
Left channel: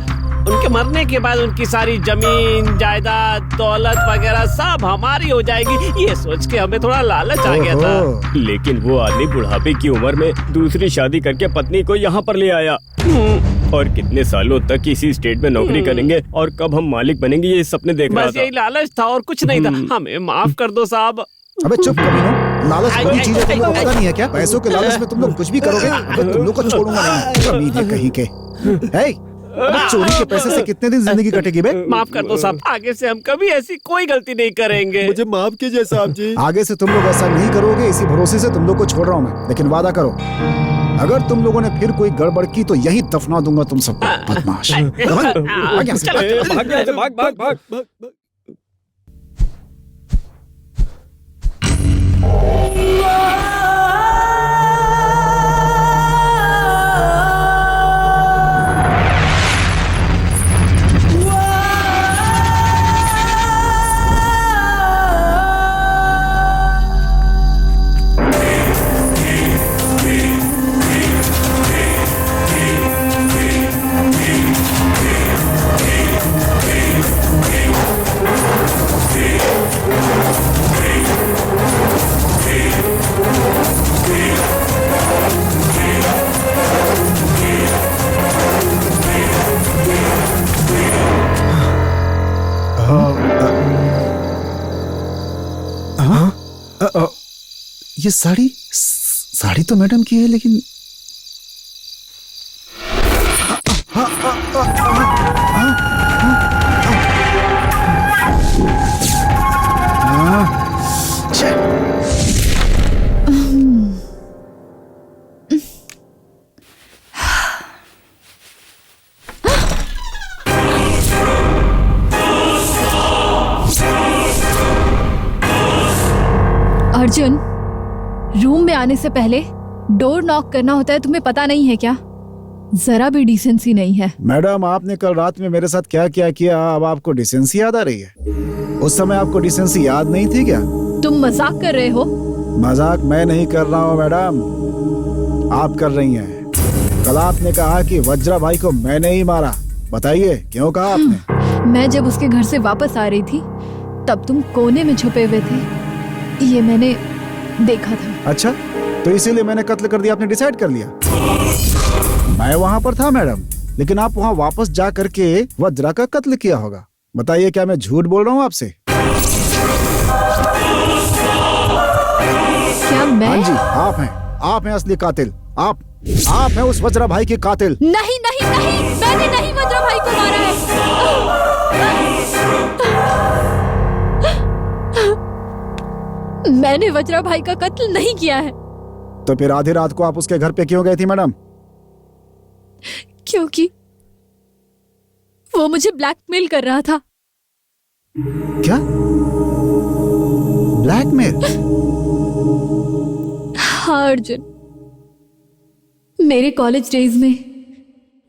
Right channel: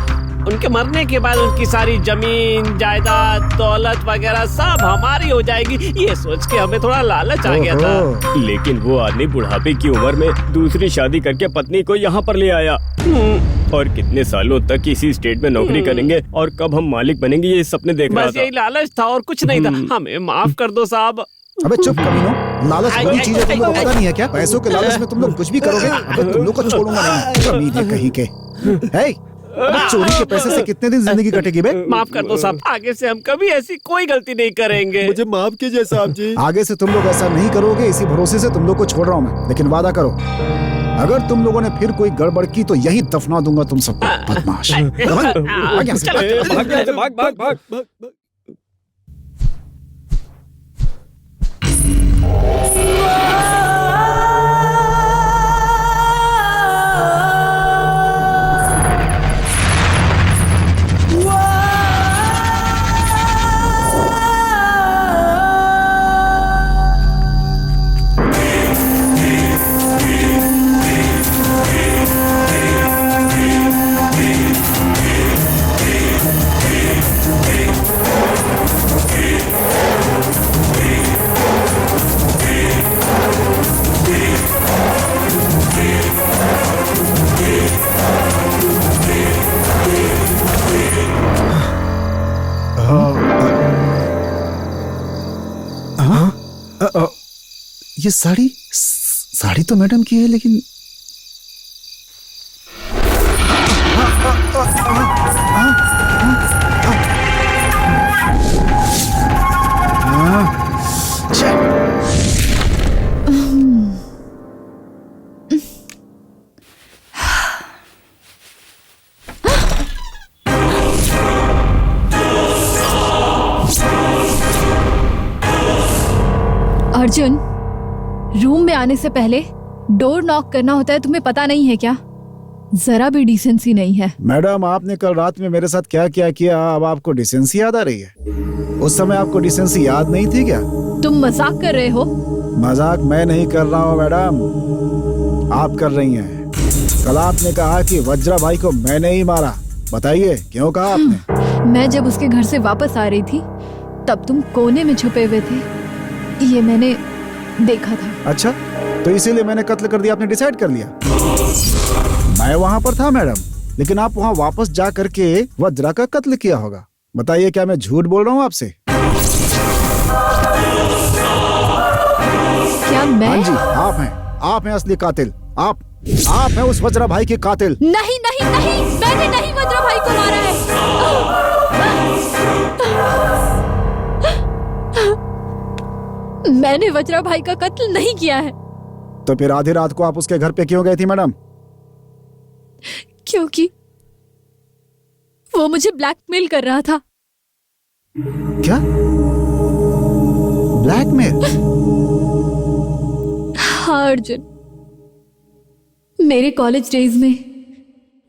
उनके मरने के बाद उनकी सारी जमीन जायदाद दौलत वगैरह सब हमारी हो जाएगी, ये सोच के हमें थोड़ा लालच आ गया था। लेकिन वो आदमी बुढ़ापे की उम्र में दूसरी शादी करके पत्नी को यहाँ पर ले आया। और कितने सालों तक इसी स्टेट में नौकरी करेंगे और कब हम मालिक बनेंगे ये सपने देख रहा बस था। यही लालच था और कुछ नहीं था। हमें माफ कर दो साहब। अबे चुप कमीनो, लालच बड़ी चीज है, तुम लोग को पता नहीं है क्या? पैसों के लालच में तुम लोग कुछ भी करोगे। अबे तुम लोग को छोड़ूंगा नहीं, कमीने कहीं के। हे, अबे चोरी के पैसे से कितने दिन जिंदगी कटेगी बे? माफ कर दो साहब, आगे से हम कभी ऐसी कोई गलती नहीं करेंगे। मुझे माफ कीजिए साहब जी। आगे से तुम लोग ऐसा नहीं करोगे, इसी भरोसे से तुम लोग को छोड़ रहा हूँ मैं। लेकिन वादा करो, अगर तुम लोगों ने फिर कोई गड़बड़ की तो यही दफना दूंगा तुम सबको। बदमाश। भाग यहाँ से, भाग। भाग। ये साड़ी तो मैडम की है, लेकिन अर्जुन, रूम में आने से पहले डोर नॉक करना होता है, तुम्हें पता नहीं है क्या? जरा भी डिसेंसी नहीं है। मैडम, आपने कल रात में मेरे साथ क्या क्या किया, अब आपको डिसेंसी याद आ रही है? उस समय आपको डिसेंसी याद नहीं थी क्या? तुम मजाक कर रहे हो? मजाक मैं नहीं कर रहा हूँ मैडम, आप कर रही हैं। कल आपने कहा कि वज्रा भाई को मैंने ही मारा, बताइए क्यों कहा आपने? मैं जब उसके घर से वापस आ रही थी तब तुम कोने में छुपे हुए थे, ये मैंने देखा था। अच्छा, तो इसीलिए मैंने कत्ल कर दिया, आपने डिसाइड कर लिया? मैं वहाँ पर था मैडम, लेकिन आप वहाँ वापस जा करके वज्रा का कत्ल किया होगा। बताइए क्या मैं झूठ बोल रहा हूँ आपसे? क्या मैं? हाँ जी, आप हैं असली कातिल। आप हैं उस वज्रा भाई के कातिल। नहीं नहीं नहीं, मैंने नहीं वज्रा भाई को मारा है। मैंने वज्रा भाई का कत्ल नहीं किया है। तो फिर आधी रात को आप उसके घर पे क्यों गई थी मैडम? क्योंकि वो मुझे ब्लैकमेल कर रहा था। क्या? ब्लैकमेल? हाँ अर्जुन, मेरे कॉलेज डेज में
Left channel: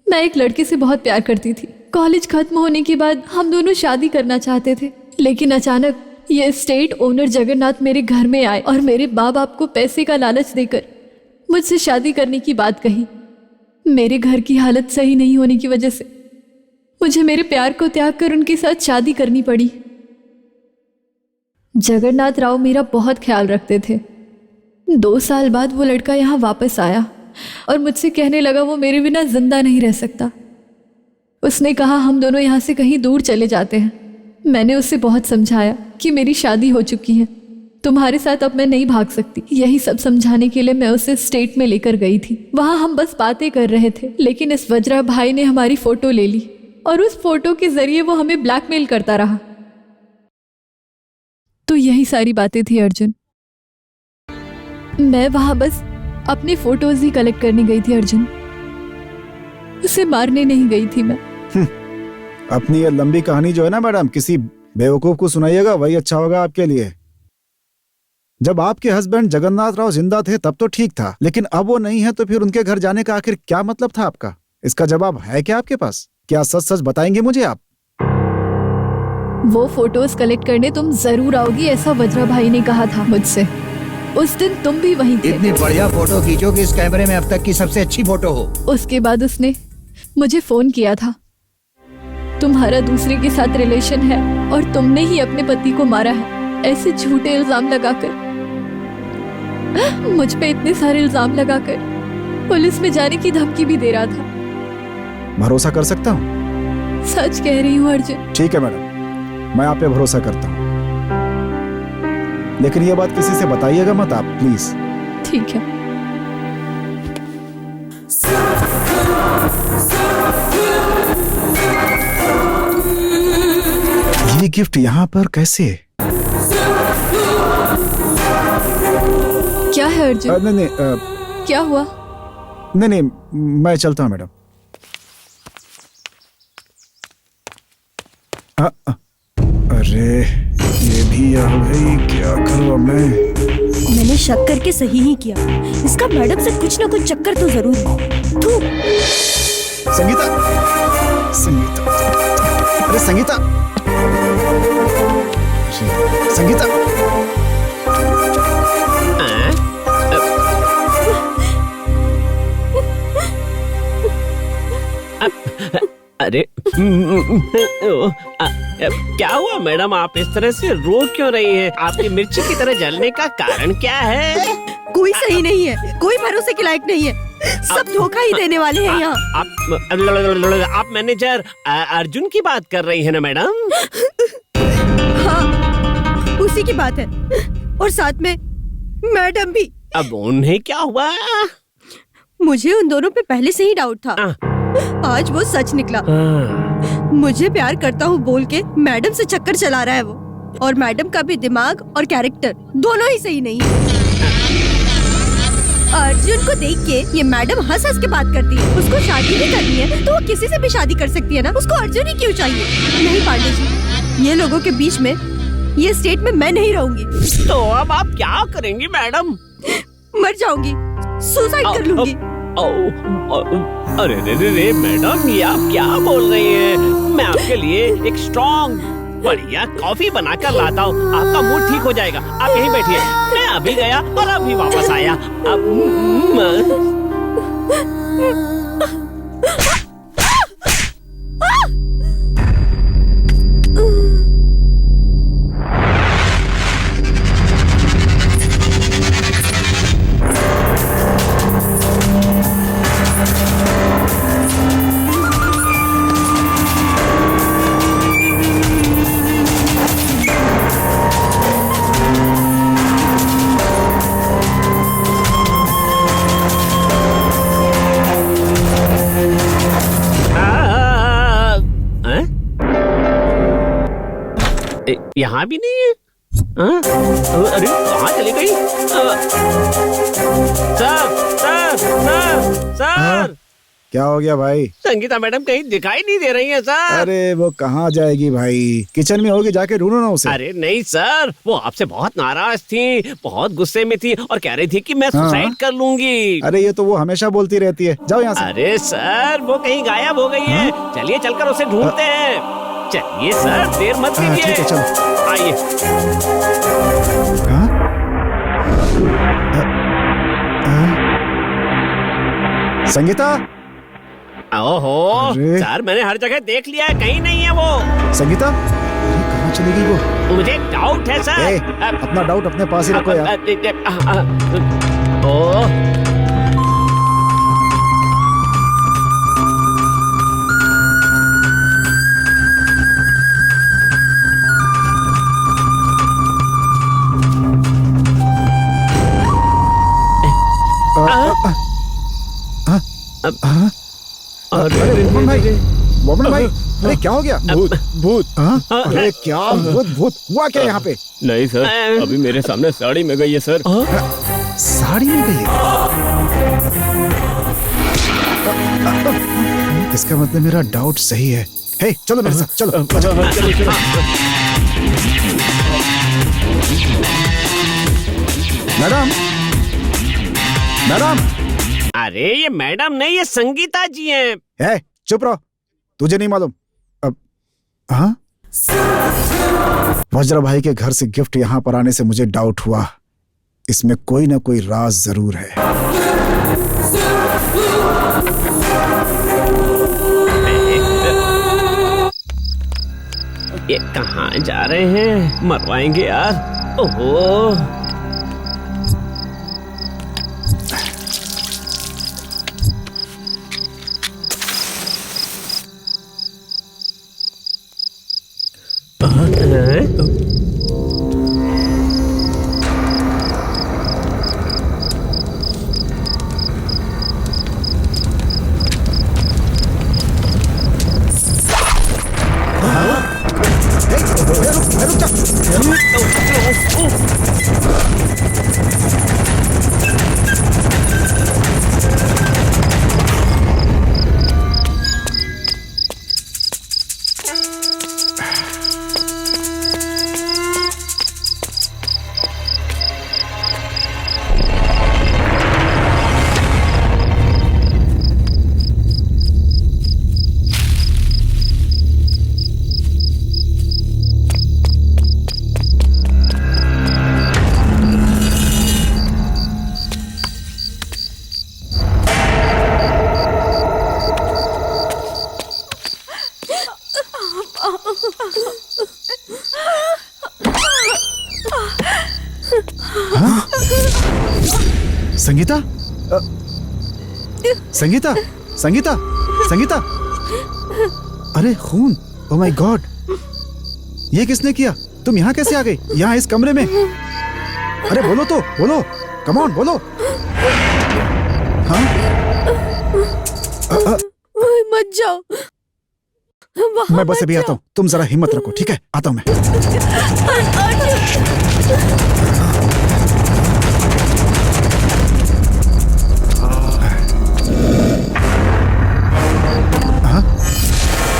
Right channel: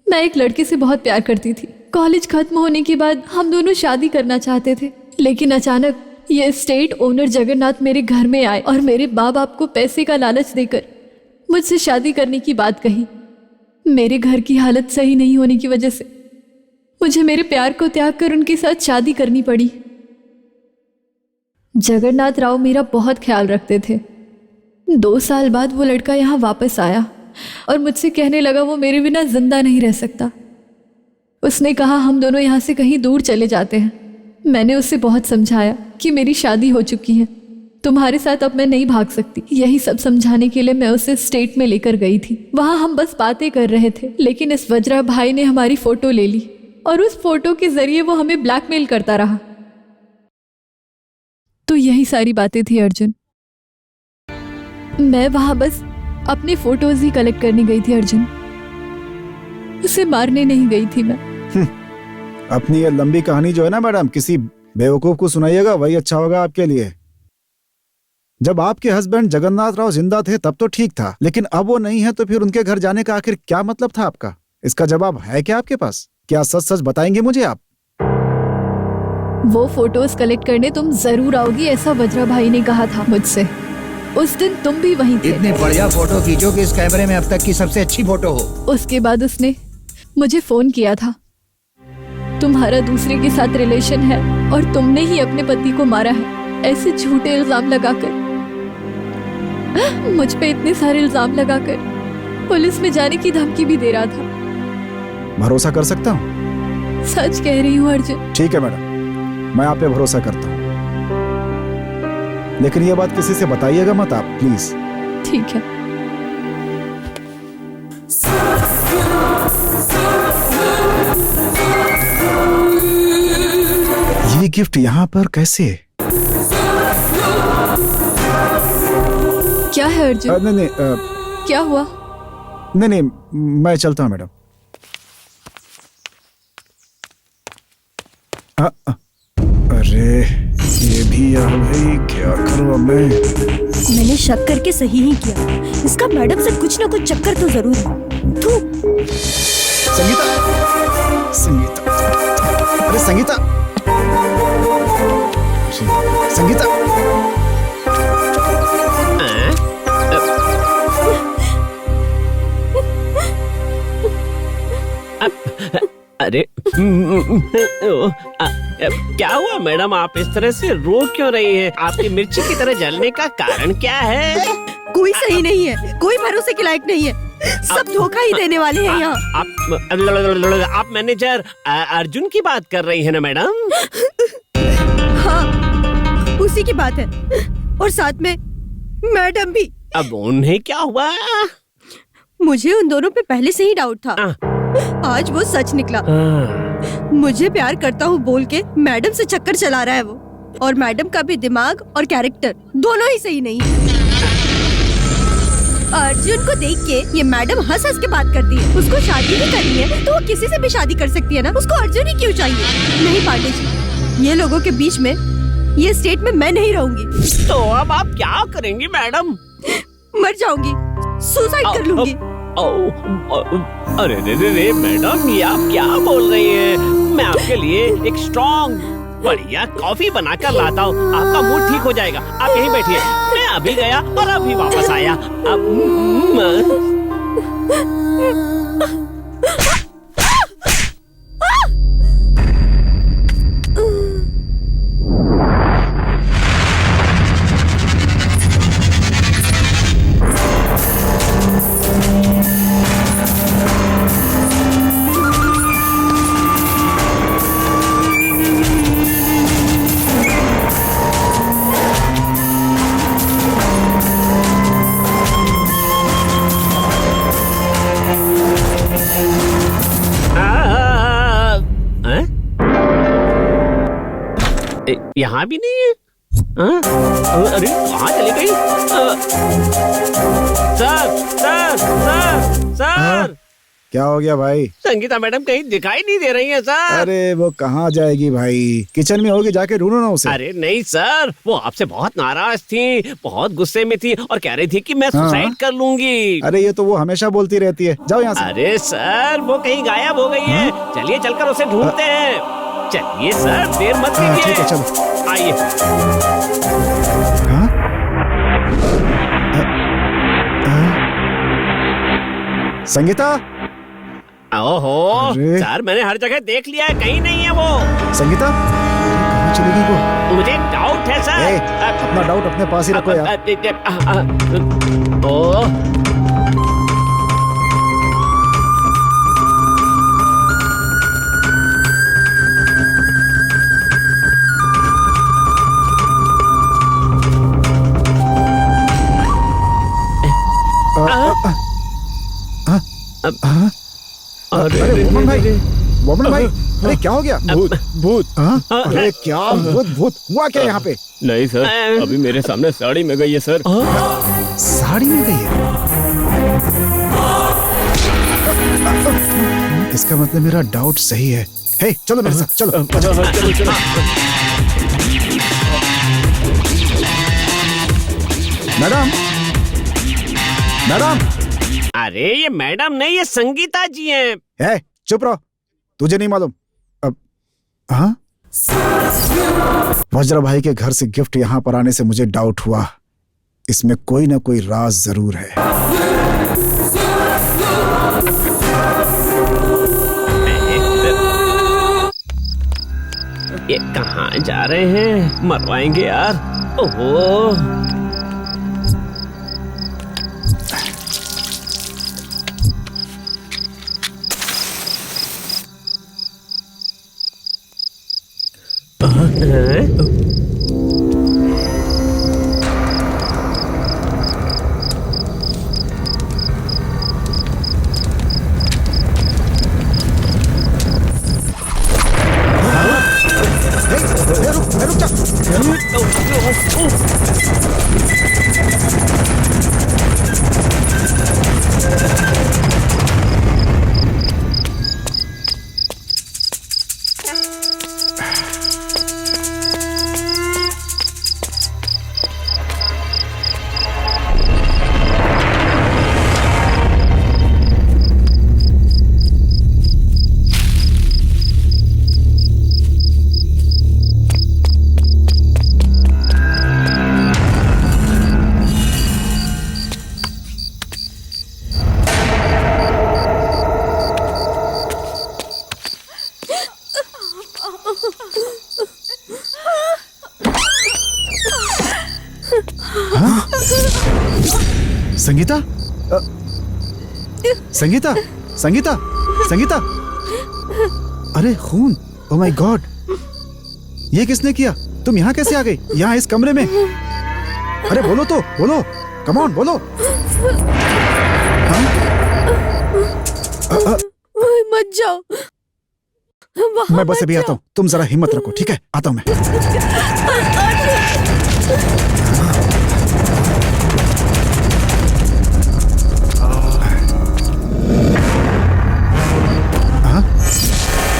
मैं एक लड़के से बहुत प्यार करती थी। कॉलेज खत्म होने के बाद हम दोनों शादी करना चाहते थे, लेकिन अचानक ये स्टेट ओनर जगन्नाथ मेरे घर में आए और मेरे माँ बाप को पैसे का लालच देकर मुझसे शादी करने की बात कही। मेरे घर की हालत सही नहीं होने की वजह से मुझे मेरे प्यार को त्याग कर उनके साथ शादी करनी पड़ी। जगन्नाथ राव मेरा बहुत ख्याल रखते थे। 2 साल बाद वो लड़का यहाँ वापस आया और मुझसे कहने लगा वो मेरे बिना जिंदा नहीं रह सकता। उसने कहा हम दोनों यहाँ से कहीं दूर चले जाते हैं। मैंने उसे बहुत समझाया कि मेरी शादी हो चुकी है, तुम्हारे साथ अब मैं नहीं भाग सकती। यही सब समझाने के लिए मैं उसे स्टेट में लेकर गई थी। वहाँ हम बस बातें कर रहे थे, लेकिन इस वज्रा भाई ने हमारी फोटो ले ली और उस फोटो के जरिए वो हमें ब्लैकमेल करता रहा। तो यही सारी बातें थी अर्जुन। मैं वहां बस अपने फोटोज ही कलेक्ट करने गई थी अर्जुन, उसे मारने नहीं गई थी मैं। अपनी ये लंबी कहानी जो है ना मैडम, किसी बेवकूफ को सुनाइएगा, वही अच्छा होगा आपके लिए। जब आपके हस्बैंड जगन्नाथ राव जिंदा थे तब तो ठीक था, लेकिन अब वो नहीं है तो फिर उनके घर जाने का आखिर क्या मतलब था आपका? इसका जवाब है क्या आपके पास? क्या सच सच बताएंगे मुझे आप? वो फोटोज कलेक्ट करने तुम जरूर आओगी, ऐसा वज्रा भाई ने कहा था मुझसे। उस दिन तुम भी वहीं थे। इतनी बढ़िया फोटो खींचो कि इस कैमरे में अब तक की सबसे अच्छी फोटो हो। उसके बाद उसने मुझे फोन किया था तुम्हारा दूसरे के साथ रिलेशन है और तुमने ही अपने पति को मारा है, ऐसे झूठे इल्जाम लगाकर, मुझ पे इतने सारे इल्जाम लगाकर पुलिस में जाने की धमकी भी दे रहा था। भरोसा कर सकता हूँ? सच कह रही हूँ अर्जुन। ठीक है मैडम, मैं आप पे भरोसा करता हूँ, लेकिन ये बात किसी से बताइएगा मत आप, प्लीज। ठीक है। ये गिफ्ट यहाँ पर कैसे? क्या है अर्जुन? नहीं नहीं, क्या हुआ? नहीं, मैं चलता हूँ मैडम। अरे ये भी आ गई, क्या करूँ अब मैं? मैंने शक करके सही ही किया, इसका मैडम से कुछ ना कुछ चक्कर तो जरूर है। तू संगीता, संगीता, अरे संगीता, संगीता, अरे क्या हुआ मैडम, आप इस तरह से रो क्यों रही हैं? आपकी मिर्ची की तरह जलने का कारण क्या है? कोई सही नहीं है, कोई भरोसे के लायक नहीं है, सब धोखा ही देने वाले हैं यहाँ। आप मैनेजर अर्जुन की बात कर रही है ना मैडम? हाँ, उसी की बात है, और साथ में मैडम भी। अब उन्हें क्या हुआ? मुझे उन दोनों पे पहले से ही डाउट था, आज वो सच निकला। मुझे प्यार करता हूँ बोल के मैडम से चक्कर चला रहा है वो, और मैडम का भी दिमाग और कैरेक्टर दोनों ही सही नहीं है। अर्जुन को देख के ये मैडम हंस हंस के बात करती है। उसको शादी भी करनी है तो वो किसी से भी शादी कर सकती है ना, उसको अर्जुन ही क्यों चाहिए? नहीं पांडे जी, ये लोगों के बीच में, ये स्टेट में मैं नहीं रहूंगी। तो अब आप क्या करेंगी मैडम? मर जाऊंगी, सुसाइड कर लूंगी। अरे रे मैडम, ये आप क्या बोल रही हैं? मैं आपके लिए एक स्ट्रॉन्ग बढ़िया कॉफी बनाकर लाता हूँ, आपका मूड ठीक हो जाएगा। आप यहीं बैठिए, मैं अभी गया और अभी वापस आया। यहाँ भी नहीं है। अरे कहाँ चली गई? सर क्या हो गया भाई? संगीता मैडम कहीं दिखाई नहीं दे रही है सर। अरे वो कहाँ जाएगी भाई, किचन में होगी, जाके ढूंढो ना उसे। अरे नहीं सर, वो आपसे बहुत नाराज थी, बहुत गुस्से में थी और कह रही थी कि मैं सुसाइड कर लूंगी। अरे ये तो वो हमेशा बोलती रहती है, जाओ यहाँ से। अरे सर वो कहीं गायब हो गई है, चलिए चलकर उसे ढूंढते हैं। चलिए सर, देर मत कीजिए। ठीक है, चलो आइए। संगीता, ओहो सर, मैंने हर जगह देख लिया है, कहीं नहीं है वो। संगीता, अरे कहाँ चली गई वो? मुझे एक डाउट है सर। अपना डाउट अपने पास ही रखो यार। ओह अरे मोमन भाई, अरे क्या हो गया? भूत। अरे क्या भूत हुआ क्या यहाँ पे? नहीं सर, अभी मेरे सामने साड़ी में गई है सर। साड़ी में गई है? इसका मतलब मेरा डाउट सही है। हे, चलो मेरे साथ, चलो। Madam, madam. अरे ये मैडम नहीं, ये संगीता जी हैं। है, चुप रहो, तुझे नहीं मालूम? अब हाँ, वज्र भाई के घर से गिफ्ट यहाँ पर आने से मुझे डाउट हुआ, इसमें कोई ना कोई राज जरूर है। ये कहाँ जा रहे हैं? मरवाएंगे यार। ओहो। रुक जा। संगीता, संगीता, संगीता, संगीता, अरे खून, ओह माय गॉड, ये किसने किया? तुम यहाँ कैसे आ गई? यहाँ इस कमरे में? अरे बोलो तो, बोलो, कम ऑन, बोलो। हाँ? मत जाओ। मैं बस अभी आता हूँ, तुम जरा हिम्मत रखो, ठीक है? आता हूँ मैं।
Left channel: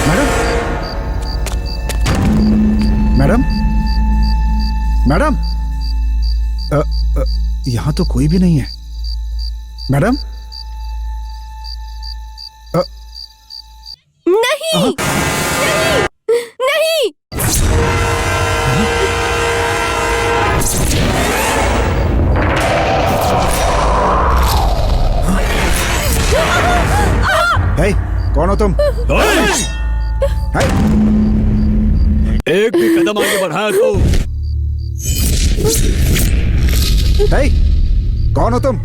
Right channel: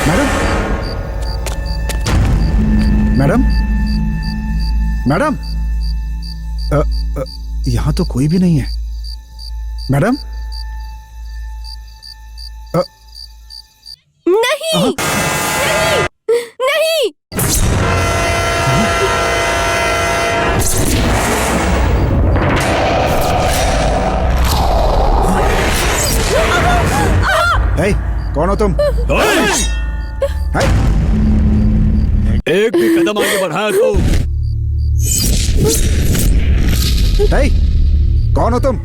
मैडम, मैडम, मैडम, यहाँ तो कोई भी नहीं है। मैडम, नहीं, नहीं, नहीं। हे, कौन हो तुम? हे, एक भी कदम आगे बढ़ाया तो हे, कौन हो तुम?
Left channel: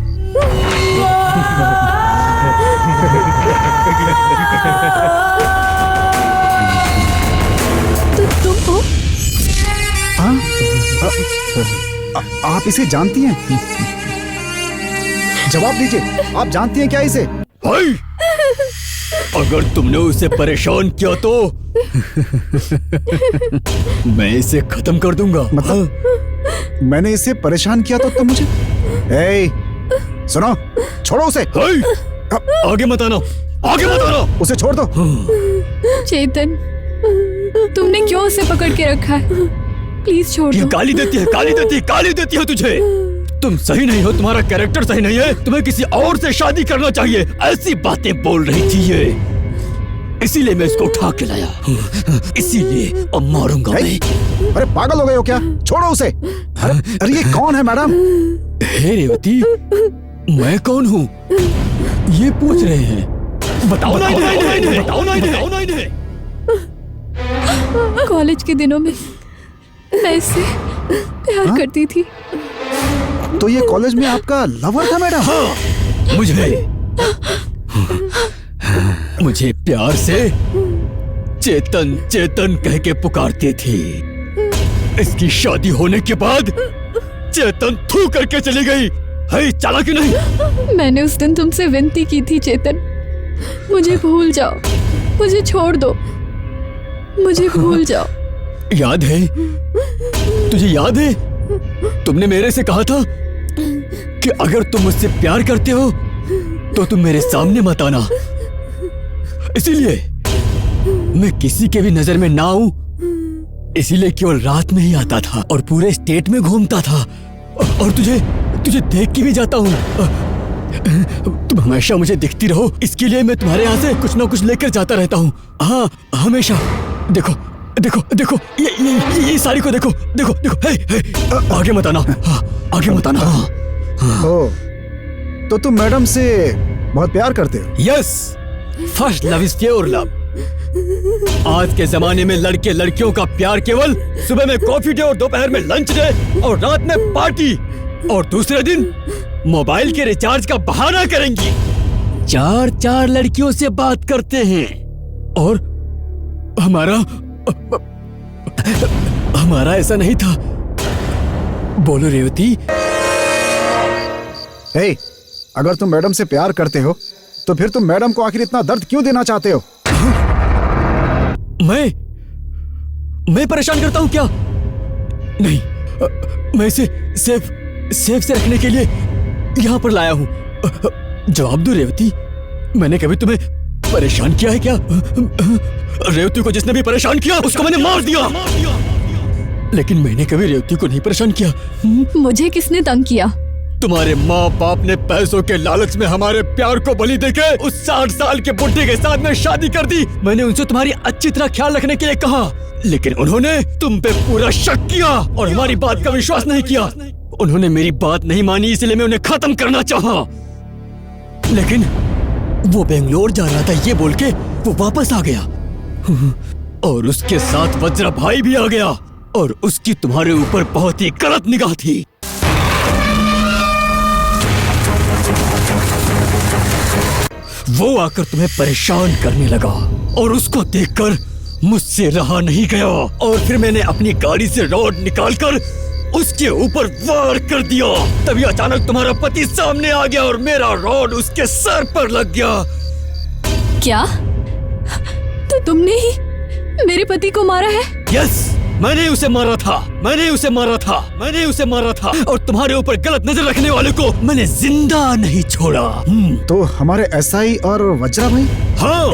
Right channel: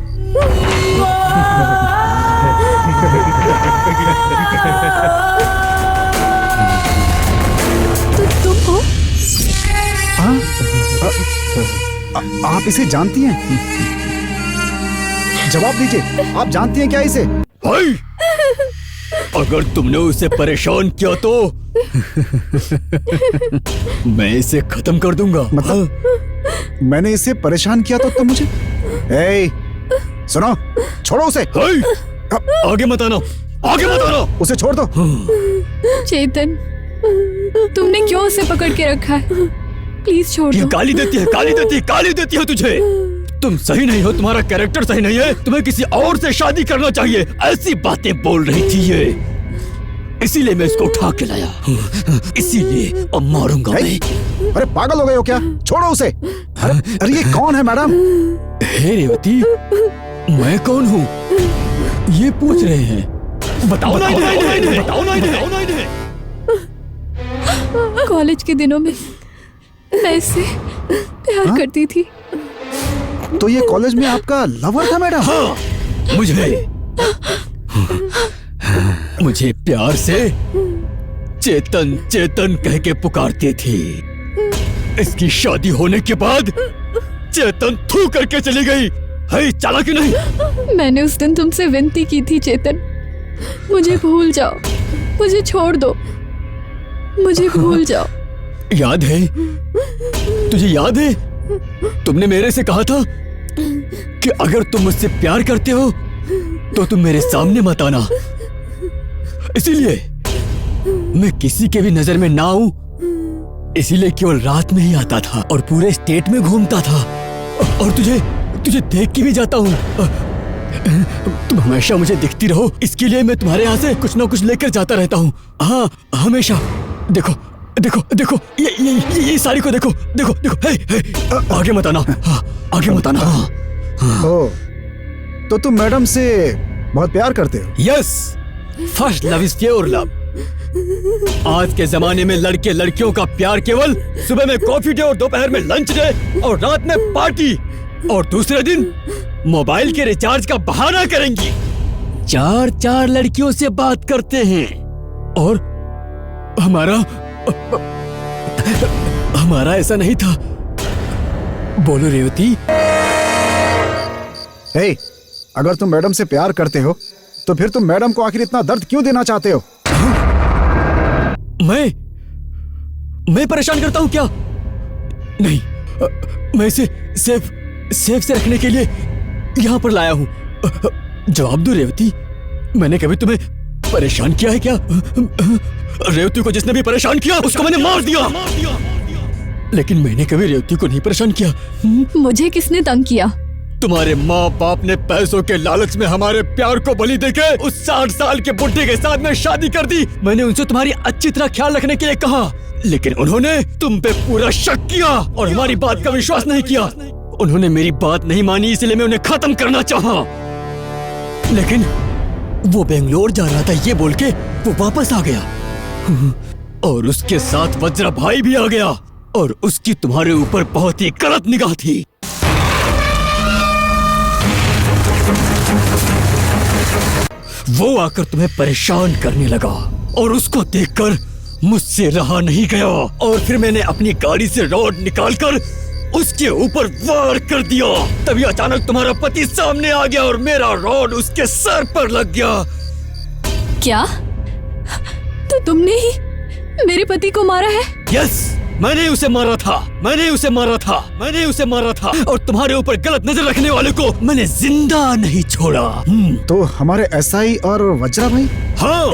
तो तुम हो? हाँ? आप इसे जानती हैं? जवाब दीजिए, आप जानती हैं क्या इसे? भाई, अगर तुमने उसे परेशान किया तो मैं इसे खत्म कर दूंगा। मतलब मैंने इसे परेशान किया तो तुम मुझे? ए, सुनो, छोड़ो उसे। आगे मत आना, आगे मत आना। उसे छोड़ दो। चेतन, तुमने क्यों उसे पकड़ के रखा है? प्लीज छोड़ ये दो। गाली देती है, गाली देती है, गाली देती है तुझे। तुम सही नहीं हो, तुम्हारा कैरेक्टर सही नहीं है, तुम्हें किसी और से शादी करना चाहिए, ऐसी बातें बोल रही थी ये। इसीलिए मैं इसको उठा के लाया, इसीलिए अब मारूंगा मैं। अरे पागल हो गए हो क्या? छोड़ो उसे। अरे ये कौन है मैडम? हे रेवती, मैं कौन हूँ ये पूछ रहे हैं? बताओ ना इन्हें, बताओ ना इन्हें। कॉलेज के दिनों में मैं इससे प्यार करती थी। तो ये कॉलेज में आपका लवर था मैडम? हाँ, मुझे प्यार से चेतन चेतन कह के पुकारती थी। इसकी शादी होने के बाद चेतन थू करके चली गई। है चला कि नहीं? मैंने उस दिन तुमसे विनती की थी चेतन, मुझे भूल जाओ, मुझे छोड़ दो, मुझे भूल जाओ। याद है? तुझे याद है? तुमने मेरे से कहा था कि अगर तुम मुझसे प्यार करते हो तो तुम मेरे सामने मत आना। इसीलिए मैं किसी के भी नजर में ना आऊं, इसीलिए केवल रात में ही आता था और पूरे स्टेट में घूमता था और तुझे देख के भी जाता हूं। तुम हमेशा मुझे दिखती रहो, इसके लिए मैं तुम्हारे यहाँ से कुछ ना कुछ लेकर जाता रहता हूँ। हाँ, हमेशा। देखो देखो देखो, ये साड़ी को देखो, देखो देखो। हे, आगे मत आना। हाँ, आगे मत आना। ओ, तो तुम मैडम से बहुत प्यार करते हो? Yes, first love is pure love. आज के जमाने में लड़के लड़कियों का प्यार केवल सुबह में कॉफी डे और दोपहर में लंच डे और रात में पार्टी और दूसरे दिन मोबाइल के रिचार्ज का बहाना करेंगी। 4 लड़कियों से बात करते हैं और हमारा ऐसा नहीं था। बोलो रेवती। हे, अगर तुम मैडम से प्यार करते हो तो फिर तुम मैडम को आखिर इतना दर्द क्यों देना चाहते हो? मैं परेशान करता हूं क्या? नहीं, मैं इसे सेफ से रखने के लिए यहां पर लाया हूं। जवाब दो रेवती, मैंने कभी तुम्हें परेशान किया है क्या? रेवती को जिसने भी परेशान किया उसको मैंने मार दिया। लेकिन मैंने कभी रेवती को नहीं परेशान किया। मुझे किसने तंग किया? तुम्हारे माँ बाप ने पैसों के लालच में हमारे प्यार को बलि देके उस 60 साल के बुढ़े के साथ में शादी कर दी। मैंने उनसे तुम्हारी अच्छी तरह ख्याल रखने के लिए कहा, लेकिन उन्होंने तुम पे पूरा शक किया और हमारी बात का विश्वास नहीं किया। उन्होंने मेरी बात नहीं मानी, इसलिए मैं उन्हें खत्म करना चाहा। लेकिन वो बेंगलोर जा रहा था ये बोल के वो वापस आ गया और उसके साथ वज्रा भाई भी आ गया और उसकी तुम्हारे ऊपर बहुत ही गलत निगाह थी। वो आकर तुम्हें परेशान करने लगा और उसको देखकर मुझसे रहा नहीं गया और फिर मैंने अपनी गाड़ी से रॉड निकालकर उसके ऊपर वार कर दिया। तभी अचानक तुम्हारा पति सामने आ गया और मेरा रॉड उसके सर पर लग गया। क्या? तो तुमने ही मेरे पति को मारा है? यस, मैंने उसे मारा था और तुम्हारे ऊपर गलत नजर रखने वाले को मैंने जिंदा नहीं छोड़ा। तो हमारे एसआई और वज्रा भाई? हाँ,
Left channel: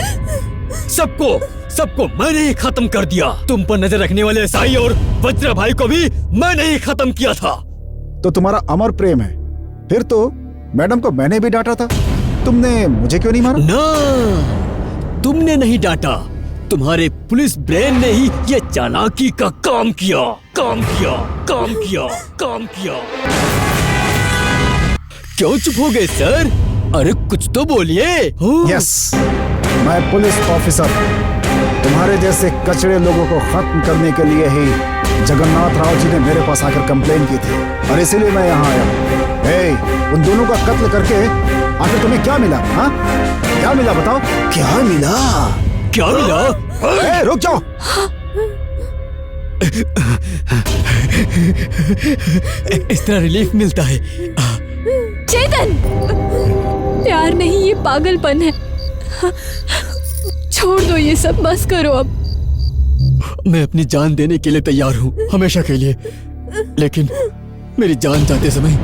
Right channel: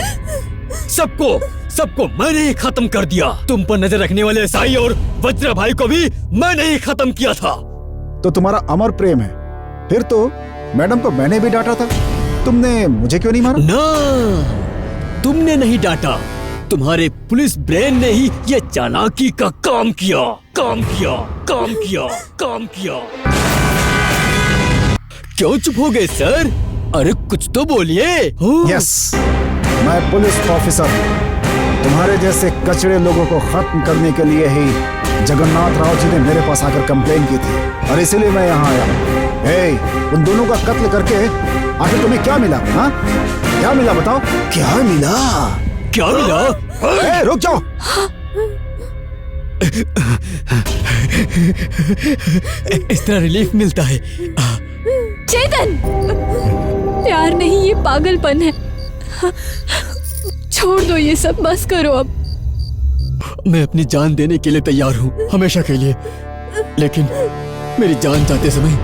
सबको मैंने ही खत्म कर दिया। तुम पर नजर रखने वाले एसआई और वज्रा भाई को भी मैंने ही खत्म किया था। तो तुम्हारा अमर प्रेम है। फिर तो मैडम को मैंने भी डांटा था, तुमने मुझे क्यों नहीं मारा? ना, तुमने नहीं डांटा, तुम्हारे पुलिस ब्रेन ने ही ये चालाकी का काम किया। क्यों चुप हो गए सर? अरे कुछ तो बोलिए। यस, मैं पुलिस ऑफिसर तुम्हारे जैसे कचड़े लोगों को खत्म करने के लिए ही जगन्नाथ राव जी ने मेरे पास आकर कंप्लेन की थी और इसीलिए मैं यहाँ आया। हे, उन दोनों का कत्ल करके आखिर तुम्हें क्या मिला? हाँ, क्या मिला बताओ? क्या मिला? ए, रुक जाओ। इस तरह रिलीफ मिलता है। चेतन, प्यार नहीं, ये पागलपन है। छोड़ दो ये सब, बस करो अब। मैं अपनी जान देने के लिए तैयार हूँ, हमेशा के लिए। लेकिन मेरी जान जाते समय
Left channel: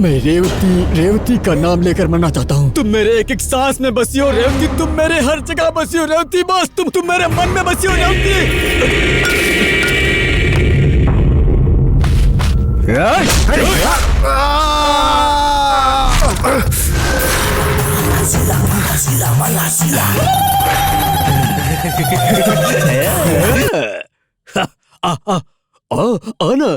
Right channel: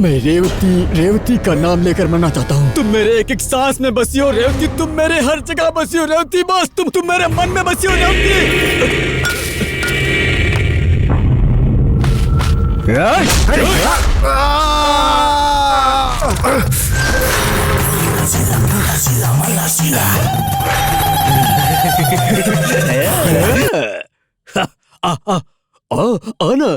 मैं रेवती का नाम लेकर मरना चाहता हूँ। तुम मेरे एक एक सांस में बसी हो रेवती, तुम मेरे हर जगह बसी हो रेवती, बस तुम मेरे मन में बसी हो रेवती। आना।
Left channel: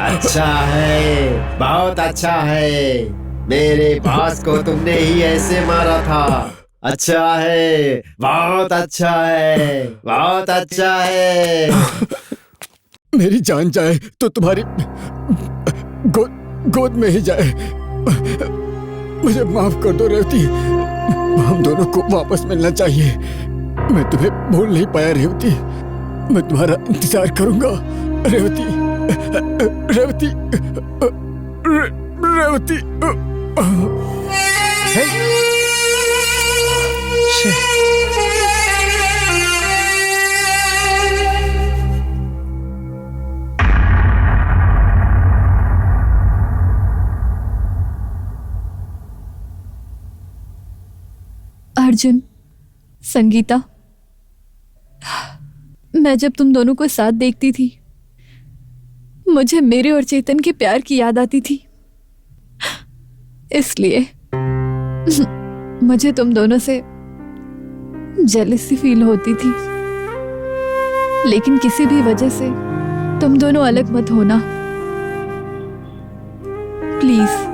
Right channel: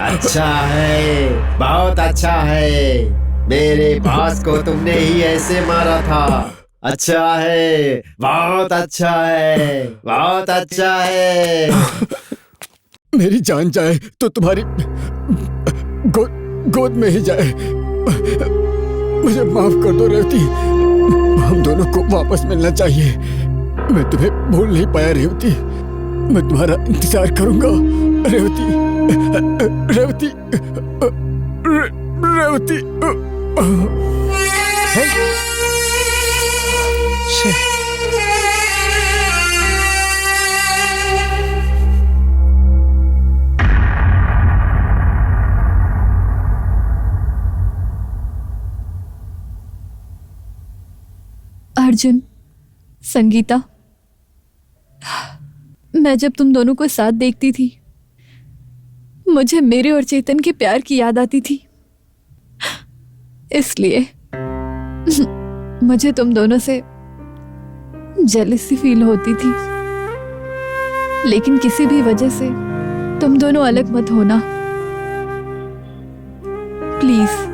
अच्छा है, बहुत अच्छा है। मेरे बॉस को तुमने ही ऐसे मारा था। अच्छा है, बहुत अच्छा है, बहुत अच्छा है। मेरी जान जाए तो तुम्हारी गोद में ही जाए। मुझे माफ कर दो रेवती, हम दोनों को वापस मिलना चाहिए। मैं तुम्हें भूल नहीं पाया रेवती, मैं तुम्हारा इंतजार करूंगा रेवती, रेवती, रेवती। अर्जुन, संगीता, मैं जब तुम दोनों को साथ देखती थी मुझे मेरे और चेतन के प्यार की याद आती थी, इसलिए मुझे तुम दोनों से जेलसी फील होती थी। लेकिन किसी भी वजह से तुम दोनों अलग मत होना प्लीज।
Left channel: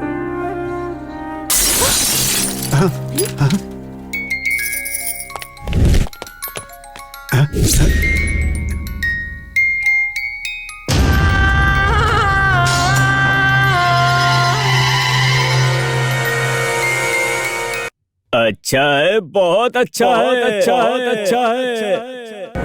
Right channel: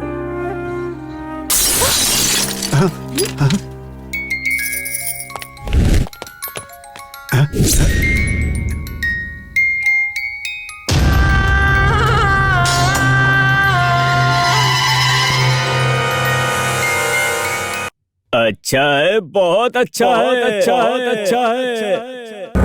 अच्छा है, बहुत अच्छा है, अच्छा है, अच्छा है।